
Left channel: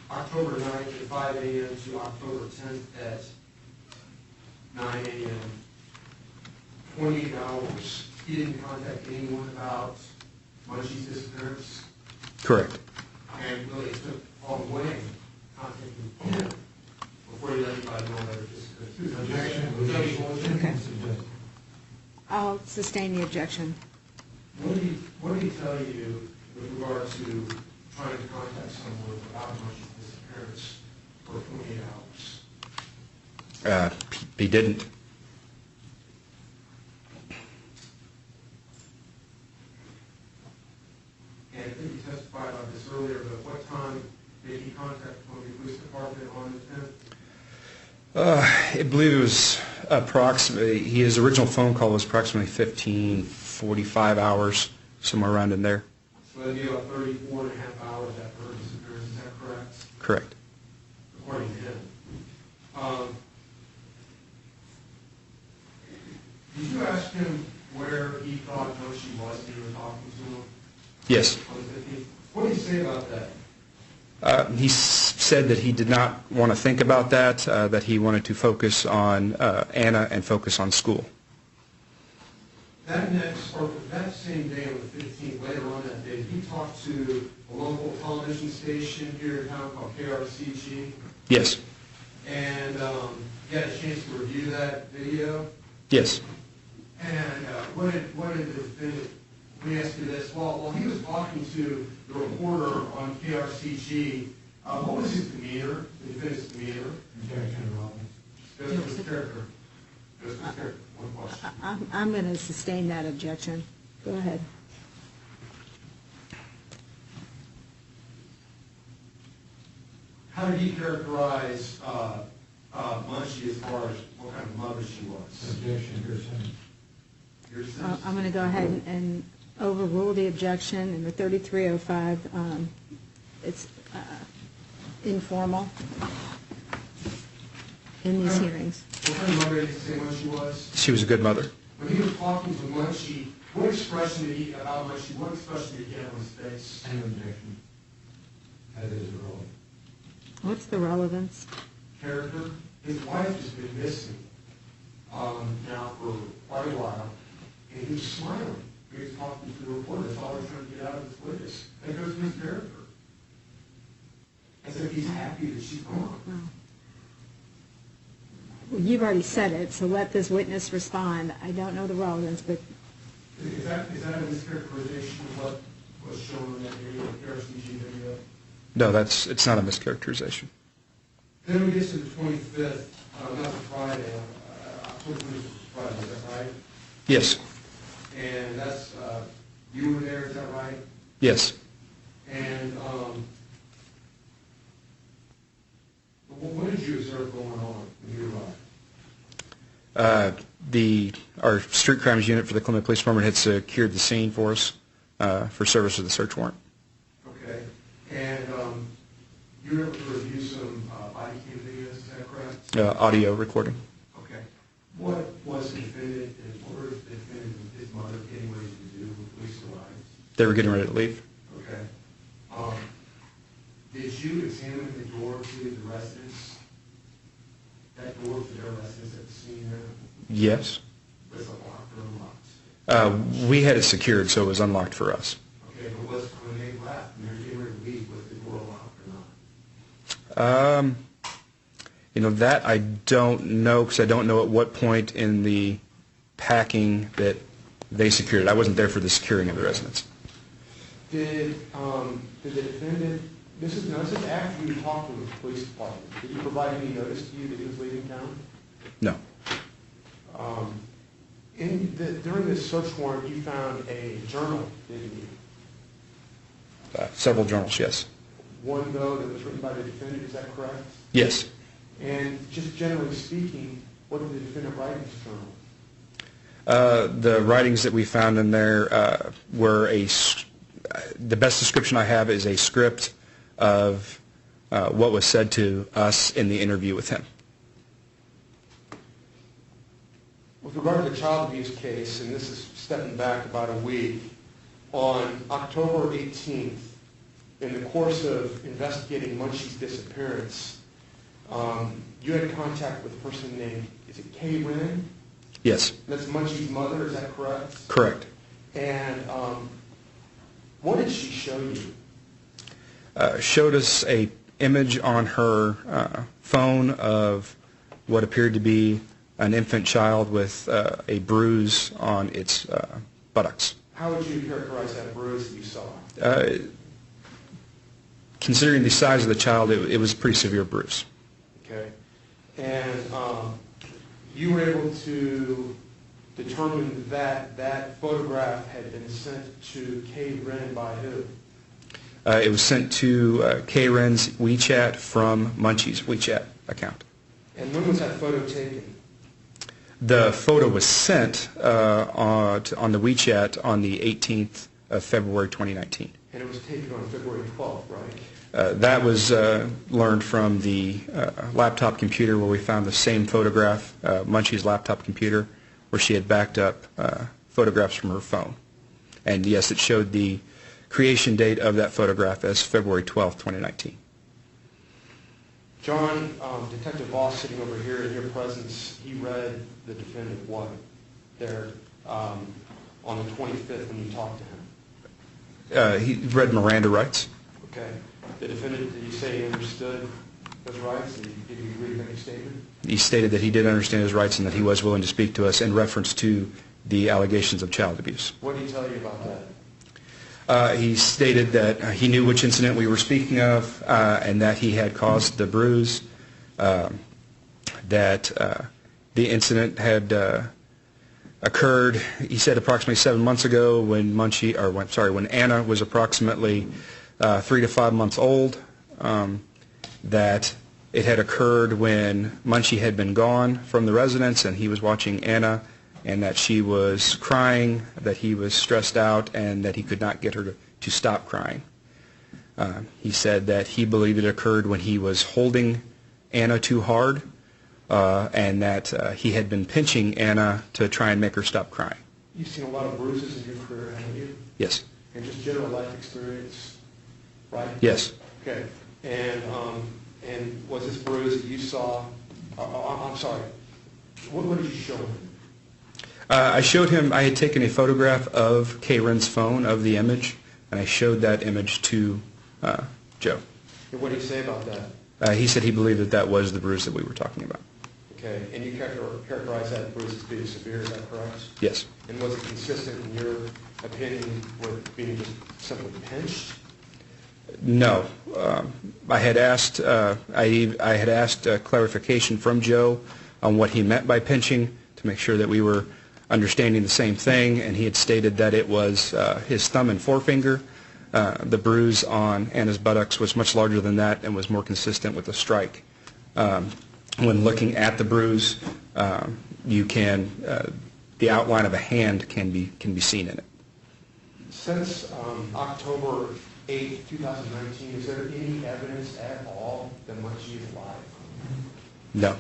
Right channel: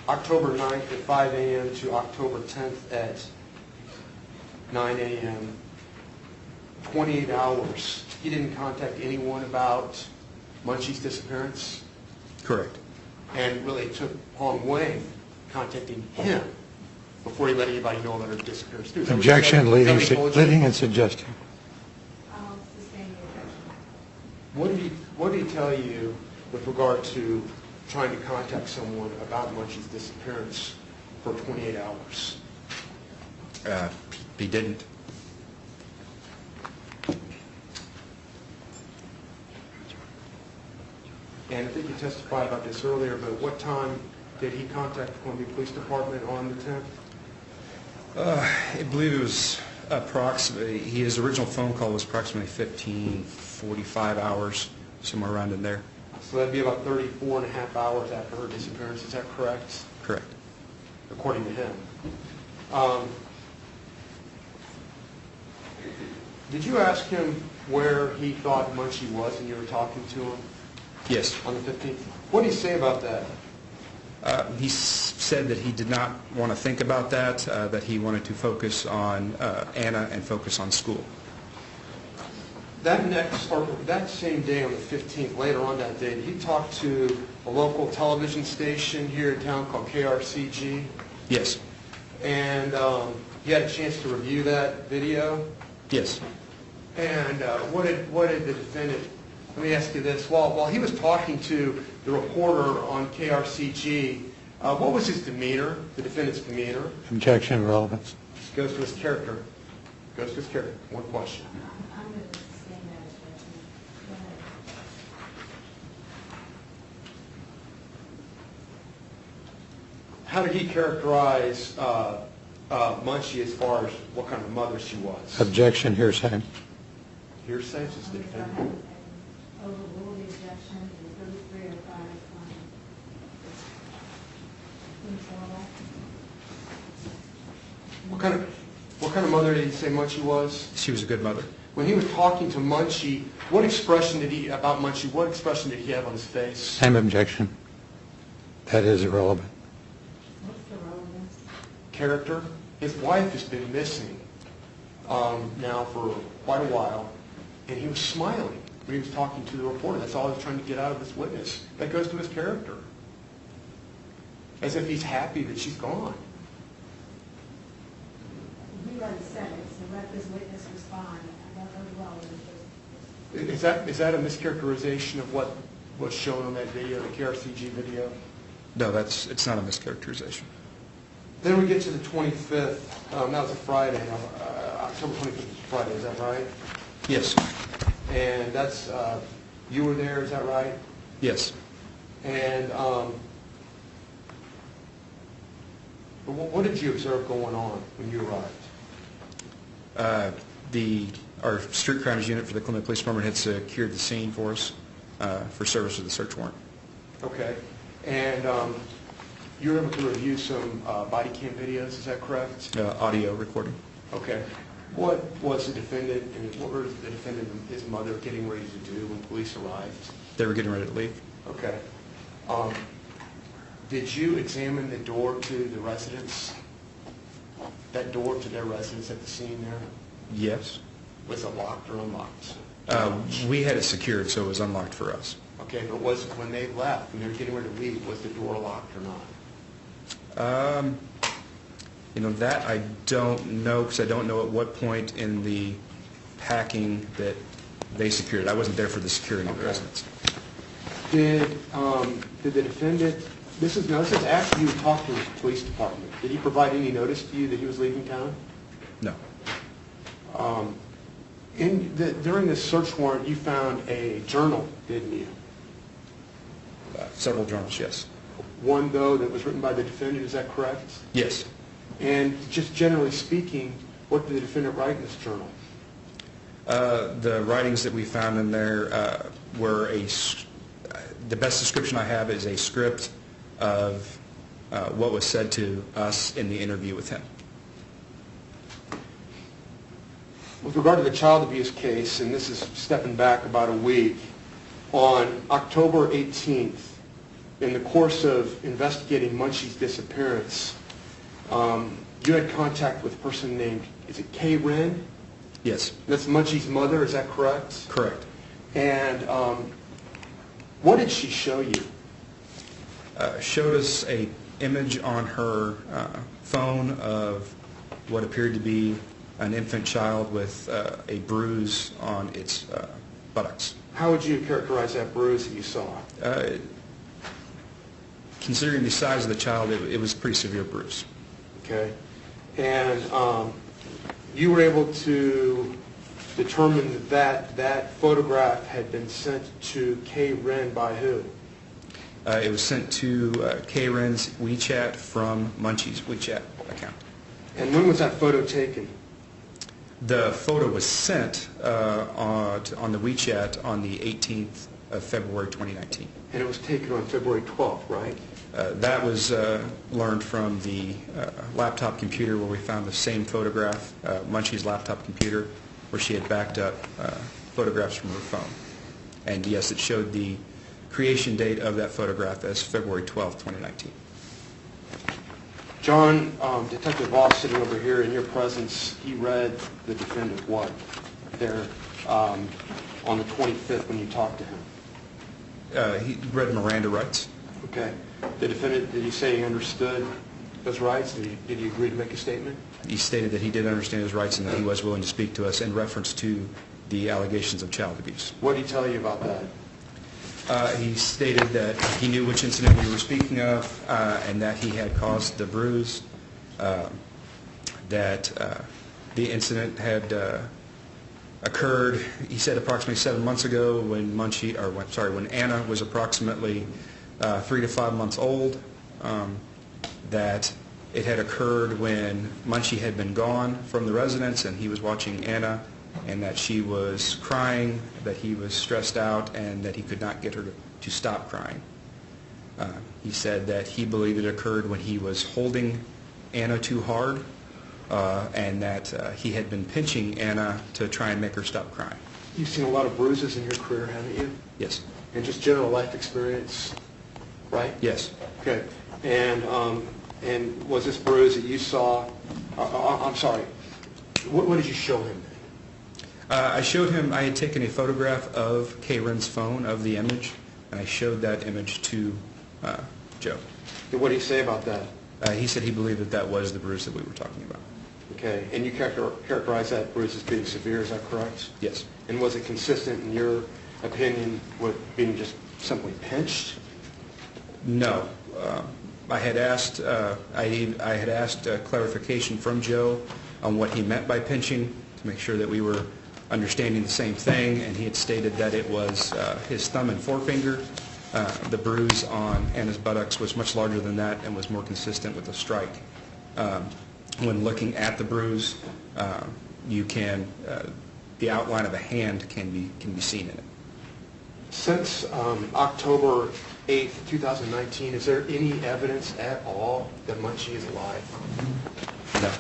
October 9th at 5 a.m. to October 10th at 9 a.m., 28 hours, he didn't contact anyone about Mengqi's disappearance? Correct. And really it took Hong Ling contacting him before he let anybody know about her disappearance? Objection, leading and suggesting. I'll sustain the objection. What did he tell you with regard to trying to contact someone about Mengqi's disappearance for 28 hours? He didn't. And I think you testified about this earlier, but what time did he contact the Columbia Police Department on the 10th? I believe it was approximately, his original phone call was approximately 45 hours, somewhere around in there. So that'd be about 34 and a half hours after her disappearance, is that correct? Correct. According to him. Did you ask him where he thought Mengqi was and you were talking to him? Yes. On the 15th? What did he say about that? He said that he did not want to think about that, that he wanted to focus on Anna and focus on school. That same day on the 15th, later on that day, did he talk to a local television station here in town called KRCG? Yes. And you had a chance to review that video? Yes. And what did the defendant, let me ask you this, while he was talking to the reporter on KRCG, what was his demeanor, the defendant's demeanor? Objection, relevance. Goes to his character. Goes to his character. One question. I'm going to sustain that objection. Go ahead. How did he characterize Mengqi as far as what kind of mother she was? Objection, hearsay. Hearsay? I'm going to go ahead and overrule the objection in the 3305. It's informal in these hearings. What kind of mother did he say Mengqi was? She was a good mother. When he was talking to Mengqi, what expression did he have on his face? Same objection. That is irrelevant. What's the relevance? Character. His wife has been missing now for quite a while, and he was smiling when he was talking to the reporter. That's all he was trying to get out of this witness. That goes to his character. As if he's happy that she's gone. You've already said it, so let this witness respond. I don't know the relevance, but... Is that a mischaracterization of what was shown on that video, the KRCG video? No, it's not a mischaracterization. Then we get to the 25th. That was a Friday. October 25th is Friday, is that right? Yes. And that's, you were there, is that right? Yes. And what did you observe going on when you arrived? Our street crimes unit for the Columbia Police Department had secured the scene for us for service of the search warrant. Okay. And you were able to review some body cam videos, is that correct? Audio recording. Okay. What was the defendant and what were the defendant and his mother getting ready to do when police arrived? They were getting ready to leave. Okay. Did you examine the door to the residence? That door to their residence at the scene there? Yes. Was it locked or unlocked? We had it secured, so it was unlocked for us. Okay, but when they left, when they were getting ready to leave, was the door locked or not? That I don't know, because I don't know at what point in the packing that they secured it. I wasn't there for the securing of the residence. Did the defendant, this is after you talked to the police department, did he provide any notice to you that he was leaving town? No. During this search warrant, you found a journal, didn't you? Several journals, yes. One, though, that was written by the defendant, is that correct? Yes. And just generally speaking, What did the defendant write in this journal? The writings that we found in there were the best description I have is a script of what was said to us in the interview with him. With regard to the child abuse case, and this is stepping back about a week, on October 18th, in the course of investigating Mengqi's disappearance, you had contact with a person named, is it Kay Ren? Yes. That's Mengqi's mother, is that correct? Correct. And what did she show you? Showed us a image on her phone of what appeared to be an infant child with a bruise on its buttocks. How would you characterize that bruise that you saw? Considering the size of the child, it was a pretty severe bruise. Okay. And you were able to determine that that photograph had been sent to Kay Ren by who? It was sent to Kay Ren's WeChat from Mengqi's WeChat account. And when was that photo taken? The photo was sent on the WeChat on the 18th of February 2019. And it was taken on February 12th, right? That was learned from the laptop computer where we found the same photograph, Mengqi's laptop computer, where she had backed up photographs from her phone. And yes, it showed the creation date of that photograph as February 12th, 2019. John, Detective Voss sitting over here in your presence, he read the defendant what there on the 25th when you talked to him? He read Miranda rights. Okay. The defendant, did he say he understood those rights? Did he agree to make a statement? He stated that he did understand his rights and that he was willing to speak to us in reference to the allegations of child abuse. What did he tell you about that? He stated that he knew which incident we were speaking of and that he had caused the bruise, that the incident had occurred, he said, approximately 7 months ago when when Anna was approximately 3 to 5 months old, that it had occurred when Mengqi had been gone from the residence and he was watching Anna, and that she was crying, that he was stressed out, and that he could not get her to stop crying. He said that he believed it occurred when he was holding Anna too hard, and that he had been pinching Anna to try and make her stop crying. You've seen a lot of bruises in your career, haven't you? Yes. And just general life experience, right? Yes. Okay. And was this bruise that you saw, I'm sorry, what did you show him? I showed him, I had taken a photograph of Kay Ren's phone of the image, and I showed that image to Joe. And what did he say about that? He said he believed that that was the bruise that we were talking about. Okay. And you characterize that bruise as being severe, is that correct? Yes. And was it consistent, in your opinion, with being just simply pinched? No. I had asked clarification from Joe on what he meant by pinching to make sure that we were understanding the same thing, and he had stated that it was his thumb and forefinger. The bruise on Anna's buttocks was much larger than that and was more consistent with a strike. When looking at the bruise, the outline of a hand can be seen in it. Since October 8th, 2019, is there any evidence at all that Mengqi is alive? No.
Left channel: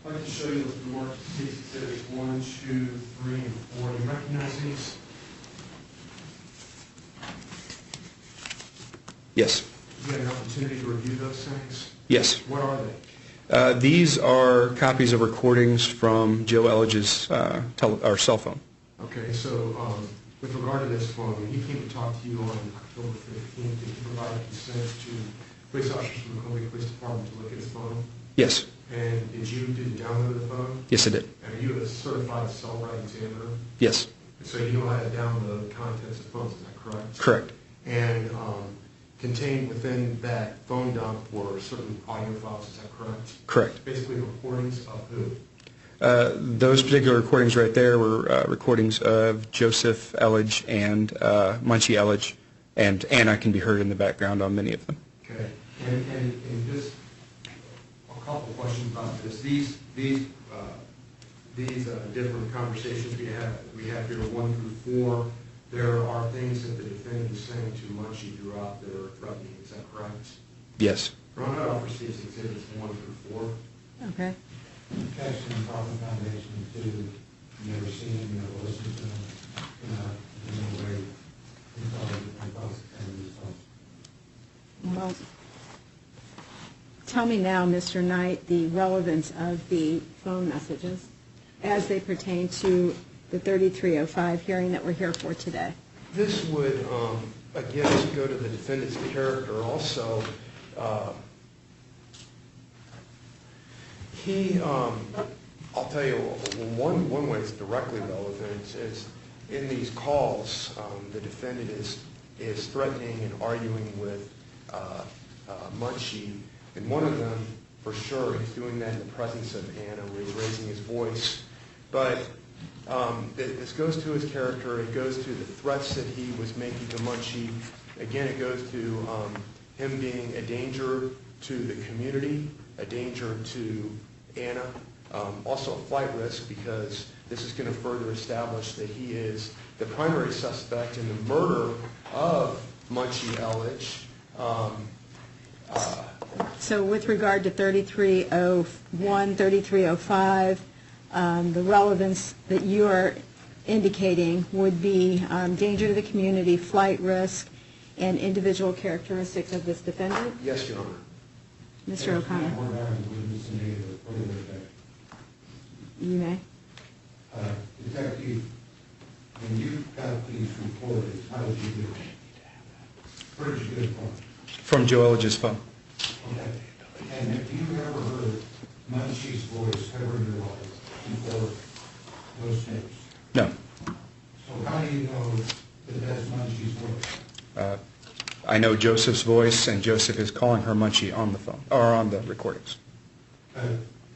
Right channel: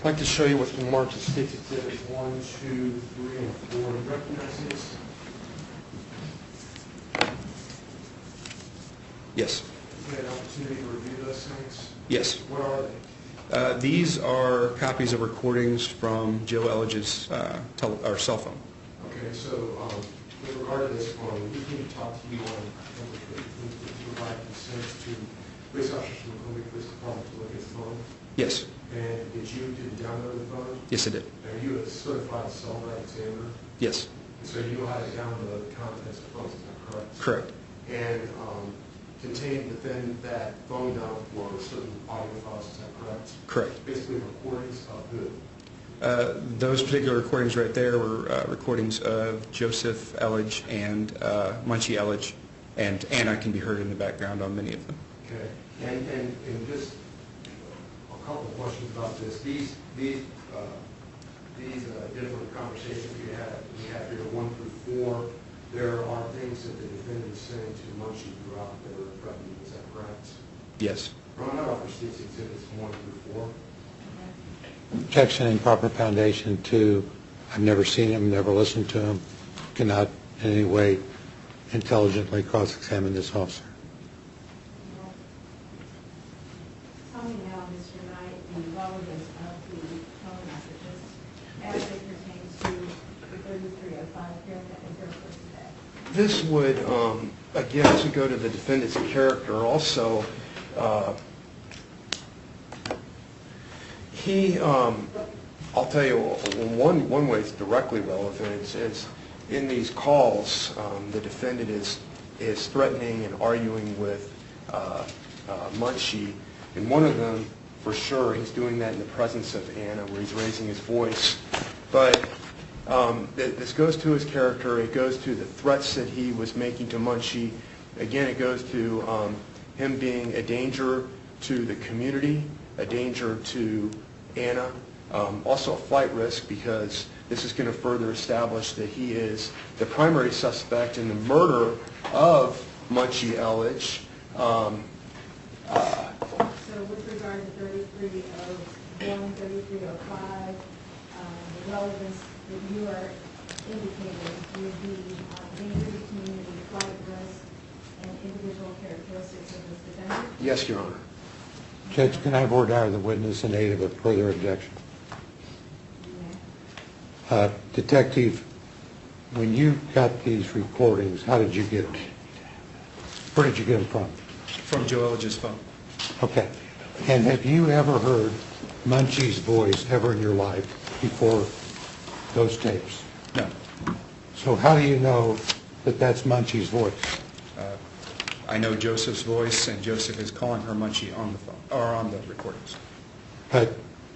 I'd like to show you what's been marked as State Exhibits 1, 2, 3, and 4. Do you recognize these? Yes. You had an opportunity to review those things? Yes. What are they? These are copies of recordings from Joe Elledge's cell phone. Okay, so with regard to this phone, he came to talk to you on October 15th. Did you provide consent to police officers from the Columbia Police Department to look at his phone? Yes. And did you download the phone? Yes, I did. Are you a certified cell right examiner? Yes. So you know how to download the contents of phones, is that correct? Correct. And contained within that phone dump were certain audio files, is that correct? Correct. Basically recordings of who? Those particular recordings right there were recordings of Joseph Elledge and Mengqi Elledge, and Anna can be heard in the background on many of them. Okay. And just a couple questions about this. These these different conversations we have here, 1 through 4, there are things that the defendant is saying to Mengqi throughout that are threatening. Is that correct? Yes. Ron, I'd offer State's Exhibits 1 through 4. Okay. Objection and proper foundation to, I've never seen him, never listened to him, cannot in any way intelligently cross-examine this officer. Well, tell me now, Mr. Knight, the relevance of the phone messages as they pertain to the 3305 hearing that we're here for today. This would, again, as we go to the defendant's character, also, I'll tell you, one way it's directly relevant is in these calls, the defendant is threatening and arguing with Mengqi, and one of them, for sure, he's doing that in the presence of Anna, where he's raising his voice. But this goes to his character. It goes to the threats that he was making to Mengqi. Again, it goes to him being a danger to the community, a danger to Anna, also a flight risk, because this is going to further establish that he is the primary suspect in the murder of Mengqi Elledge. So with regard to 3301, 3305, the relevance that you are indicating would be danger to the community, flight risk, and individual characteristics of this defendant? Yes, Your Honor. Judge, can I order the witness in aid of a further objection? You may. Detective, when you got these recordings, how did you get them? Where did you get them from? From Joe Elledge's phone. Okay. And have you ever heard Mengqi's voice ever in your life before those tapes? No. So how do you know that that's Mengqi's voice? I know Joseph's voice, and Joseph is calling her Mengqi on the phone, or on the recordings. But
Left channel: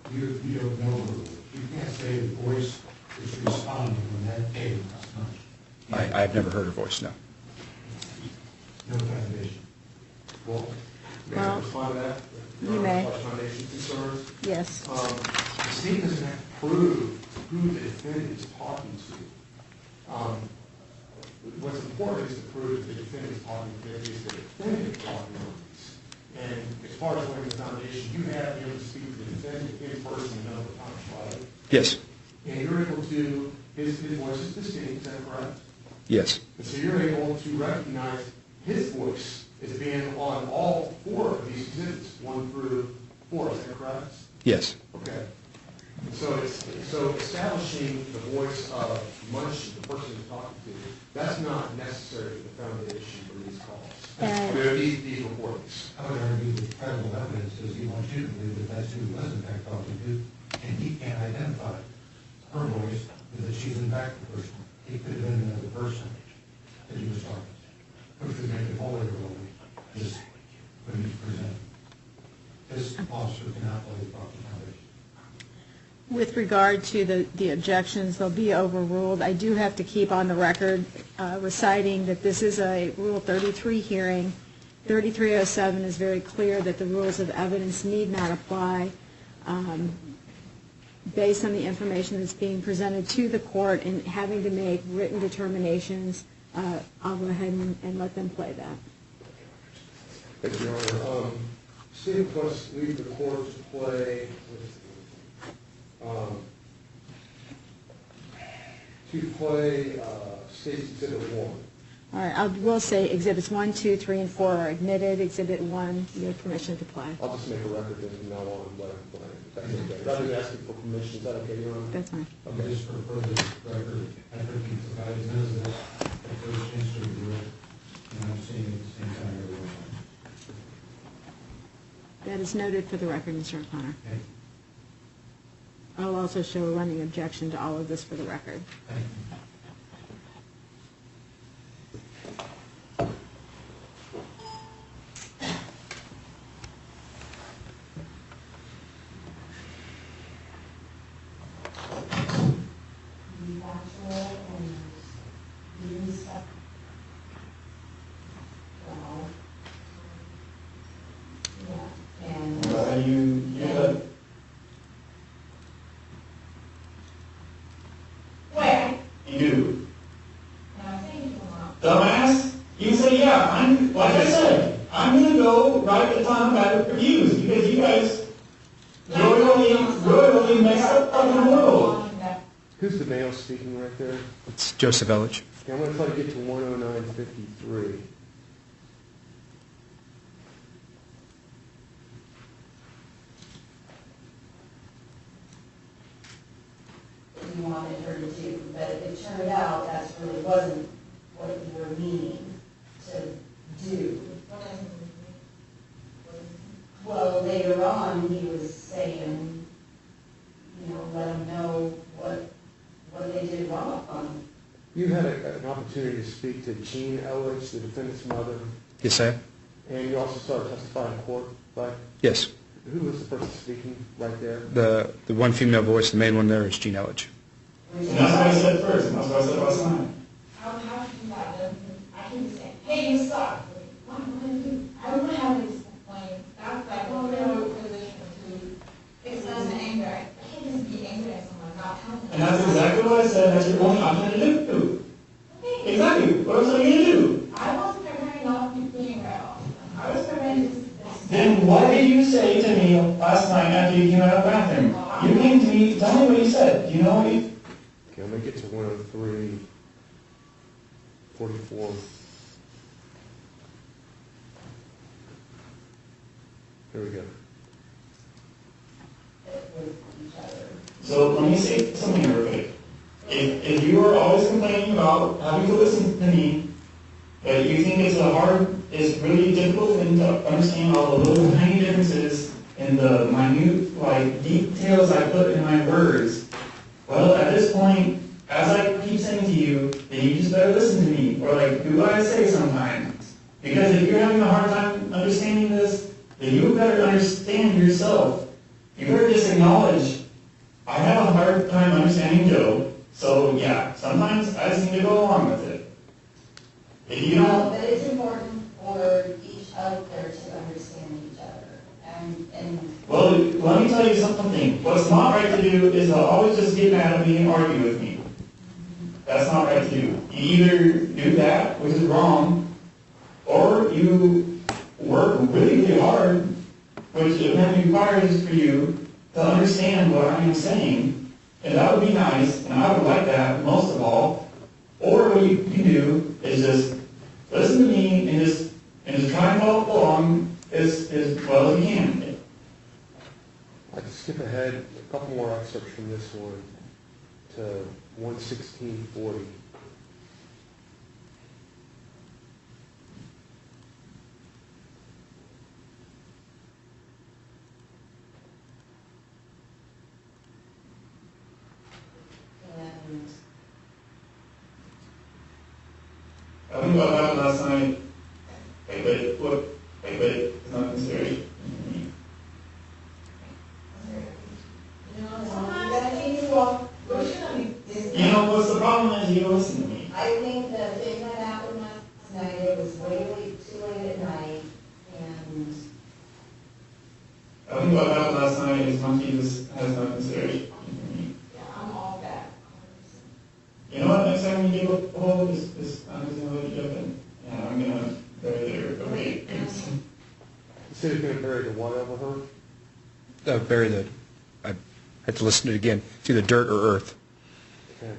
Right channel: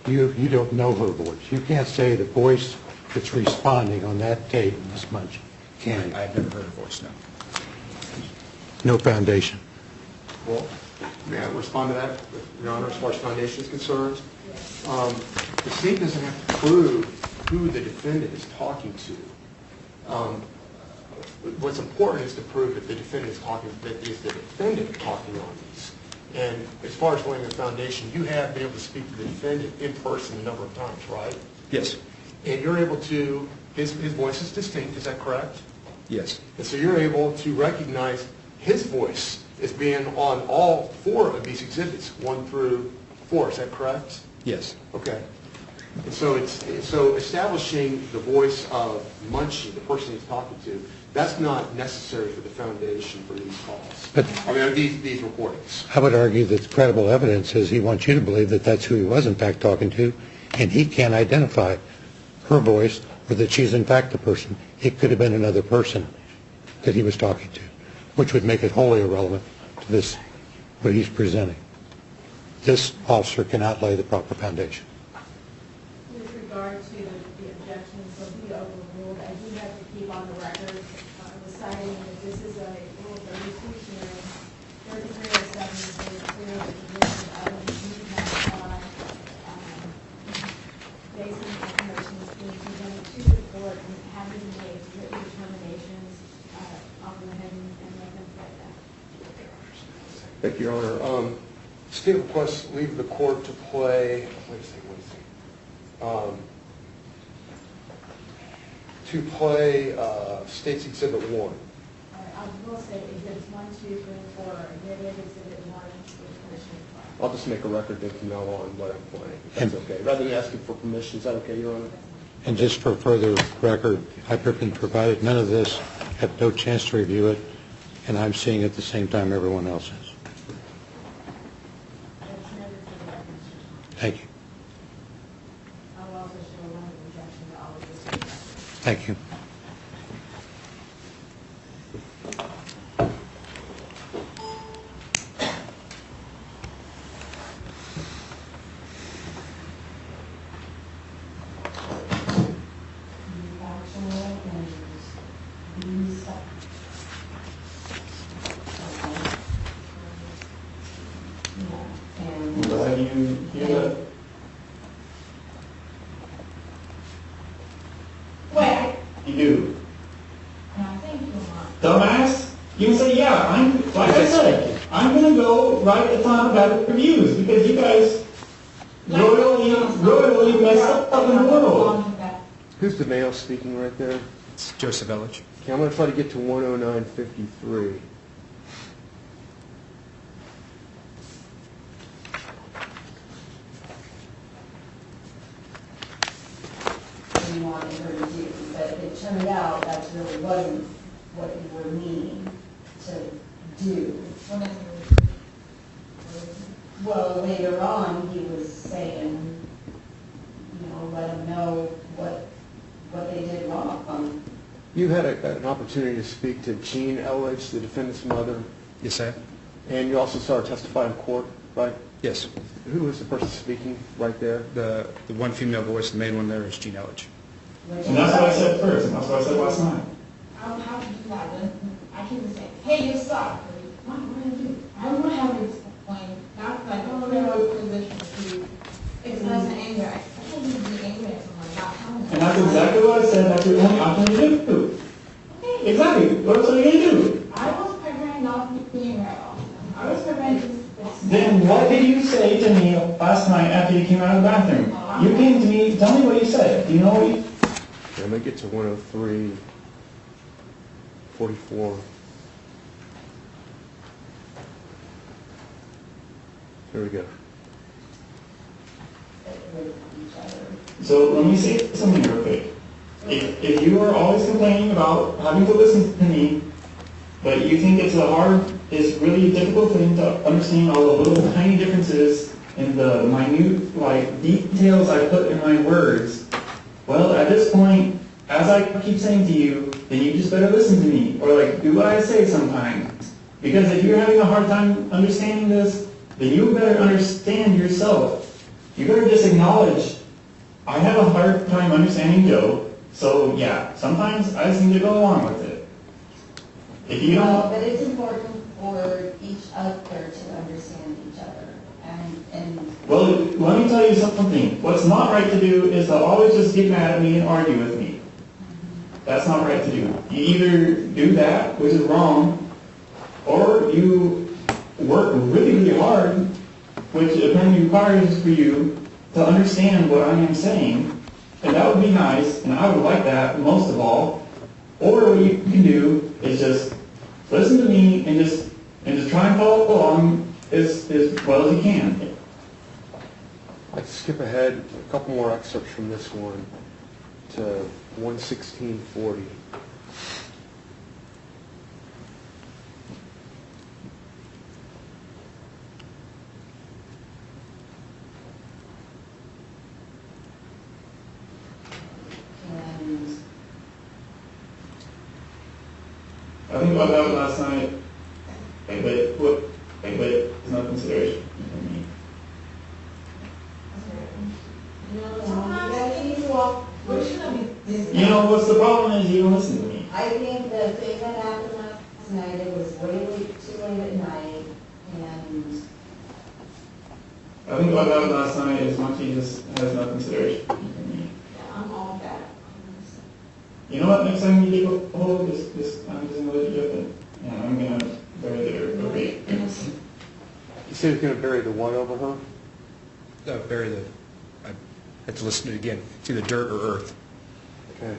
you don't know her voice. You can't say the voice that's responding on that tape is Mengqi. Can you? I've never heard her voice, no. No foundation. Well, may I respond to that, Your Honor, as far as foundation is concerned? Yes. The state doesn't have to prove who the defendant is talking to. What's important is to prove that the defendant is talking, that is the defendant talking on these. And as far as laying the foundation, you have been able to speak to the defendant in person a number of times, right? Yes. And you're able to, his voice is distinct, is that correct? Yes. And so you're able to recognize his voice as being on all 4 of these exhibits, 1 through 4, is that correct? Yes. Okay. And so establishing the voice of Mengqi, the person he's talking to, that's not necessary for the foundation for these calls. But these recordings. I would argue that credible evidence says he wants you to believe that that's who he was in fact talking to, and he can't identify her voice or that she's in fact the person. It could have been another person that he was talking to, which would make it wholly irrelevant to this, what he's presenting. This officer cannot lay the proper foundation. With regard to the objections, they'll be overruled. I do have to keep on the record reciting that this is a Rule 33 hearing. 3307 is very clear that the rules of evidence need not apply. Based on the information that's being presented to the court and having to make written determinations, I'll go ahead and let them play that. Thank you, Your Honor. State requests leave the court to play, State's Exhibit 1. All right, I will say Exhibits 1, 2, 3, and 4 are admitted. Exhibit 1, you have permission to play. I'll just make a record then from now on what I'm playing, if that's okay. Rather than asking for permission, is that okay, Your Honor? That's fine. And just for further record, I've been provided none of this, have no chance to review it, and I'm seeing it at the same time everyone else is. That is noted for the record, Mr. O'Connor. Thank you. I'll also show a running objection to all of this for the record. Thank you. You do. And I think you want. Dumbass? You can say, yeah, like I said, I'm going to go write a ton of bad reviews because you guys royally messed up in the world. Who's the male speaking right there? It's Joseph Elledge. Okay, I'm going to try to get to 109.53. You wanted her to do, but it turned out that really wasn't what you were meaning to do. Well, later on, he was saying, let them know what they did wrong. You had an opportunity to speak to Jean Elledge, the defendant's mother, Yes, I have. and you also saw her testify in court, right? Yes. Who was the person speaking right there? The one female voice, the main one there is Jean Elledge. And that's what I said first, and that's what I said last night. How to do that? I can just say, hey, you suck. What am I going to do? I don't know how to explain. That's like, I don't know what position to express the anger. I can't just be angry at someone not telling them. And that's exactly what I said, that's your only option to do. Okay. Exactly. What else are you going to do? I was preparing not to be angry at all. I was preparing to. Then what did you say to me last night after you came out of the bathroom? You came to me, tell me what you said. Do you know what you... Okay, I'm going to get to 103.44. Here we go. So let me say something real quick. If you are always complaining about having to listen to me, but you think it's really difficult thing to understand all the little tiny differences in the minute details I put in my words, well, at this point, as I keep saying to you, then you just better listen to me, or do what I say sometimes. Because if you're having a hard time understanding this, then you better understand yourself. You better just acknowledge, I have a hard time understanding Joe, so yeah, sometimes I just need to go along with it. If you don't... But it's important for each other to understand each other. Well, let me tell you something. What's not right to do is to always just get mad at me and argue with me. That's not right to do. You either do that, which is wrong, or you work really, really hard, which apparently requires for you to understand what I am saying, and that would be nice, and I would like that most of all. Or what you can do is just listen to me and just try and follow along as well as you can. I'd like to skip ahead a couple more excerpts from this one to 116.40. I think about that last night. But it's not consideration. You know, what's the problem is you don't listen to me. I think the thing that happened last night, it was too late at night, and... I think what happened last night is Mengqi just has no consideration for me. Yeah, I'm all that. You know what, next time you do I'm just going to let you jump in. And I'm going to bury the dirt over you. You said he's going to bury the what over her? I had to listen to it again. It's either dirt or earth. Okay.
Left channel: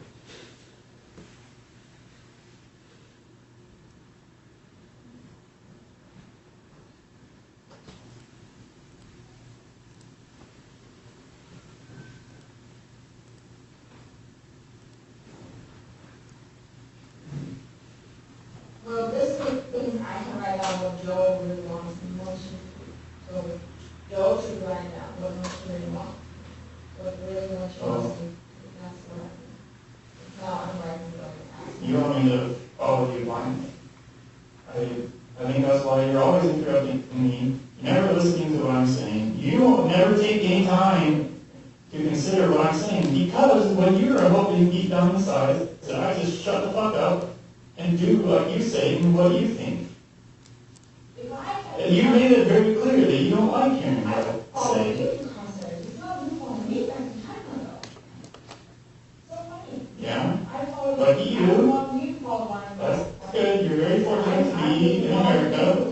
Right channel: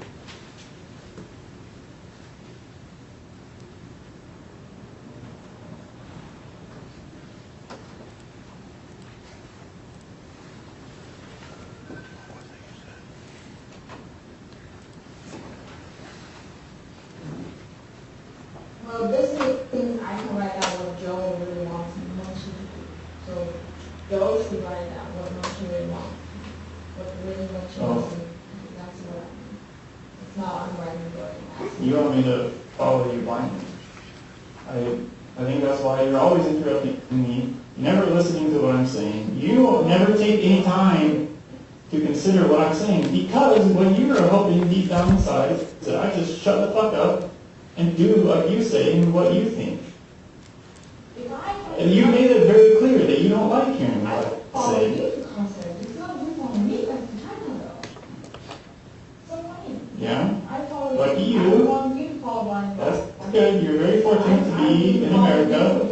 Well, this is things I can write down what Joe really wants and what she. So Joe should write down what she really wants. What really what she wants. That's what I think. It's not I'm writing it right now. You want me to follow you blindly. I think that's why you're always interrupting me. You're never listening to what I'm saying. You will never take any time to consider what I'm saying, because what you're hoping deep down inside is that I just shut the fuck up and do what you say and what you think. And you made it very clear that you don't like hearing what I say. It's not you following me, that's some time ago. So funny. Yeah? I followed lucky you. You called one. That's good. You're very fortunate to be in America.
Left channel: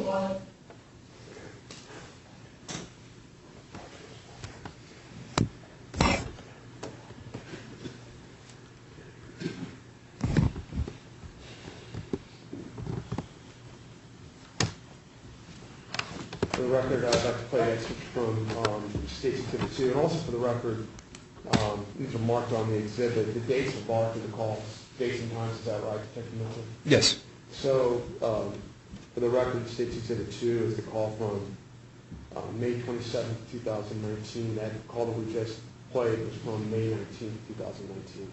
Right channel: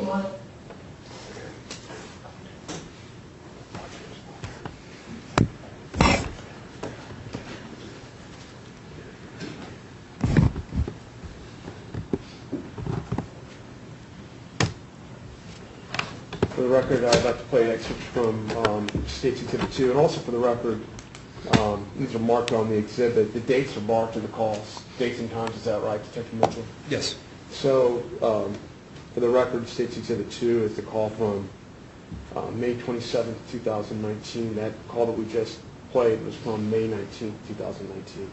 For the record, I'd like to play an excerpt from State's Exhibit 2, and also for the record, these are marked on the exhibit. The dates are marked in the calls, dates and times. Is that right, Detective Mitchell? Yes. So, for the record, State's Exhibit 2 is the call from May 27th, 2019. That call that we just played was from May 19th, 2019.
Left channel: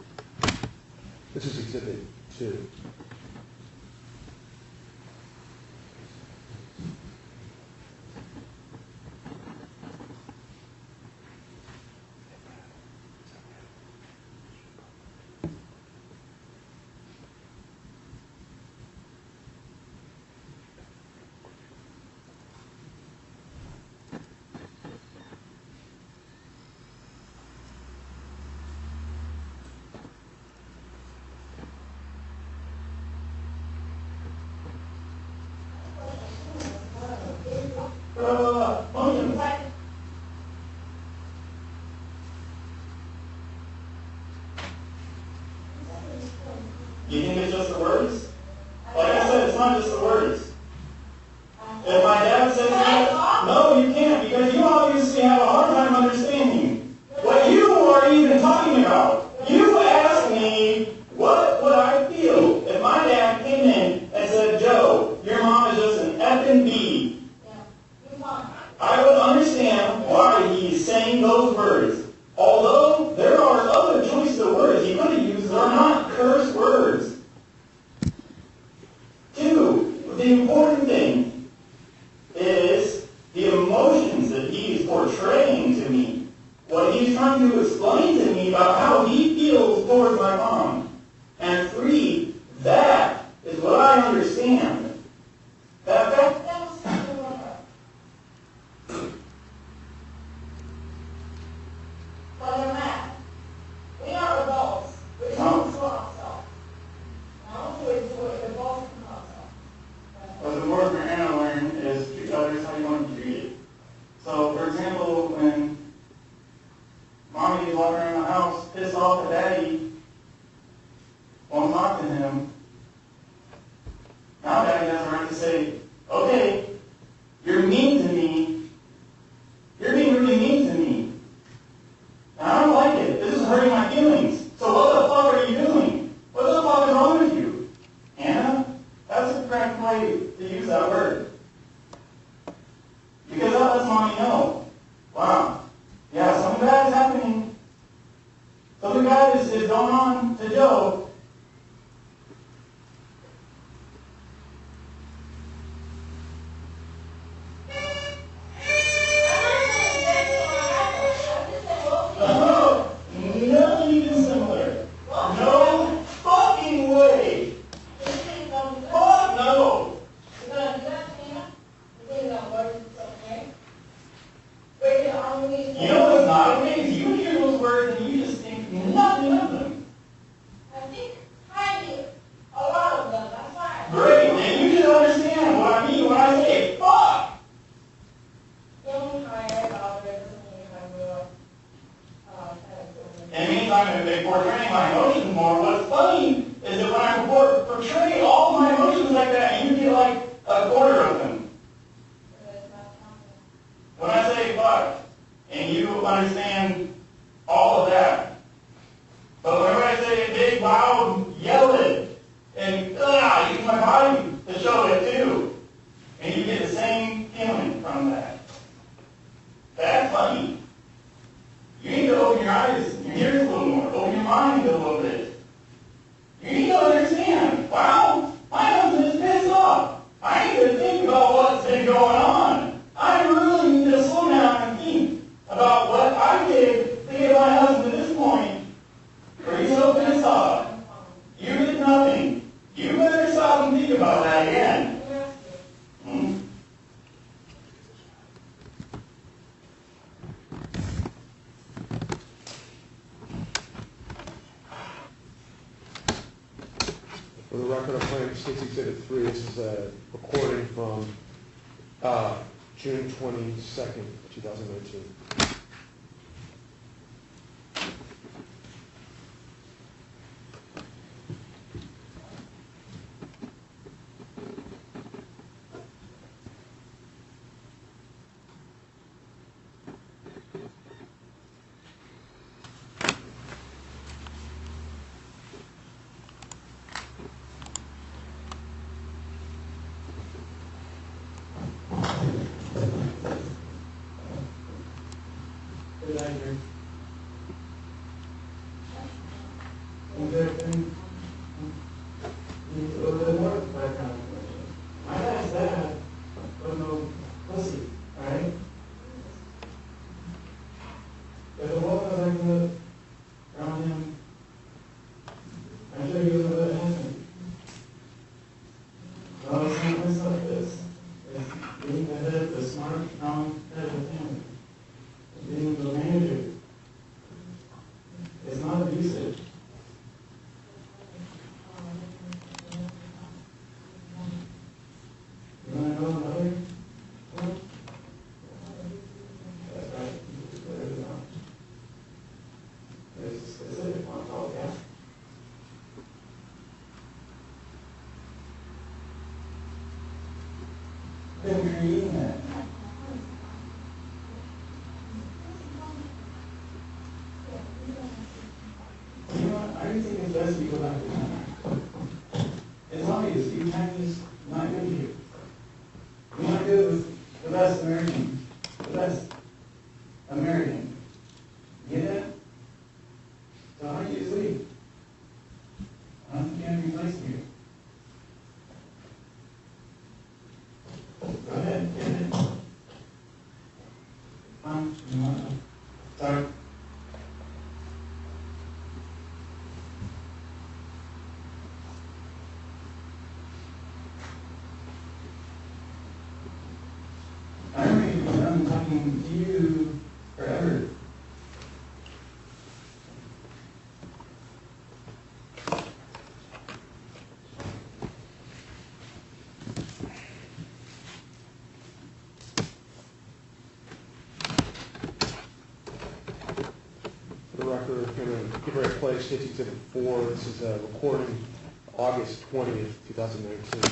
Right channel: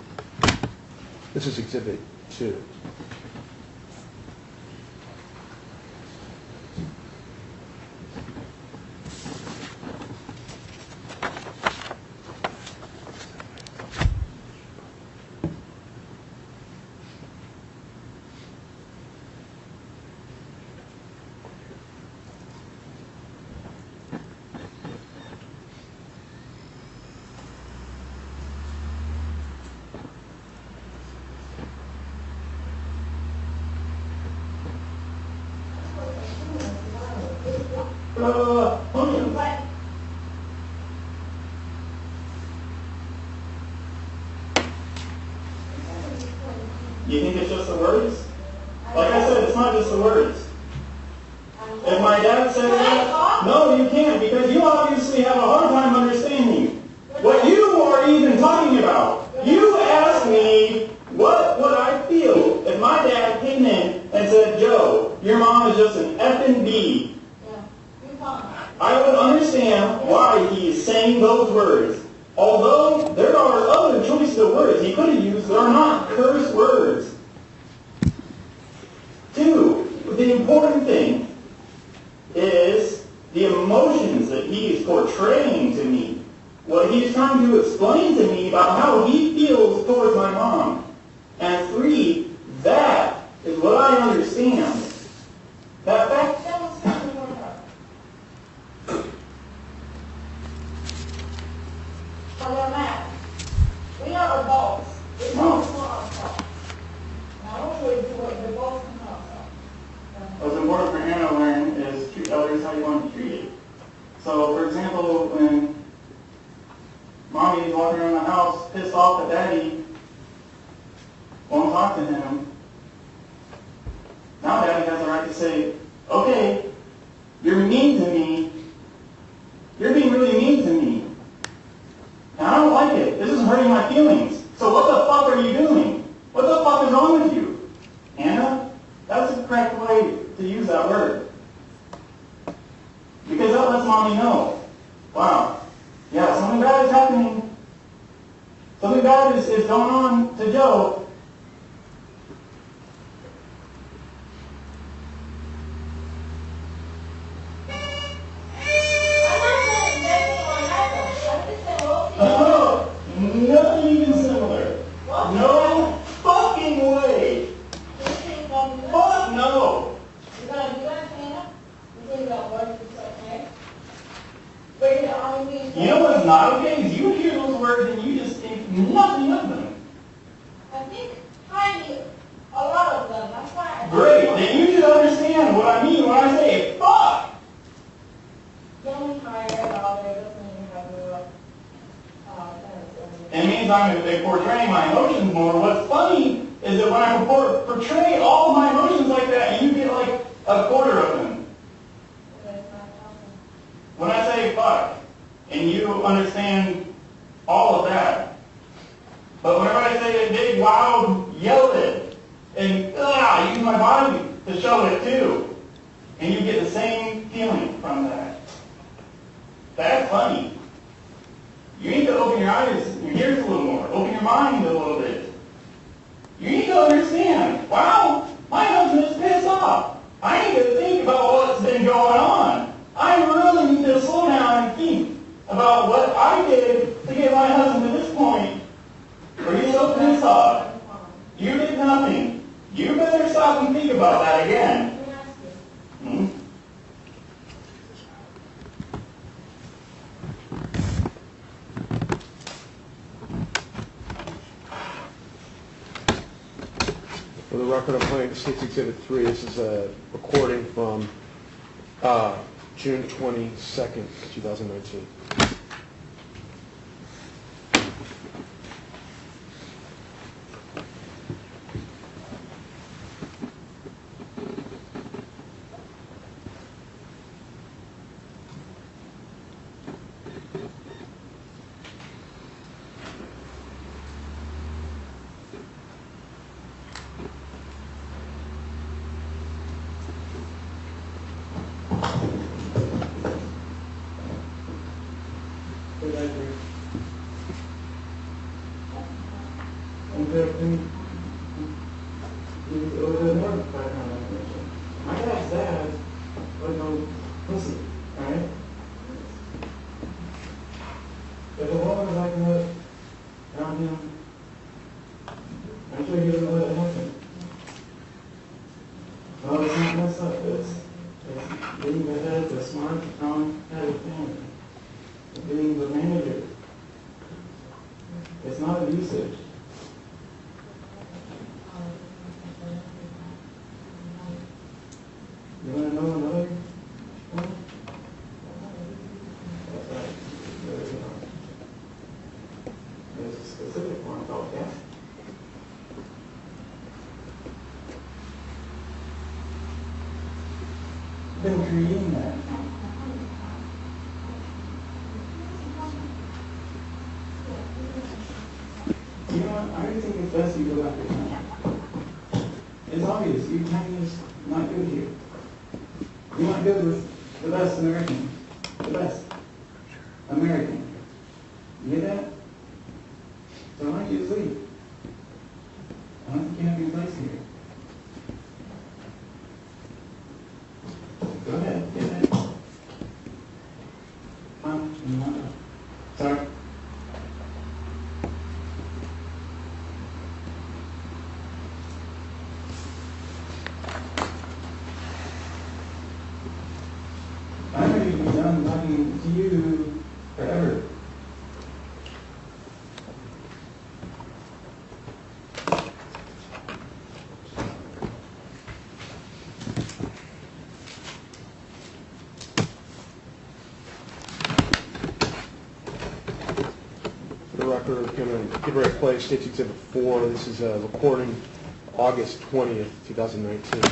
This is Exhibit 2. You think it's just the words? Like I said, it's not just the words. If my dad says that, no, you can't, because you obviously have a hard time understanding what you are even talking about. You asked me what would I feel if my dad came in and said, Joe, your mom is just an effing B. I would understand why he's saying those words. Although there are other choices of words he could have used that are not curse words. Two, the important thing is the emotions that he is portraying to me. What he's trying to explain to me about how he feels towards my mom. And three, that is what I understand. That fact. We are adults. We don't for ourselves. Now, we the adults and ourselves. What's important for Hannah to learn is treat others how you want to be treated. So, for example, when Mommy is walking around the house pissed off that Daddy won't talk to him, now Daddy has the right to say, okay, you're mean to me. You're being really mean to me. And I don't like it. This is hurting my feelings. So what the fuck are you doing? What the fuck is wrong with you? Anna, that's the correct way to use that word. Because that lets Mommy know, wow, yeah, something bad is happening. Something bad is going on to Joe. Nothing even similar. No fucking way. Fuck no. You're going to do that, Hannah? You think that words is okay? Wait, you know what's not okay is you hear those words and you just think nothing of them. I think highly a lot of them. That's why. Great. Then you should understand what I mean when I say fuck. Don't be tired about it. It means I'm portraying my emotions more. What's funny is that when I portray all of my emotions like that, you get like a quarter of them. When I say fuck, and you understand all of that. But whenever I say a big, loud, yell it, and I use my body to show it too, and you get the same feeling from that. That's funny. You need to open your eyes and your ears a little more. Open your mind a little bit. You need to understand, wow, my husband is pissed off. I need to think about what's been going on. I really need to slow down and think about what I did to get my husband to this point where he's so pissed off. You did nothing. You better stop and think about that again. For the record, I'm playing State's Exhibit 3. This is a recording from June 22nd, 2019. My dad's dad was no pussy, alright? If it wasn't like that around him, I'm sure he doesn't let it happen. No, it's not messed up. It's being the head, the smart, strong head of the family. Being the manager. It's not abusive. You want to know another one? That's right. There's a specific one called gas. Been reading that. You know what? I think it's best you go back to China. It's obvious. You Chinese not good here. You're not good with the best American. The best American. You get that? So I you just leave. I don't think you have any place here. Go ahead. Get it. Sorry. I'm ready to be done talking to you forever. For the record, I'm going to get ready to play State's Exhibit 4. This is a recording August 20th, 2019.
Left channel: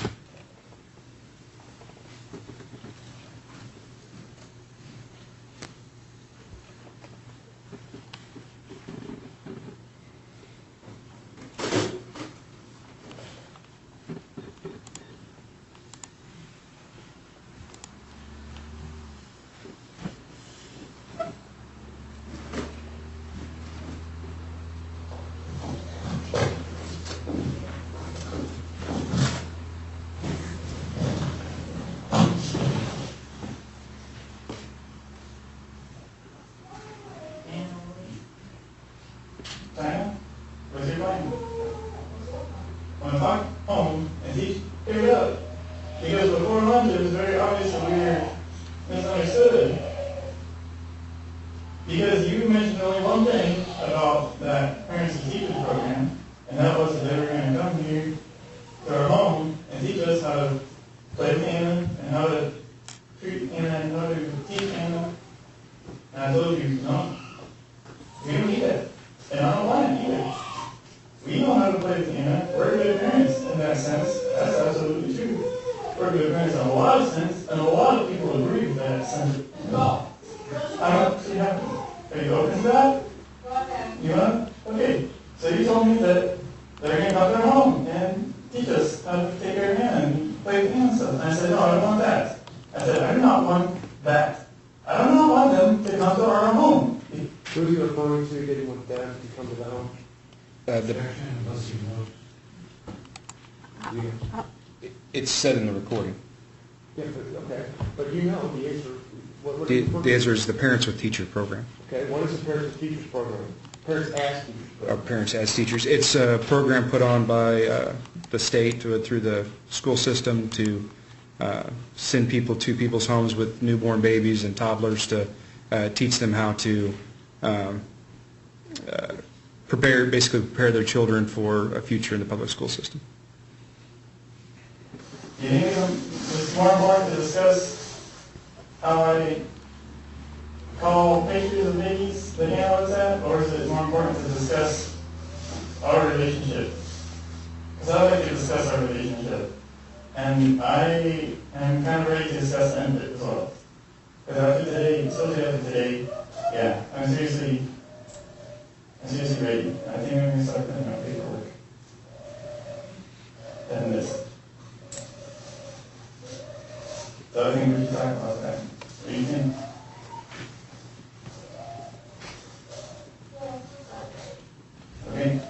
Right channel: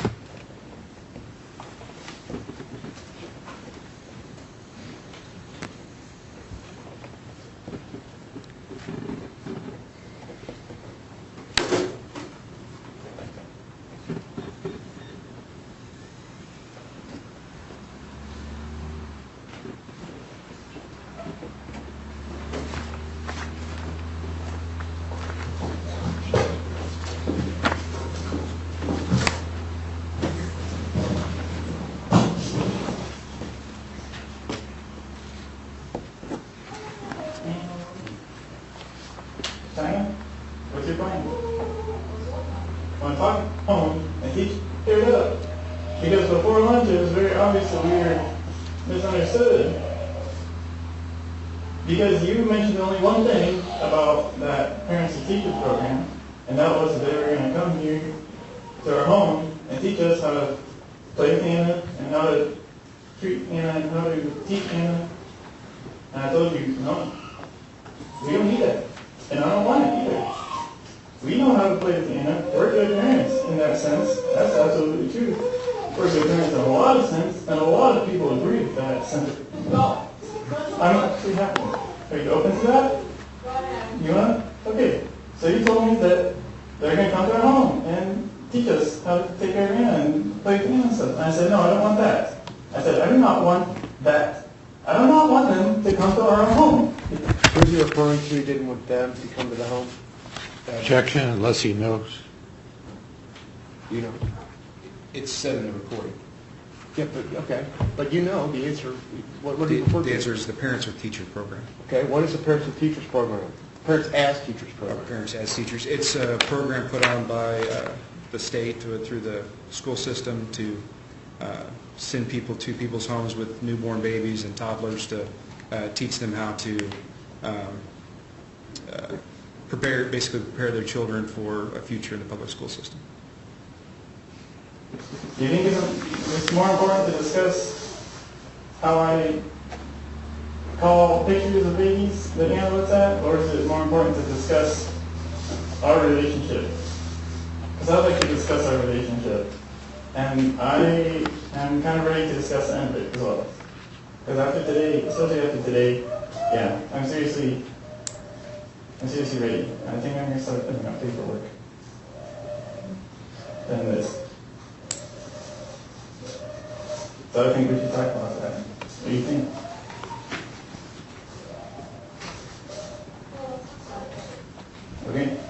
China? What's your plan? Want to talk? Home and teach? Here it up. Because before lunch it was very obvious that we were misunderstood. Because you mentioned only one thing about that parents and teachers program, and that was that they were going to come here to our home and teach us how to play with Anna and how to treat Anna and how to teach Anna. And I told you, no, we don't need that. And I don't want it either. We know how to play with Anna. We're good parents in that sense. That's absolutely true. We're good parents in a lot of sense, and a lot of people agree with that sense. No. I'm actually happy. Are you open to that? Go ahead. You want? Okay. So you told me that they're going to come to our home and teach us how to take care of Anna and play with Anna and stuff. And I said, no, I don't want that. I said, I do not want that. I do not want them to come to our home. Who are you referring to? You didn't want them to come to the home? Objection unless he knows. You know. It's said in the recording. Yeah, but, okay. But you know the answer. What do you refer to? The answer is the Parents with Teacher program. Okay, what is the Parents with Teachers program? Parents as Teachers program. Parents as Teachers. It's a program put on by the state through the school system to send people to people's homes with newborn babies and toddlers to teach them how to basically prepare their children for a future in the public school system. Do you think it's more important to discuss how I call pictures of babies that Hannah looks at, or is it more important to discuss our relationship? Because I'd like to discuss our relationship. And I am kind of ready to discuss the end of it as well. Because after today, especially after today, yeah, I'm seriously ready. I think I'm going to start putting out paperwork. And this. So I think we should talk about that. What do you think? Okay?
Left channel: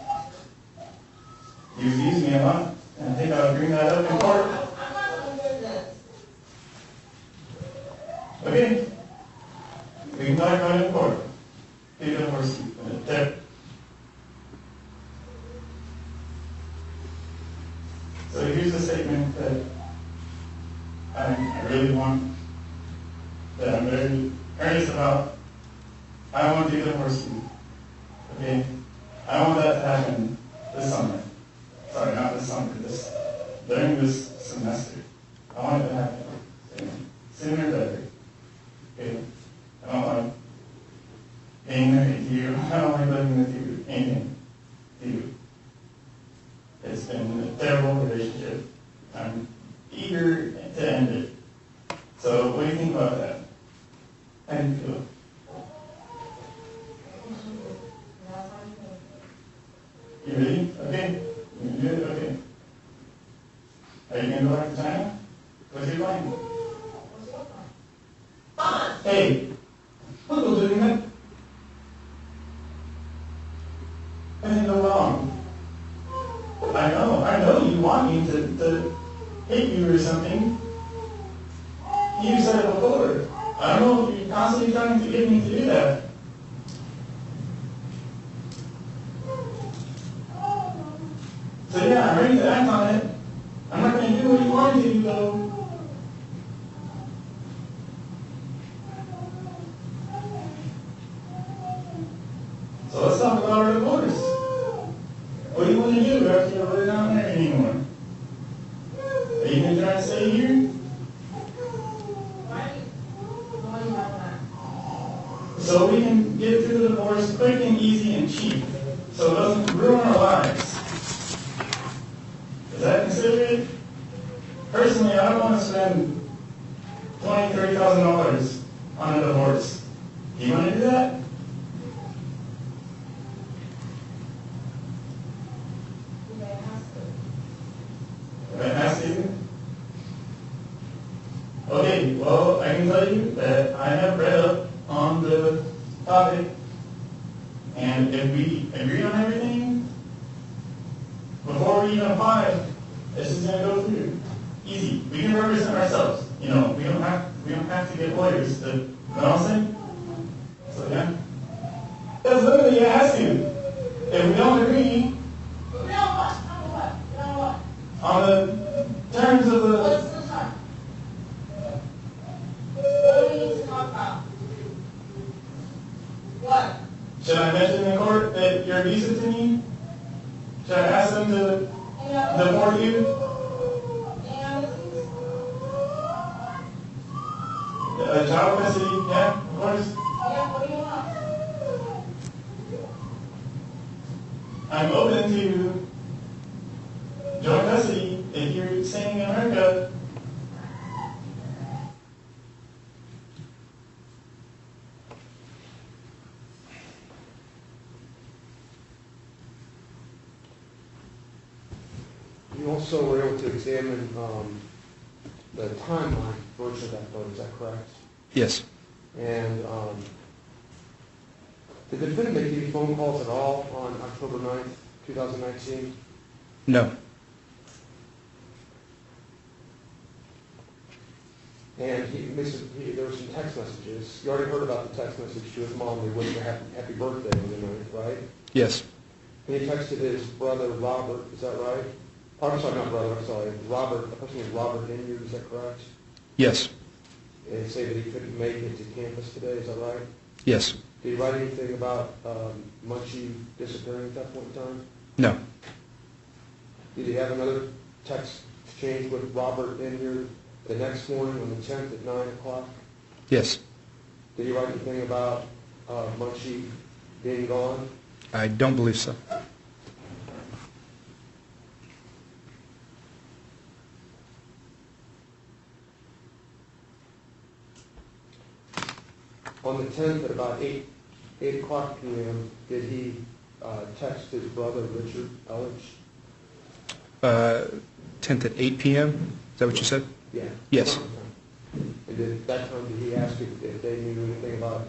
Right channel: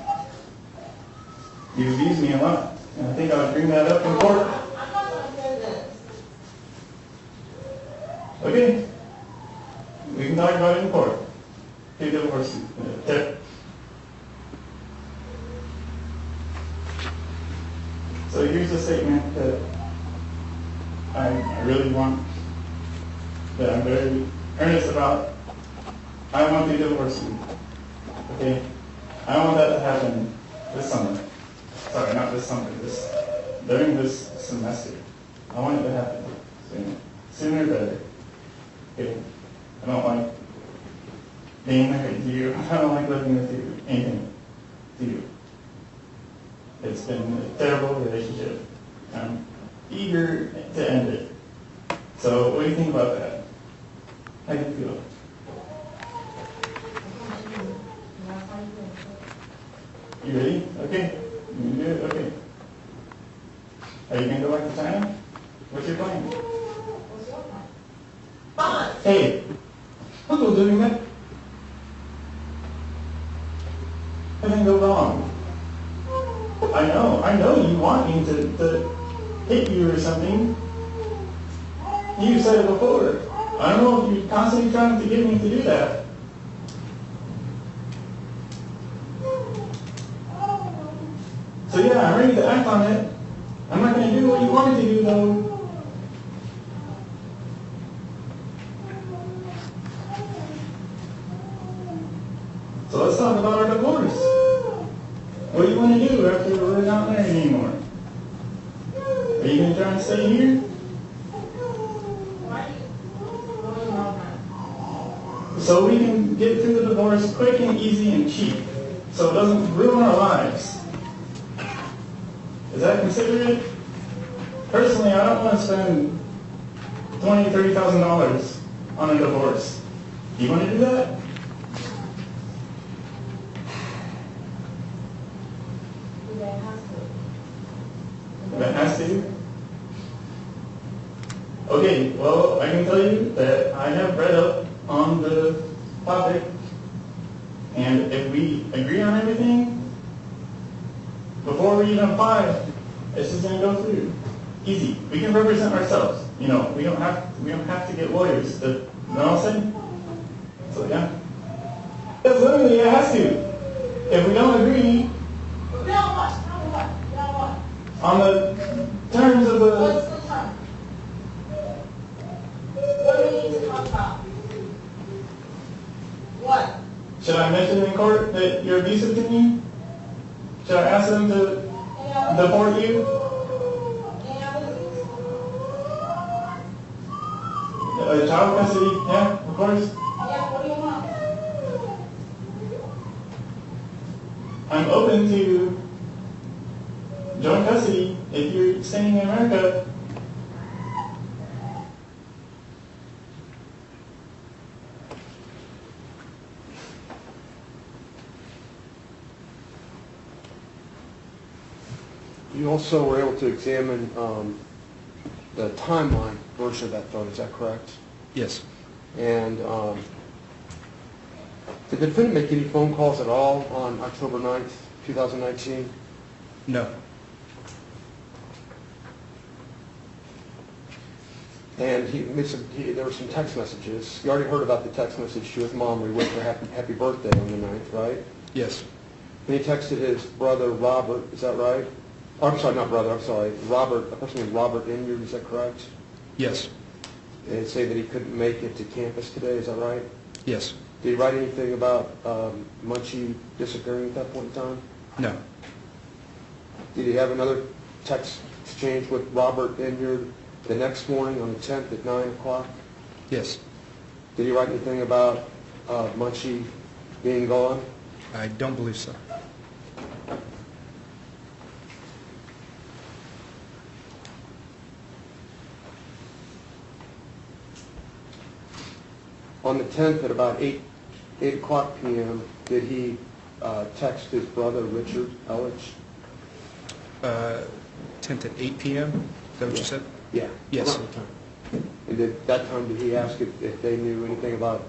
You abuse me a lot, and I think I'll bring that up in court. I'm not going to do this. Okay? We can talk about it in court. Take it for there. So here's a statement that I really want, that I'm very earnest about. I want to divorce you. Okay? I want that to happen this summer. Sorry, not this summer, during this semester. I want it to happen soon. Sooner better. Okay? I don't like being married to you. I don't like living with you. Anything to you. It's been a terrible relationship. I'm eager to end it. So what do you think about that? How do you feel? You ready? Okay. You can do it? Okay. Are you going to go back to China? What's your plan? Fine. Hey, what was doing that? Everything go wrong. I know you want me to hit you or something. You said it before. I don't know if you're constantly trying to get me to do that. So yeah, I'm ready to act on it. I'm not going to do what you wanted to do though. So let's talk about our divorce. What do you want to do after we're not married anymore? Are you going to try and stay here? Why are you going about that? So we can get through the divorce quick and easy and cheap. So it doesn't ruin our lives. Is that considerate? Personally, I don't want to spend $20,000, $30,000 on a divorce. Do you want to do that? That has to. Okay, well, I can tell you that I have read up on the topic, and if we agree on everything, before we even apply, this is going to go through. Easy. We can represent ourselves. You know, we don't have to get lawyers. You know what I'm saying? So yeah. That's literally it has to. If we don't agree on the terms of the What's the term? What do we need to talk about? What? should I mention in court that you're abusive to me? Should I ask them to deport you? Child custody, yeah, of course. Yeah, what do you want? I'm open to joint custody if you're staying in America. You also were able to examine the timeline version of that photo, is that correct? Yes. And did the defendant make any phone calls at all on October 9th, 2019? No. And there were some text messages. You already heard about the text message to his mom where he wished her happy birthday on the 9th, right? Yes. And he texted his brother Robert, is that right? Oh, I'm sorry, not brother, I'm sorry. Robert, a person named Robert Inyard, is that correct? Yes. And say that he couldn't make it to campus today, is that right? Yes. Did he write anything about Mengqi disappearing at that point in time? No. Did he have another text exchange with Robert in here the next morning on the 10th at 9 o'clock? Yes. Did he write anything about Mengqi being gone? I don't believe so. On the 10th at about 8 o'clock p.m., did he text his brother, Richard Elledge? 10th at 8 p.m.? Is that what you said? Yeah. Yes. Around the time. And at that time, did he ask if they knew anything about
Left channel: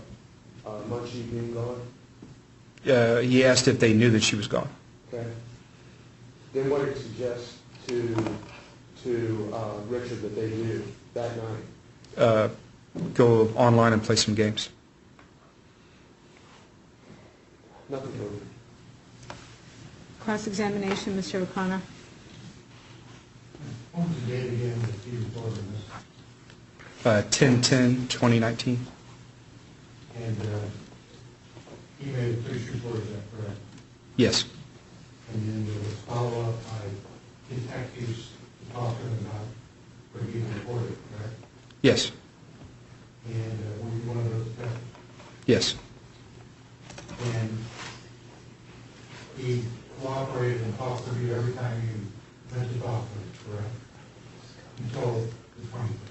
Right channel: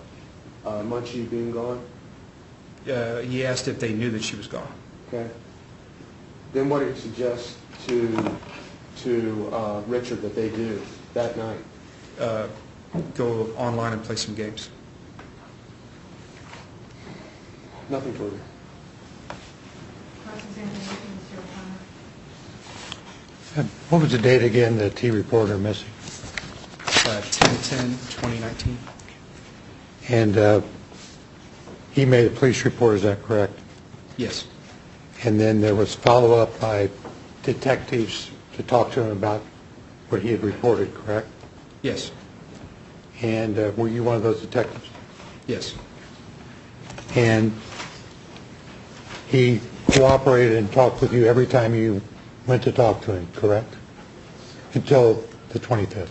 Mengqi being gone? He asked if they knew that she was gone. Okay. Then what did he suggest to Richard that they do that night? Go online and play some games. Nothing further. Cross-examination, Mr. O'Connor. What was the date again that he reported her missing? 10/10/2019. And he made a police report, is that correct? Yes. And then there was follow-up by detectives to talk to him about what he had reported, correct? Yes. And were you one of those detectives? Yes. And he cooperated and talked with you every time you went to talk to him, correct? Until the 25th.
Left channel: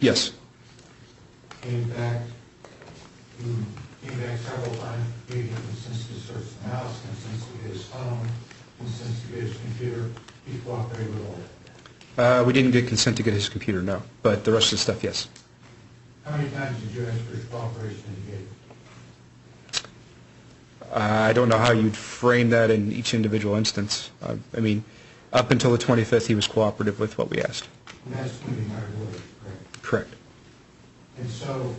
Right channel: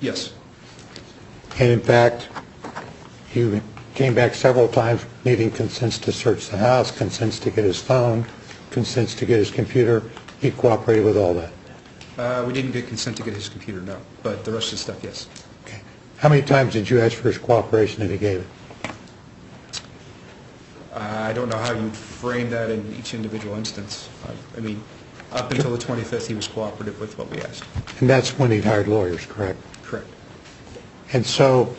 Yes. And in fact, he came back several times needing consents to search the house, consents to get his phone, consents to get his computer. He cooperated with all that. We didn't get consent to get his computer, no. But the rest of the stuff, yes. Okay. How many times did you ask for his cooperation and he gave it? I don't know how you'd frame that in each individual instance. I mean, up until the 25th, he was cooperative with what we asked. And that's when he'd hired lawyers, correct? Correct. And so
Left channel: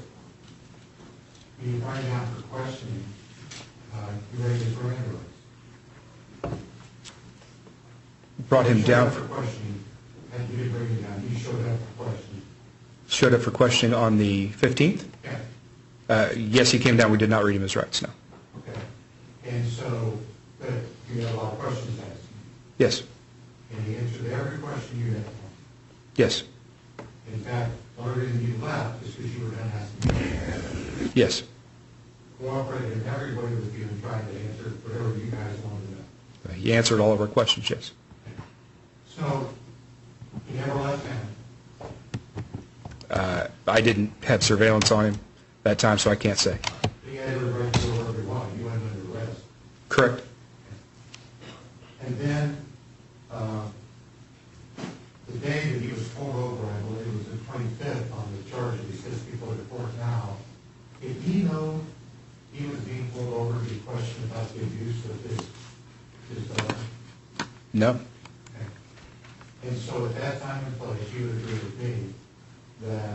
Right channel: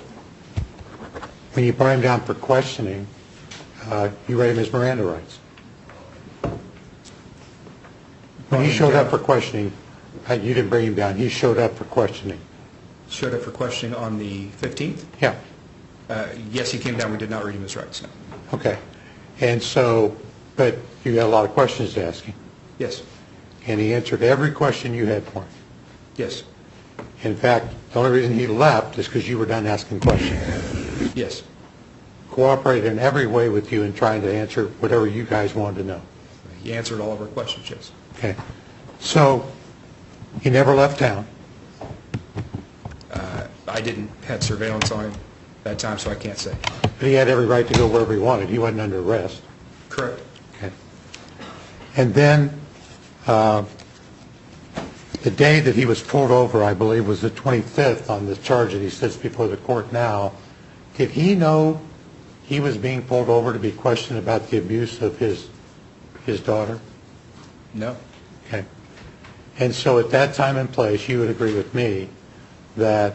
when you brought him down for questioning, you read him his Miranda rights. Brought He him showed down. up for questioning. You didn't bring him down. He showed up for questioning. Showed up for questioning on the 15th? Yeah. Yes, he came down. We did not read him his rights, no. Okay. And so, but you had a lot of questions to ask him. Yes. And he answered every question you had for him. Yes. In fact, the only reason he left is because you were done asking questions. Yes. Cooperated in every way with you in trying to answer whatever you guys wanted to know. He answered all of our questions, yes. Okay. So he never left town. I didn't have surveillance on him that time, so I can't say. But he had every right to go wherever he wanted. He wasn't under arrest. Correct. Okay. And then the day that he was pulled over, I believe, was the 25th on the charge that he sits before the court now. Did he know he was being pulled over to be questioned about the abuse of his daughter? No. Okay. And so at that time and place, you would agree with me that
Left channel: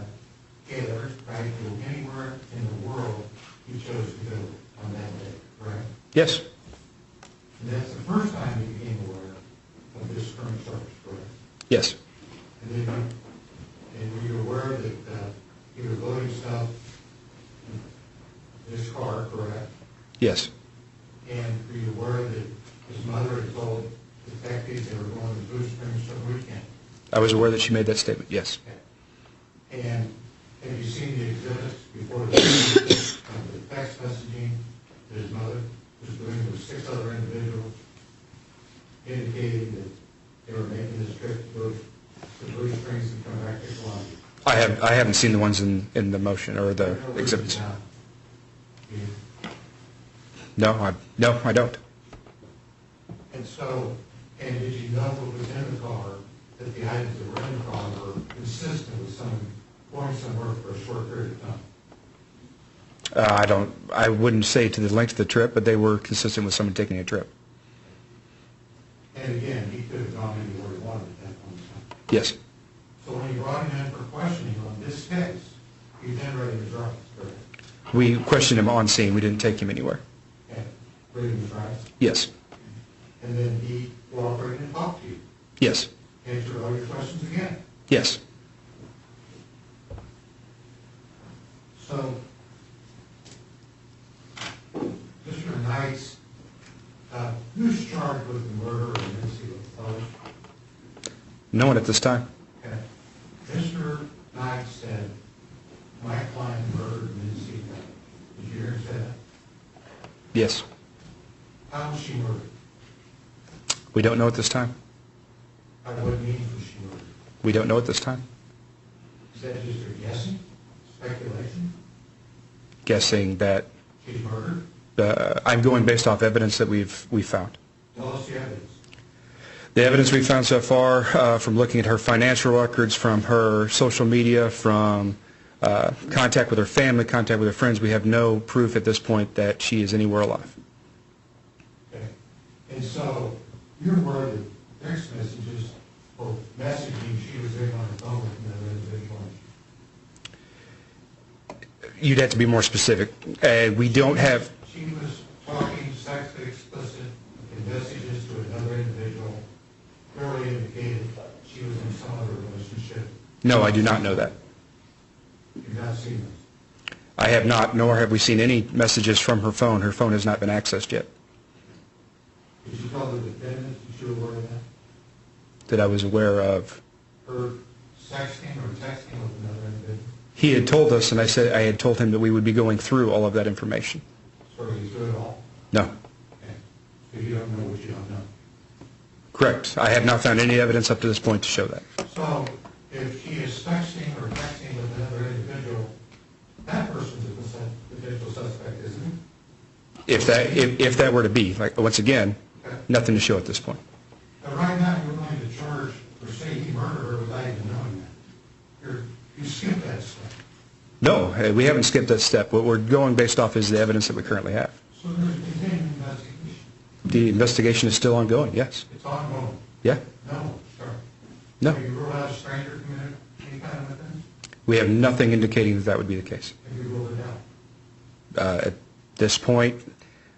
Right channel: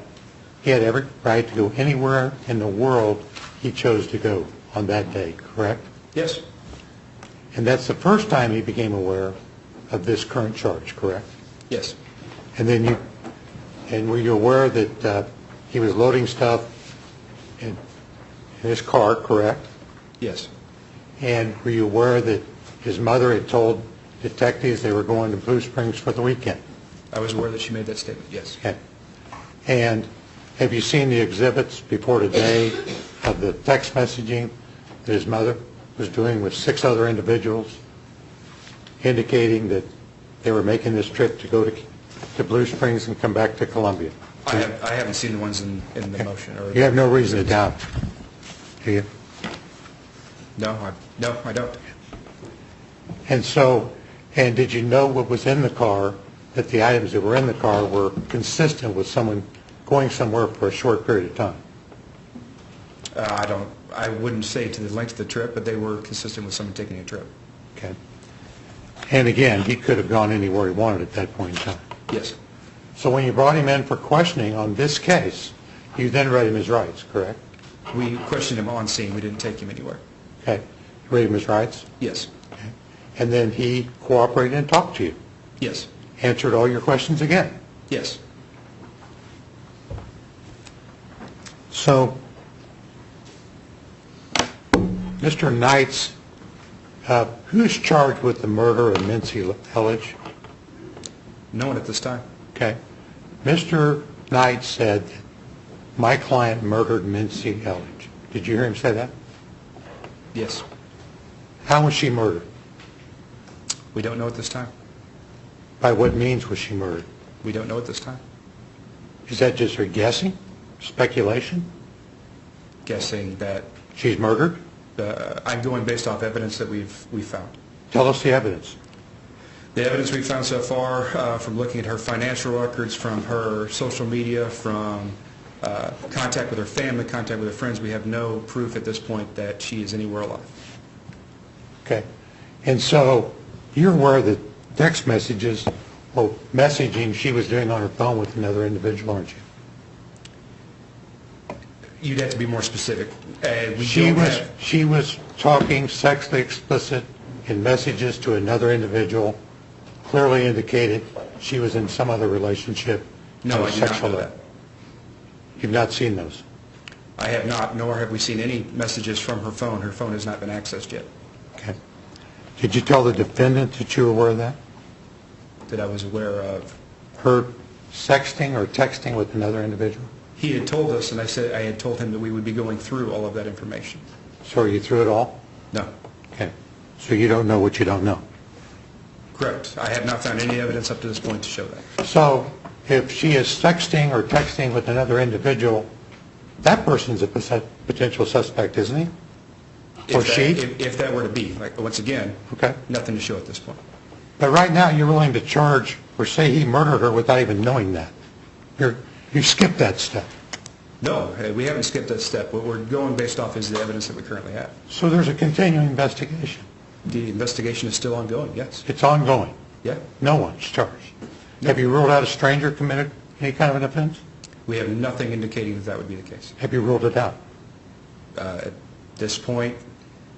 he had every right to go anywhere in the world he chose to go on that day, correct? Yes. And that's the first time he became aware of this current charge, correct? Yes. And then were you aware that he was loading stuff in his car, correct? Yes. And were you aware that his mother had told detectives they were going to Blue Springs for the weekend? I was aware that she made that statement, yes. Okay. And have you seen the exhibits before today of the text messaging that his mother was doing with 6 other individuals, indicating that they were making this trip to go to Blue Springs and come back to Columbia? I haven't seen the ones in the motion. Or You have no reason to exhibits. doubt, do you? No, I don't. And so, and did you know what was in the car, that the items that were in the car were consistent with someone going somewhere for a short period of time? I wouldn't say to the length of the trip, but they were consistent with someone taking a trip. Okay. And again, he could have gone anywhere he wanted at that point in time. Yes. So when you brought him in for questioning on this case, you then read him his rights, correct? We questioned him on scene. We didn't take him anywhere. Okay. You read him his rights? Yes. Okay. And then he cooperated and talked to you? Yes. Answered all your questions again? Yes. So, Mr. Knights, who's charged with the murder of Mengqi Elledge? No one at this time. Okay. Mr. Knight said, my client murdered Mengqi Ji. Did you hear him say that? Yes. How was she murdered? We don't know at this time. By what means was she murdered? We don't know at this time. Is that just her guessing? Speculation? Guessing that She's murdered? I'm going based off evidence that we've found. Tell us the evidence. The evidence we've found so far, from looking at her financial records, from her social media, from contact with her family, contact with her friends, we have no proof at this point that she is anywhere alive. Okay. And so you're aware that text messages or messaging she was doing on her phone with another individual, aren't you? You'd have to be more specific. She was talking sexually explicit in messages to another individual, clearly indicated she was in some other relationship. No, I do not know that. You've not seen those? I have not, nor have we seen any messages from her phone. Her phone has not been accessed yet. Okay. Did you tell the defendant that you were aware of that? That I was aware of? Her sexting or texting with another individual? He had told us, and I had told him that we would be going through all of that information. So are you through it all? No. Okay. So you don't know what you don't know? Correct. I have not found any evidence up to this point to show that. So if she is sexting or texting with another individual, that person's a potential suspect, isn't he? If that were to be, like, once again, Okay. nothing to show at this point. But right now you're willing to charge or say he murdered her without even knowing that. You skipped that step. No, we haven't skipped that step. What we're going based off is the evidence that we currently have. So there's a continuing investigation. The investigation is still ongoing, yes. It's ongoing. Yeah. No one's charged. No. Have you ruled out a stranger committed any kind of an offense? We have nothing indicating that that would be the case. Have you ruled it out? At this point,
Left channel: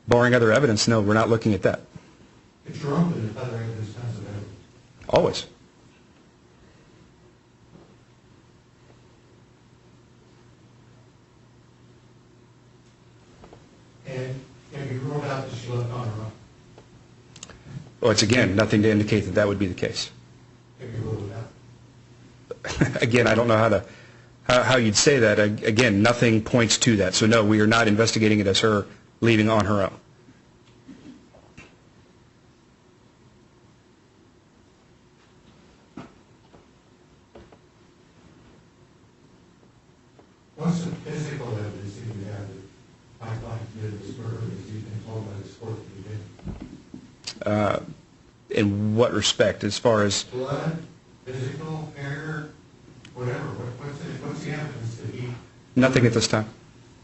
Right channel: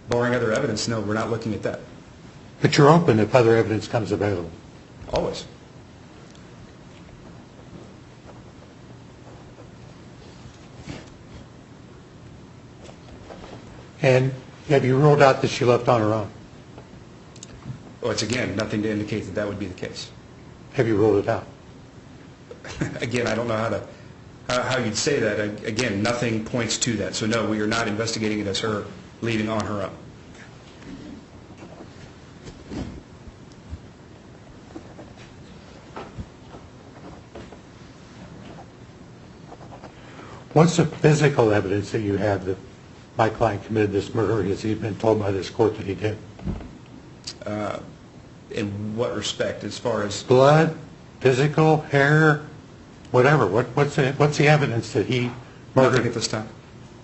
barring other evidence, no, we're not looking at that. But you're open if other evidence comes available. Always. And have you ruled out that she left on her own? Once again, nothing to indicate that that would be the case. Have you ruled it out? Again, I don't know how you'd say that. Again, nothing points to that. So no, we are not investigating it as her leaving on her own. What's the physical evidence that you have that my client committed this murder? Has he been told by this court that he did? In what respect? As far as Blood, physical, hair, whatever. What's the evidence that he murdered? Nothing at this time.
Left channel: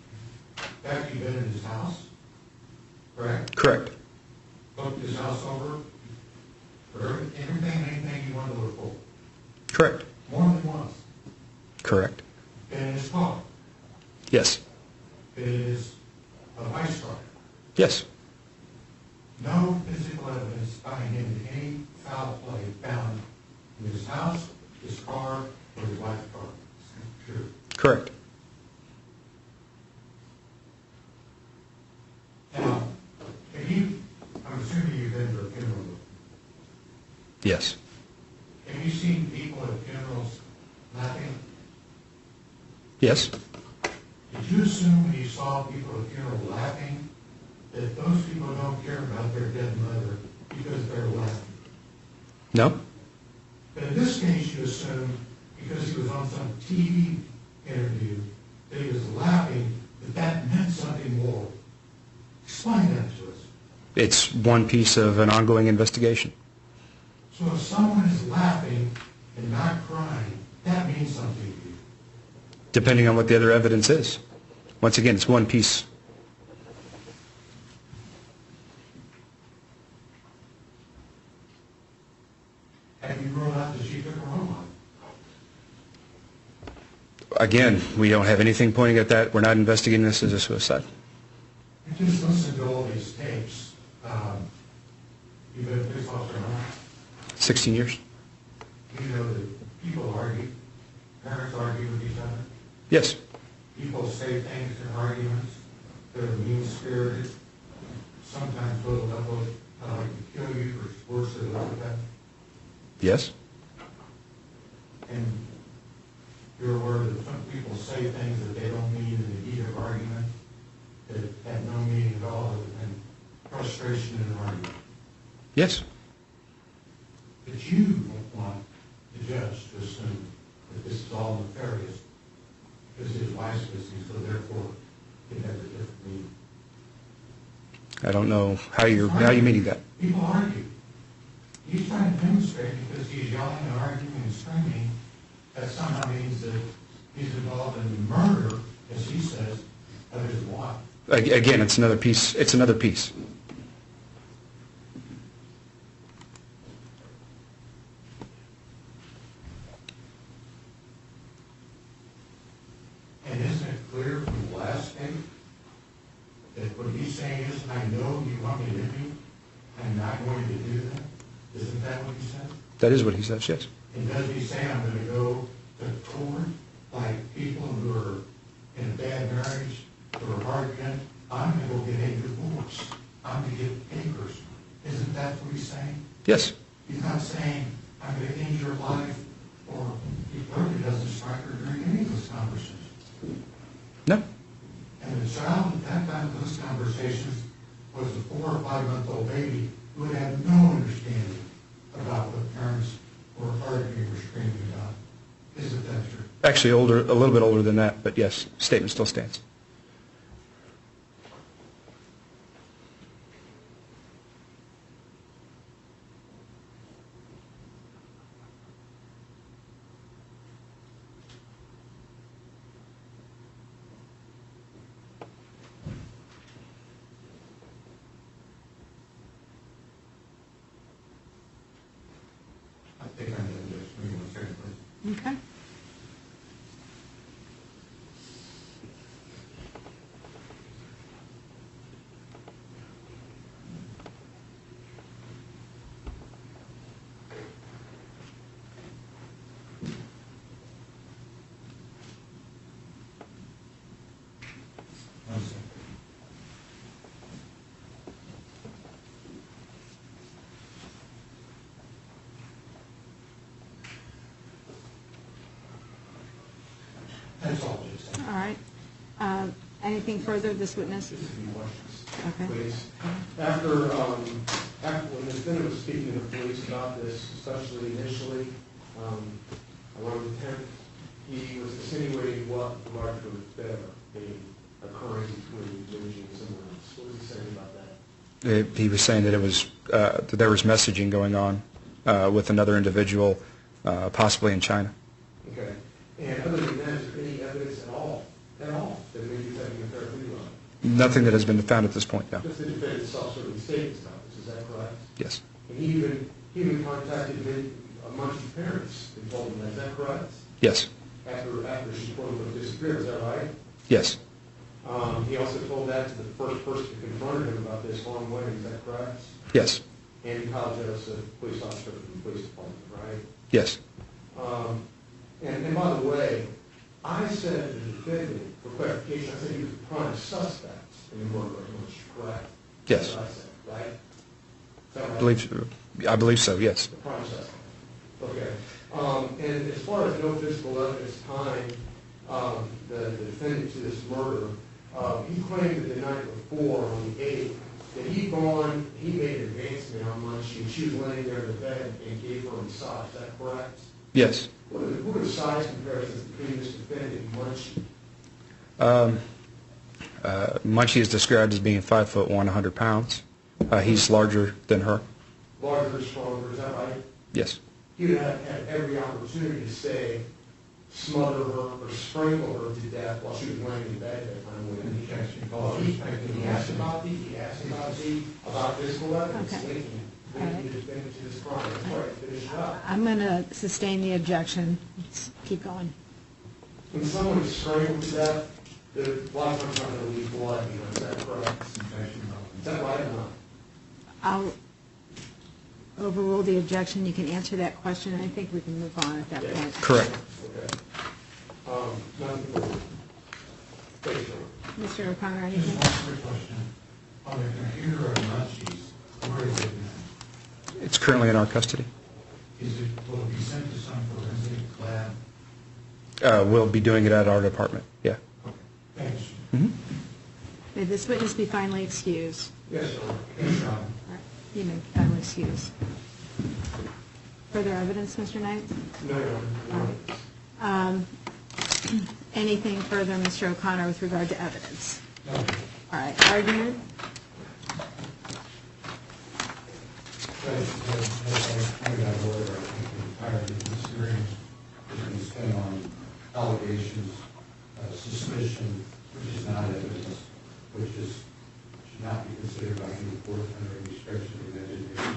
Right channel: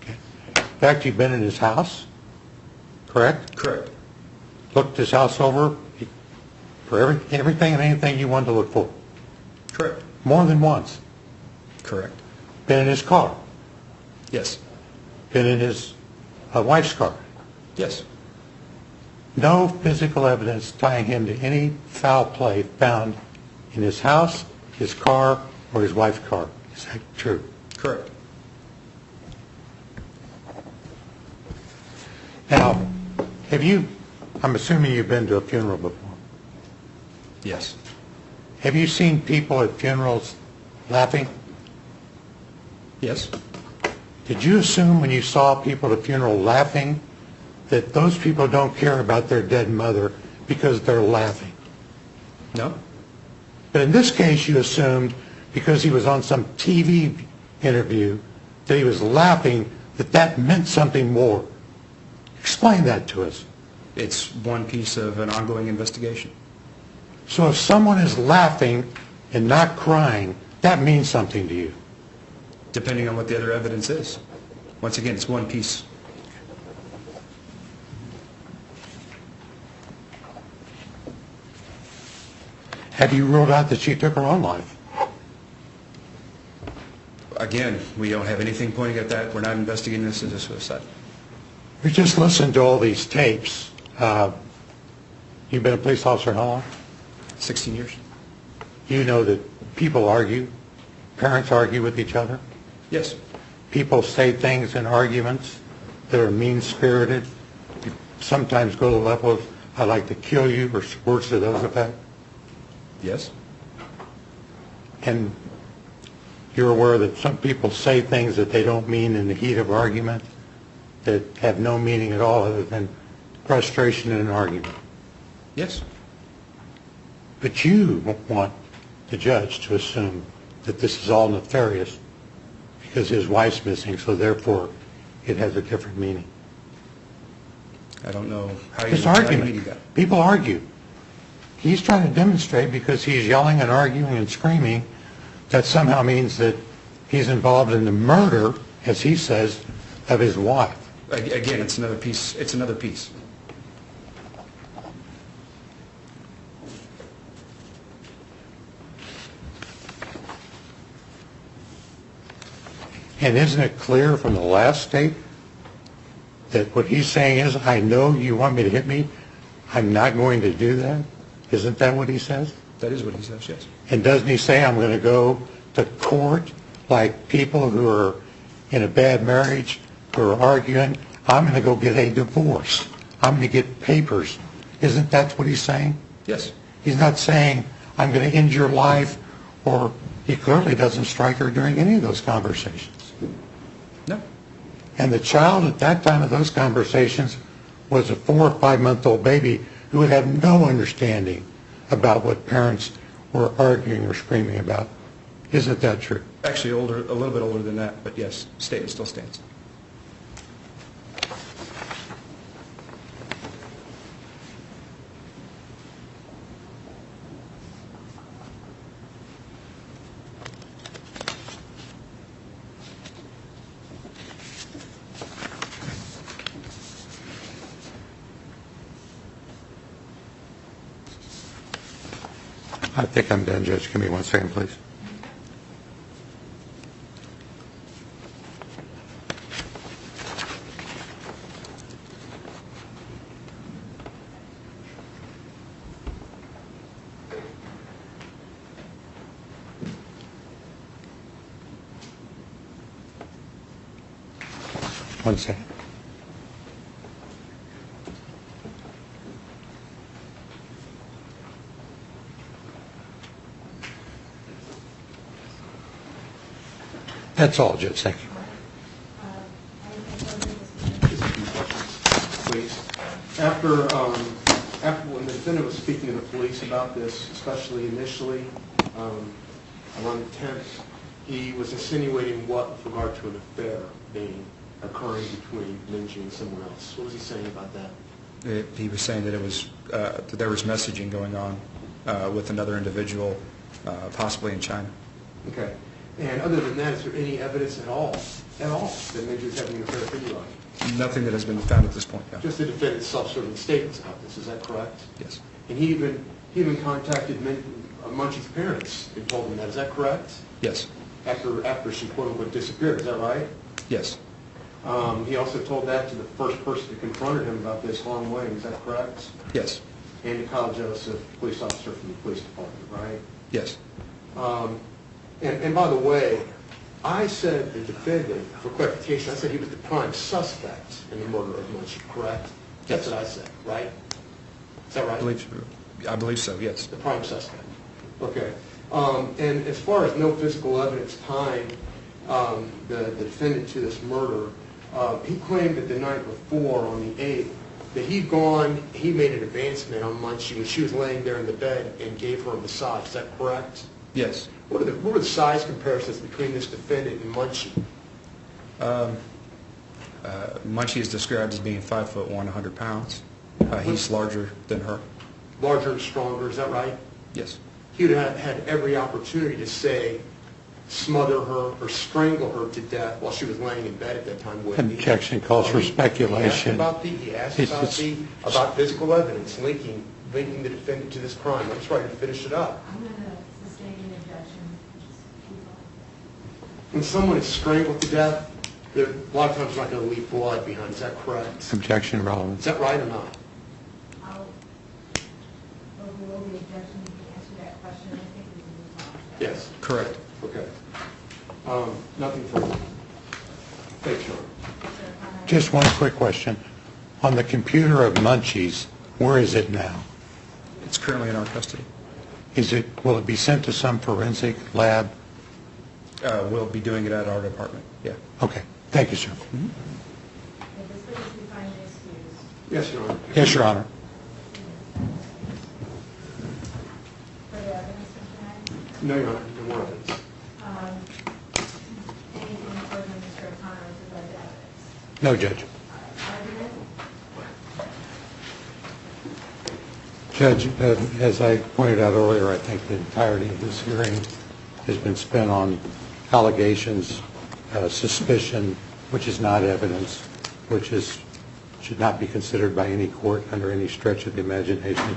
Okay. In fact, you've been in his house, correct? Correct. Looked his house over for everything and anything you wanted to look for? Correct. More than once? Correct. Been in his car? Yes. Been in his wife's car? Yes. No physical evidence tying him to any foul play found in his house, his car, or his wife's car. Is that true? Correct. Now, I'm assuming you've been to a funeral before. Yes. Have you seen people at funerals laughing? Yes. Did you assume when you saw people at a funeral laughing that those people don't care about their dead mother because they're laughing? No. But in this case, you assumed because he was on some TV interview that he was laughing, that meant something more. Explain that to us. It's one piece of an ongoing investigation. So if someone is laughing and not crying, that means something to you. Depending on what the other evidence is. Once again, it's one piece. Have you ruled out that she took her own life? Again, we don't have anything pointing at that. We're not investigating this as a suicide. We just listened to all these tapes. You've been a police officer how long? 16 years? You know that people argue, parents argue with each other. Yes. People say things in arguments that are mean-spirited. Sometimes go to the level of, I'd like to kill you, or words to those effect. Yes. And you're aware that some people say things that they don't mean in the heat of argument, that have no meaning at all other than frustration in an argument. Yes. But you want the judge to assume that this is all nefarious because his wife's missing, so therefore it has a different meaning. I don't know how It's you're argument. meaning that. People argue. He's trying to demonstrate because he's yelling and arguing and screaming that somehow means that he's involved in the murder, as he says, of his wife. Again, it's another piece. It's another piece. And isn't it clear from the last statement that what he's saying is, I know you want me to hit me, I'm not going to do that? Isn't that what he says? That is what he says, yes. And doesn't he say, I'm going to go to court like people who are in a bad marriage, who are arguing, I'm going to go get a divorce. I'm going to get papers. Isn't that what he's saying? Yes. He's not saying, I'm going to end your life, or he clearly doesn't strike her during any of those conversations. No. And the child at that time of those conversations was a 4 or 5 month old baby who had no understanding about what parents were arguing or screaming about. Isn't that true? Actually, older, a little bit older than that, but yes, statement still stands. I think I'm done, Judge. Give me 1 second, please. Okay. One second. That's all, Judge. Thank you. All right. Anything further, this witness? Please. After when the defendant was speaking to the police about this, especially initially, around the 10th, he was insinuating what with regard to an affair being occurring between Mengqi and someone else. What was he saying about that? He was saying that it was that there was messaging going on with another individual, possibly in China. Okay. And other than that, is there any evidence at all, that Mengqi was having an affair with anybody? Nothing that has been found at this point, no. Just the defendant's self-serving statements about this. Is that correct? Yes. And he even contacted Mengqi's parents and told them that. Is that correct? Yes. After she quote unquote disappeared. Is that right? Yes. He also told that to the first person who confronted him about this, Long Wayne. Is that correct? Yes. Andy Kyle Joseph, police officer from the police department, right? Yes. And by the way, I said the defendant, for clarification, I said he was the prime suspect in the murder of Mengqi, correct? Yes. That's what I said, right? Is that right? I believe so, yes. The prime suspect. Okay. And as far as no physical evidence tying the defendant to this murder, he claimed that the night before, on the 8th, that he made an advancement on Mengqi, and she was laying there in the bed and gave her a massage. Is that correct? Yes. What are the size comparisons between this defendant and Mengqi? Mengqi is described as being 5'1", 100 pounds. He's larger than her. Larger and stronger, is that right? Yes. He would have had every opportunity to say, smother her or strangle her to death while she was laying in bed at that time, wouldn't he? Objection calls for speculation. He asked about physical evidence linking the defendant to this crime. I'm just trying to finish it up. I'm going to sustain the objection. Let's keep going. When someone is strangled to death, they're a lot of times not going to leave blood behind. Is that correct? Objection relevant. Is that right or not? I'll overrule the objection. You can answer that question, and I think we can move on at that Yes. point. Correct. Okay. Nothing further. Thanks, Sean. Mr. O'Connor. Just one quick question. On the computer of Mengqi's, where is it now? It's currently in our custody. Will it be sent to some forensic lab? We'll be doing it at our department, yeah. Okay, thank you, sir. May this witness be finally excused? Yes, Your Honor. Yes, Your Honor. You may be finally excused. Further evidence, Mr. Knight? No, Your Honor, no more evidence. Anything further, Mr. O'Connor, with regard to evidence? No, Judge. All right, argument? Judge, as I pointed out earlier, I think the entirety of this hearing has been spent on allegations, suspicion, which is not evidence, which should not be considered by any court under any stretch of the imagination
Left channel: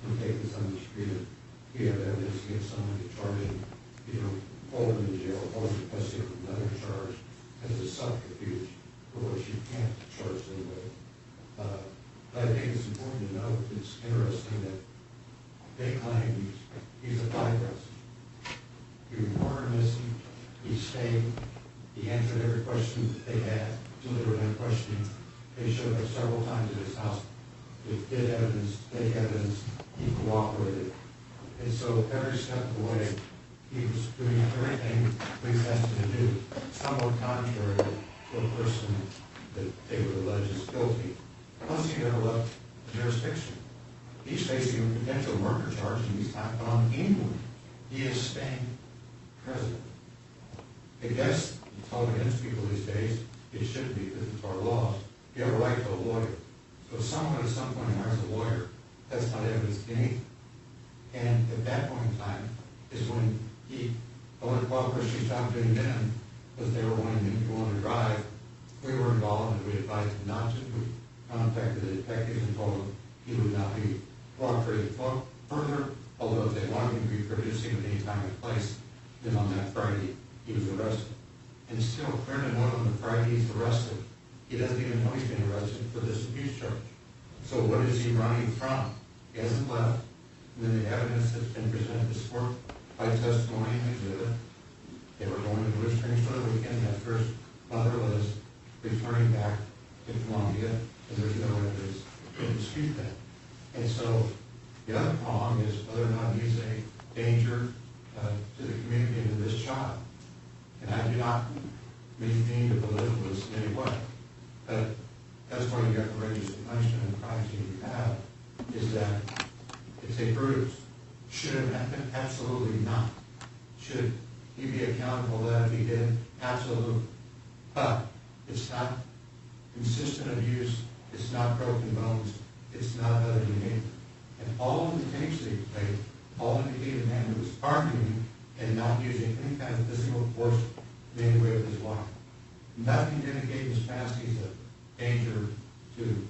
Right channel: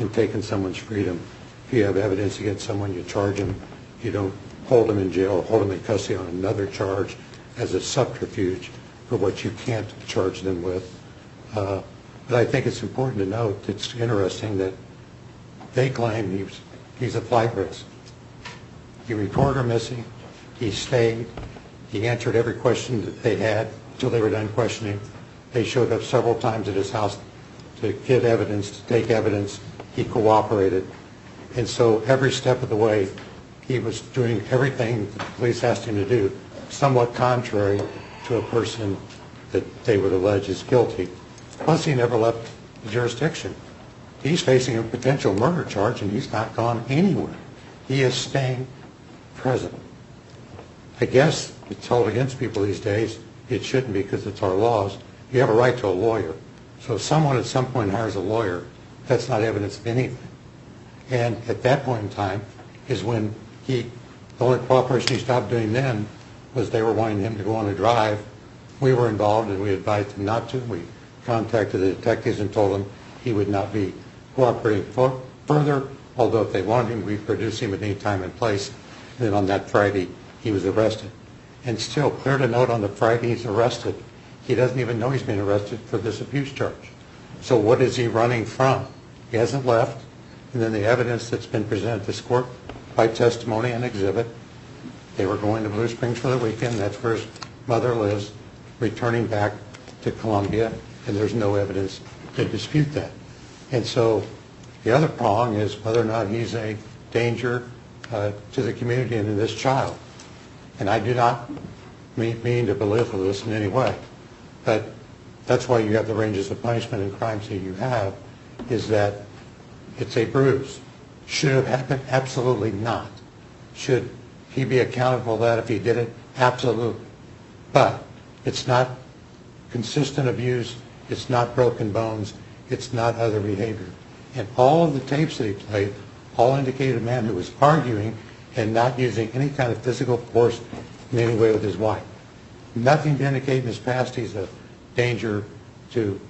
in taking someone's freedom. If you have evidence against someone, you charge them. You don't hold them in jail or hold them in custody on another charge as a subterfuge for what you can't charge them with. But I think it's important to note, it's interesting that they claim he's a flight risk. He reported her missing, he stayed, he answered every question that they had until they were done questioning. They showed up several times at his house to give evidence, to take evidence. He cooperated. And so every step of the way, he was doing everything the police asked him to do, somewhat contrary to a person that they would allege is guilty. Plus, he never left the jurisdiction. He's facing a potential murder charge, and he's not gone anywhere. He is staying present. I guess it's held against people these days. It shouldn't be because it's our laws. You have a right to a lawyer. So if someone at some point hires a lawyer, that's not evidence of anything. And at that point in time is when the only cooperation he stopped doing then was they were wanting him to go on a drive. We were involved, and we advised him not to. We contacted the detectives and told them he would not be cooperating further, although if they wanted him, we'd produce him at any time and place. And then on that Friday, he was arrested. And still, clear to note, on the Friday he's arrested, he doesn't even know he's been arrested for this abuse charge. So what is he running from? He hasn't left. And then the evidence that's been presented to this court by testimony and exhibit, they were going to Blue Springs for the weekend. That's where his mother lives, returning back to Columbia, and there's no evidence to dispute that. And so the other prong is whether or not he's a danger to the community and to this child. And I do not mean to belittle this in any way, but that's why you have the ranges of punishment and crimes that you have, is that it's a bruise. Should it have happened? Absolutely not. Should he be accountable for that if he did it? Absolutely. But it's not consistent abuse, it's not broken bones, it's not other behavior. And all of the tapes that he played all indicated a man who was arguing and not using any kind of physical force in any way with his wife. Nothing to indicate in his past he's a danger to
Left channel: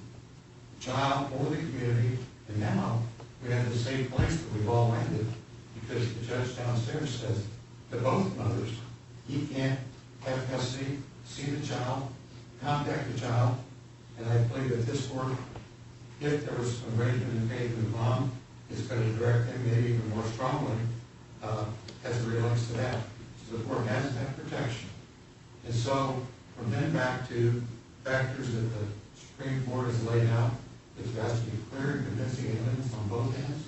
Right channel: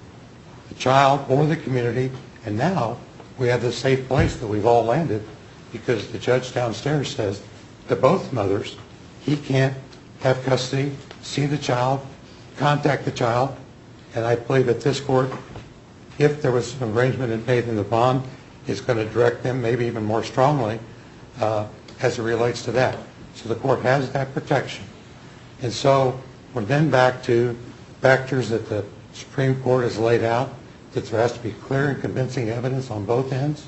the child or the community. And now we have this safe place that we've all landed because the judge downstairs says to both mothers, he can't have custody, see the child, contact the child. And I believe that this court, if there was an arrangement made in the bond, is going to direct them maybe even more strongly as it relates to that. So the court has that protection. And so we're then back to factors that the Supreme Court has laid out, that there has to be clear and convincing evidence on both ends.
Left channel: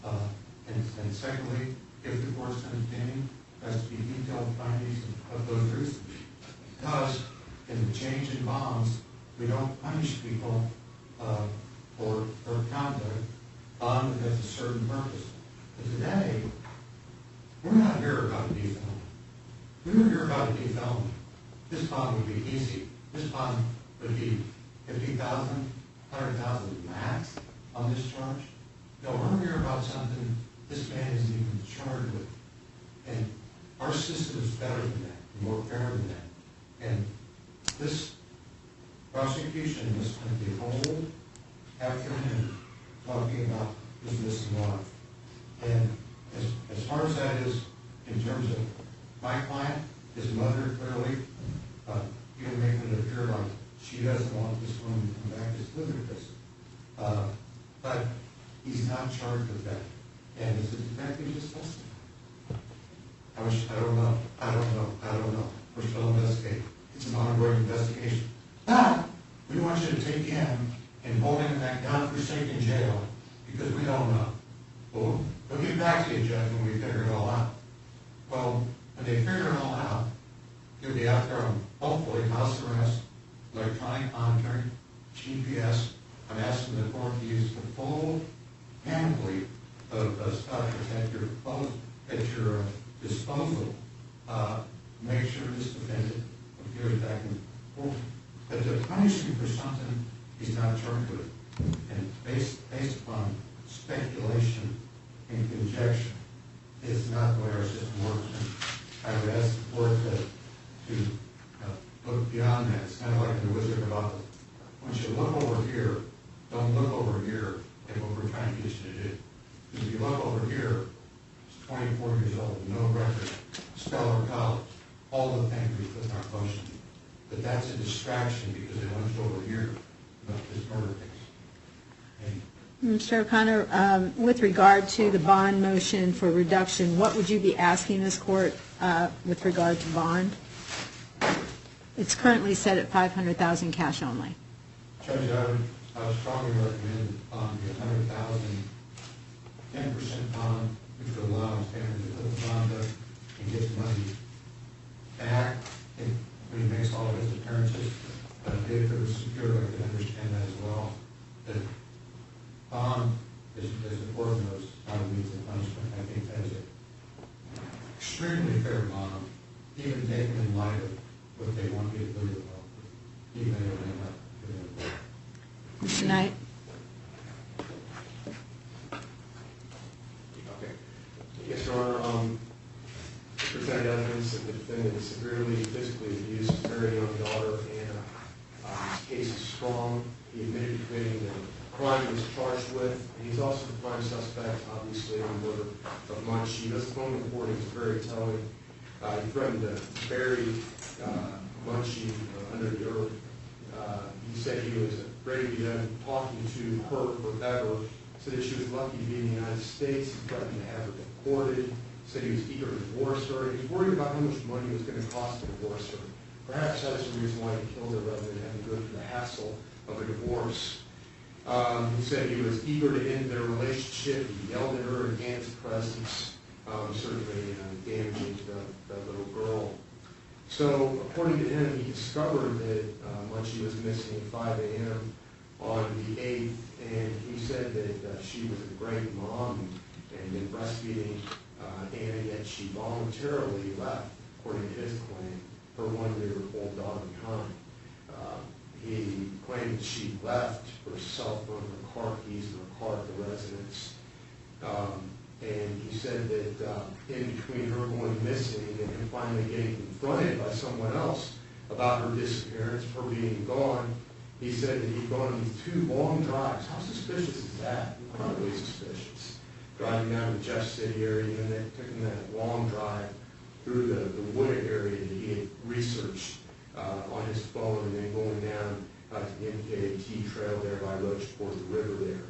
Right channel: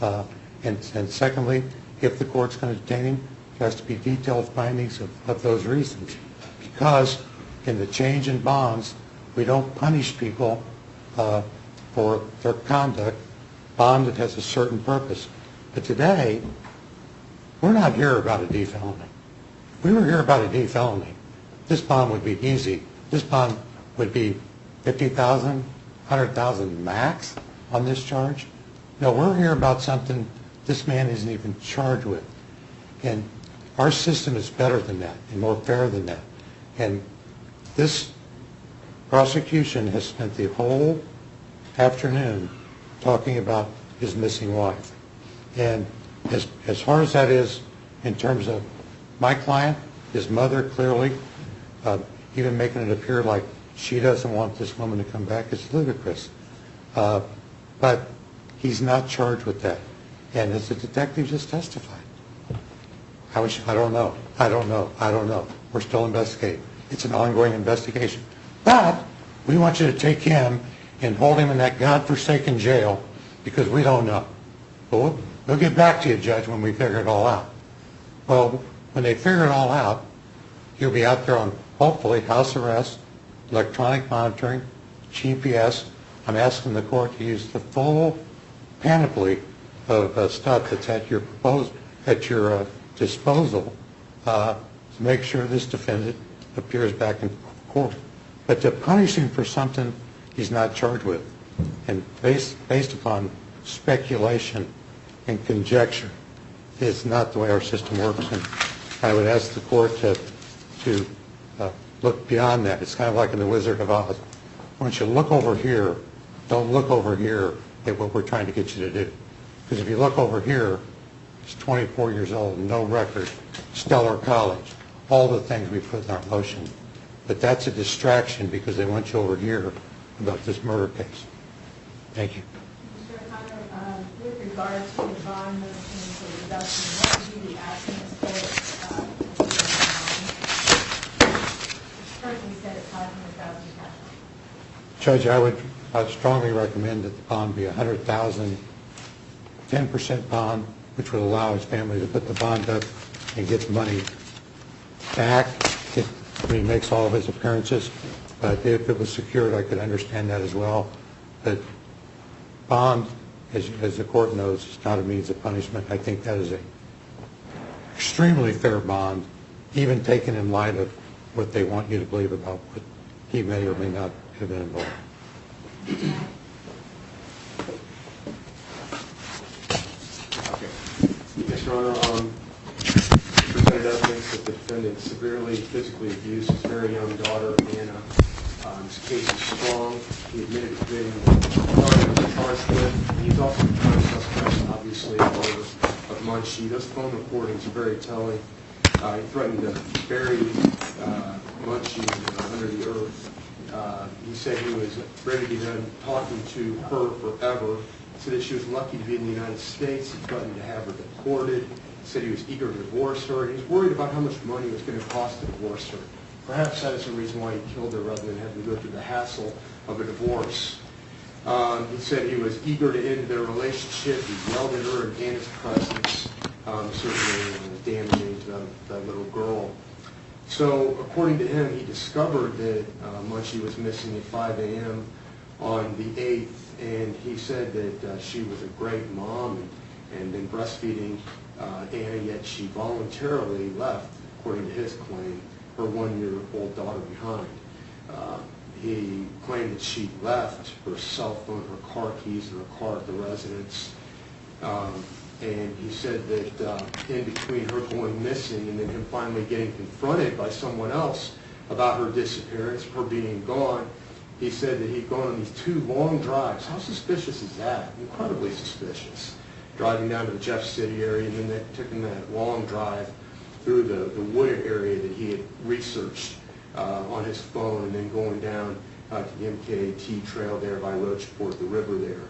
And secondly, if the court's going to detain him, there has to be detailed findings of those reasons. Because in the change in bonds, we don't punish people for their conduct. Bond that has a certain purpose. But today, we're not here about a D felony. If we were here about a D felony, this bond would be easy. This bond would be $50,000, $100,000 max on this charge. No, we're here about something this man isn't even charged with. And our system is better than that and more fair than that. And this prosecution has spent the whole afternoon talking about his missing wife. And as hard as that is in terms of my client, his mother clearly, even making it appear like she doesn't want this woman to come back, is ludicrous. But he's not charged with that. And as the detective just testified, I don't know. We're still investigating. It's an ongoing investigation. But we want you to take him and hold him in that godforsaken jail because we don't know. Well, we'll get back to you, Judge, when we figure it all out. Well, when they figure it all out, you'll be out there on, hopefully, house arrest, electronic monitoring, GPS. I'm asking the court to use the full panoply of stuff that's at your disposal to make sure this defendant appears back in court. But to punish him for something he's not charged with, and based upon speculation and conjecture, is not the way our system works. And I would ask the court to look beyond that. It's kind of like in The Wizard of Oz. Once you look over here, don't look over here at what we're trying to get you to do. Because if you look over here, he's 24 years old, no record, stellar college, all the things we put in our motion. But that's a distraction because they want you over here about this murder case. Thank you. Mr. O'Connor, with regard to the bond motion for reduction, what would you be asking this court with regard to bond? It's currently set at $500,000 cash only. Judge, I'd strongly recommend that the bond be $100,000, 10% bond, which would allow his family to put the bond up and get the money back when he makes all of his appearances. But if it was secured, I could understand that as well. But bond, as the court knows, is not a means of punishment. I think that is an extremely fair bond, even taken in light of what they want you to believe about what he may or may not have been involved. Good night. Okay. Yes, Your Honor. Presented evidence that the defendant severely physically abused his very young daughter, Anna. His case is strong. He admitted to committing the crime he was charged with. He's also the prime suspect, obviously, in the murder of Mengqi. Those phone recordings are very telling. He threatened to bury Mengqi under the earth. He said he was ready to be done talking to her forever. He said that she was lucky to be in the United States. He threatened to have her deported. He said he was eager to divorce her. He was worried about how much money it was going to cost to divorce her. Perhaps that is the reason why he killed her rather than having to go through the hassle of a divorce. He said he was eager to end their relationship. He yelled at her in Anna's presence, certainly damaging to the little girl. So, according to him, he discovered that Mengqi was missing at 5 a.m. on the 8th, and he said that she was a great mom and been breastfeeding Anna, yet she voluntarily left, according to his claim, her 1-year-old daughter behind. He claimed that she left her cell phone, her car keys, and her car at the residence. And he said that in between her going missing and then him finally getting confronted by someone else about her disappearance, her being gone, he said that he'd gone on these 2 long drives. How suspicious is that? Incredibly suspicious. Driving down to the Jeff City area and then taking that long drive through the wooded area that he had researched on his phone, and then going down to the MKT trail there by Roachport, the river there.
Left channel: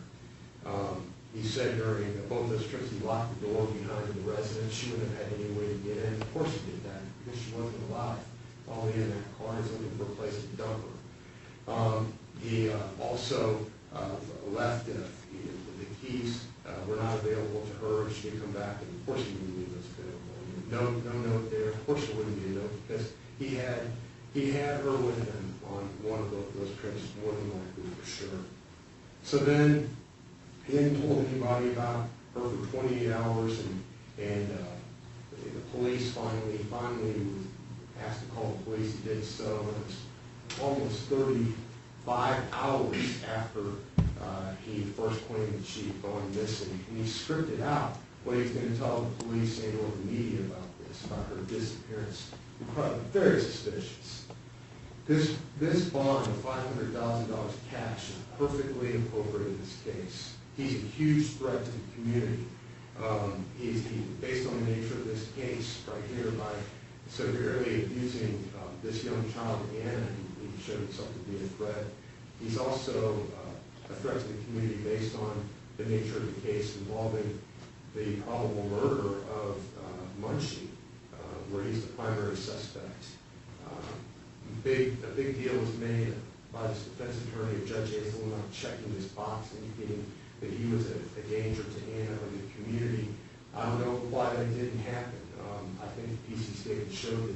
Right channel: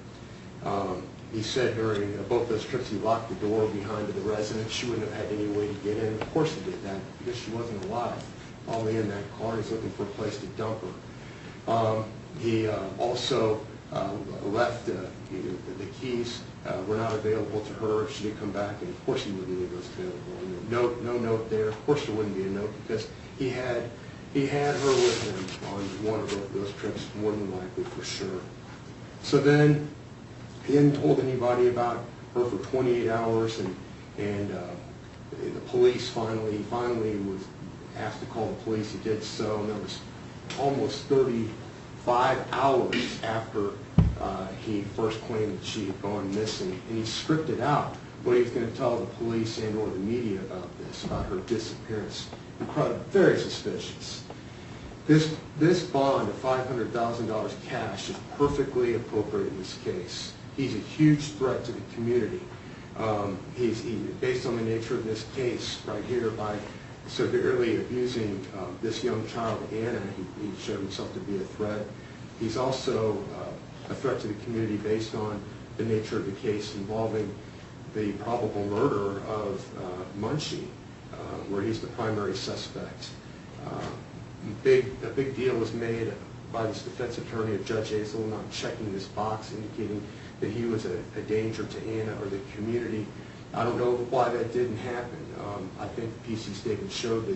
He said during both those trips he locked the door behind the residence. She wouldn't have had any way to get in. Of course he did that because she wasn't alive. All the way in that car, he's looking for a place to dump her. He also left the keys were not available to her if she did come back, and of course he wouldn't leave those available. No note there. Of course there wouldn't be a note because he had her with him on one of those trips, more than likely for sure. So then he hadn't told anybody about her for 28 hours, and the police finally was asked to call the police. He did so, and that was almost 35 hours after he first claimed that she had gone missing, and he scripted out what he was going to tell the police and or the media about this, about her disappearance. Incredible, very suspicious. This bond of $500,000 cash is perfectly appropriate in this case. He's a huge threat to the community. He's based on the nature of this case right here by severely abusing this young child, Anna. He showed himself to be a threat. He's also a threat to the community based on the nature of the case involving the probable murder of Mengqi, where he's the primary suspect. A big deal was made by this defense attorney of Judge Hazel not checking this box indicating that he was a danger to Anna or the community. I don't know why that didn't happen. I think the PC statement showed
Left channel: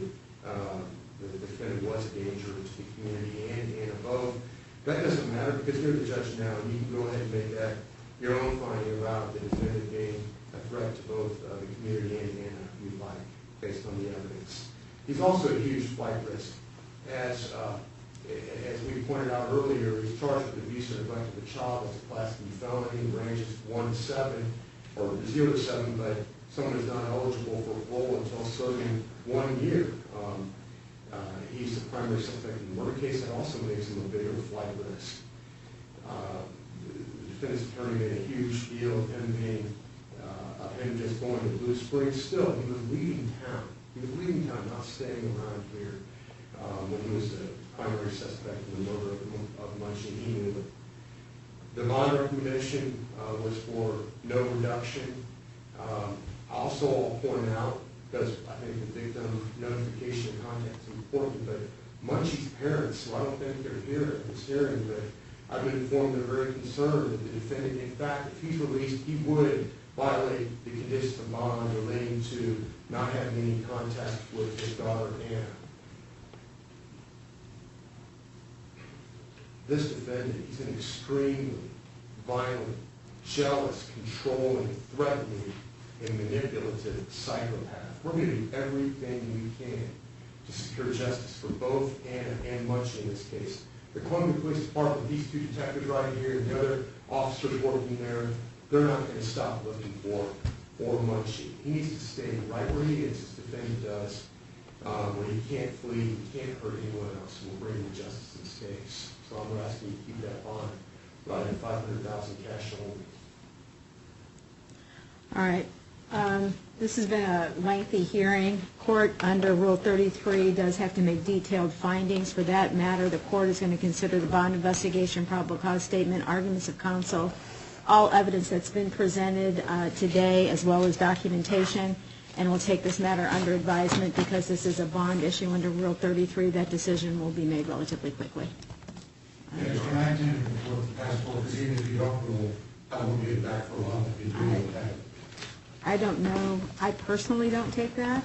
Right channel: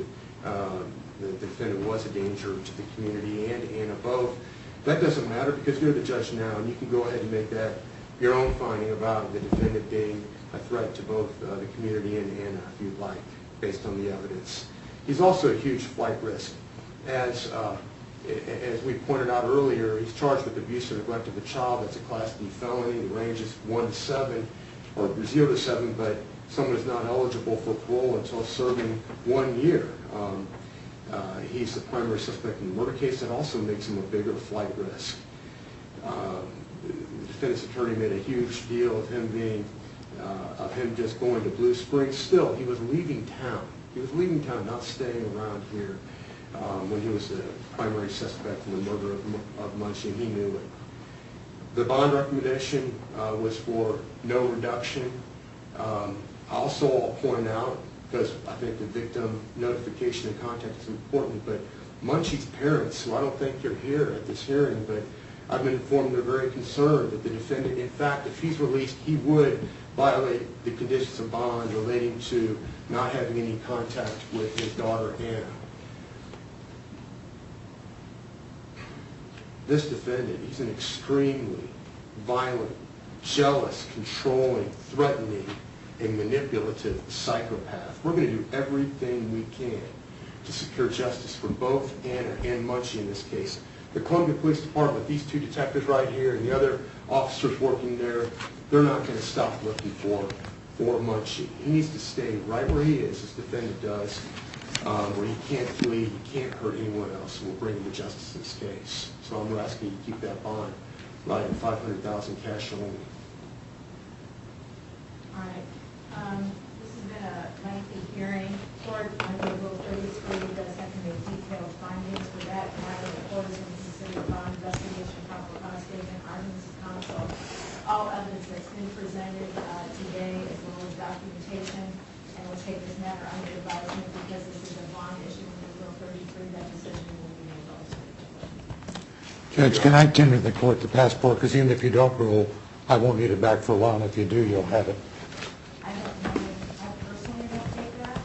that the defendant was a danger to the community and Anna both. That doesn't matter because you're the judge now, and you can go ahead and make that your own finding about the defendant being a threat to both the community and Anna, if you'd like, based on the evidence. He's also a huge flight risk. As we pointed out earlier, he's charged with abuse or neglect of a child. That's a Class D felony. The range is 1 to 7, or 0 to 7, but someone is not eligible for parole until serving 1 year. He's the primary suspect in the murder case. That also makes him a bigger flight risk. The defendant's attorney made a huge deal of him just going to Blue Springs. Still, he was leaving town. He was leaving town, not staying around here when he was the primary suspect in the murder of Mengqi. He knew it. The bond recommendation was for no reduction. Also, I'll point out, because I think the victim notification and contact is important, but Mengqi's parents, who I don't think are here at this hearing, but I've been informed they're very concerned that the defendant, in fact, if he's released, he would violate the conditions of bond relating to not having any contact with his daughter, Anna. This defendant, he's an extremely violent, jealous, controlling, threatening, and manipulative psychopath. We're going to do everything we can to secure justice for both Anna and Mengqi in this case. The Columbia Police Department, these two detectives right here and the other officers working there, they're not going to stop looking for Mengqi. He needs to stay right where he is, as the defendant does, where he can't flee, he can't hurt anyone else, and we'll bring him to justice in this case. So I'm asking you to keep that bond right at $500,000 cash only. All right. This has been a lengthy hearing. Court under Rule 33 does have to make detailed findings. For that matter, the court is going to consider the bond investigation, probable cause statement, arguments of counsel, all evidence that's been presented today, as well as documentation, and we'll take this matter under advisement because this is a bond issue under Rule 33. That decision will be made relatively quickly. Judge, can I tender the court the passport? Because even if you don't rule, I won't need it back for a while. If you do, you'll have it. I don't know. I personally don't take that.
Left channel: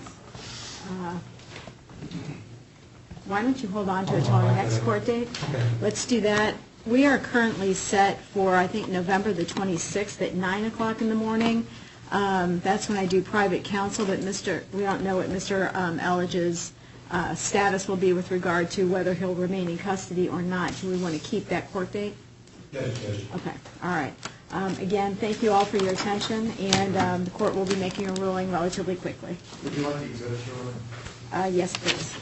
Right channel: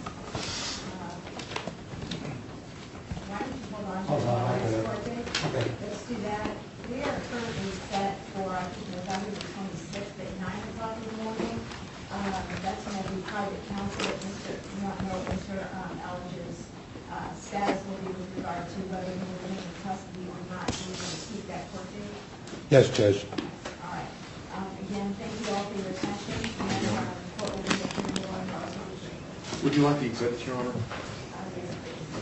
Why don't you hold on to it until our next court date? Okay. Let's do that. We are currently set for, I think, November the 26th at 9 o'clock in the morning. That's when I do private counsel, but we don't know what Mr. Elledge's status will be with regard to whether he'll remain in custody or not. Do we want to keep that court date? Yes, Judge. Okay. All right. Again, thank you all for your attention, and the court will be making a ruling relatively quickly. Would you like the exhibits, Your Honor? Yes, please.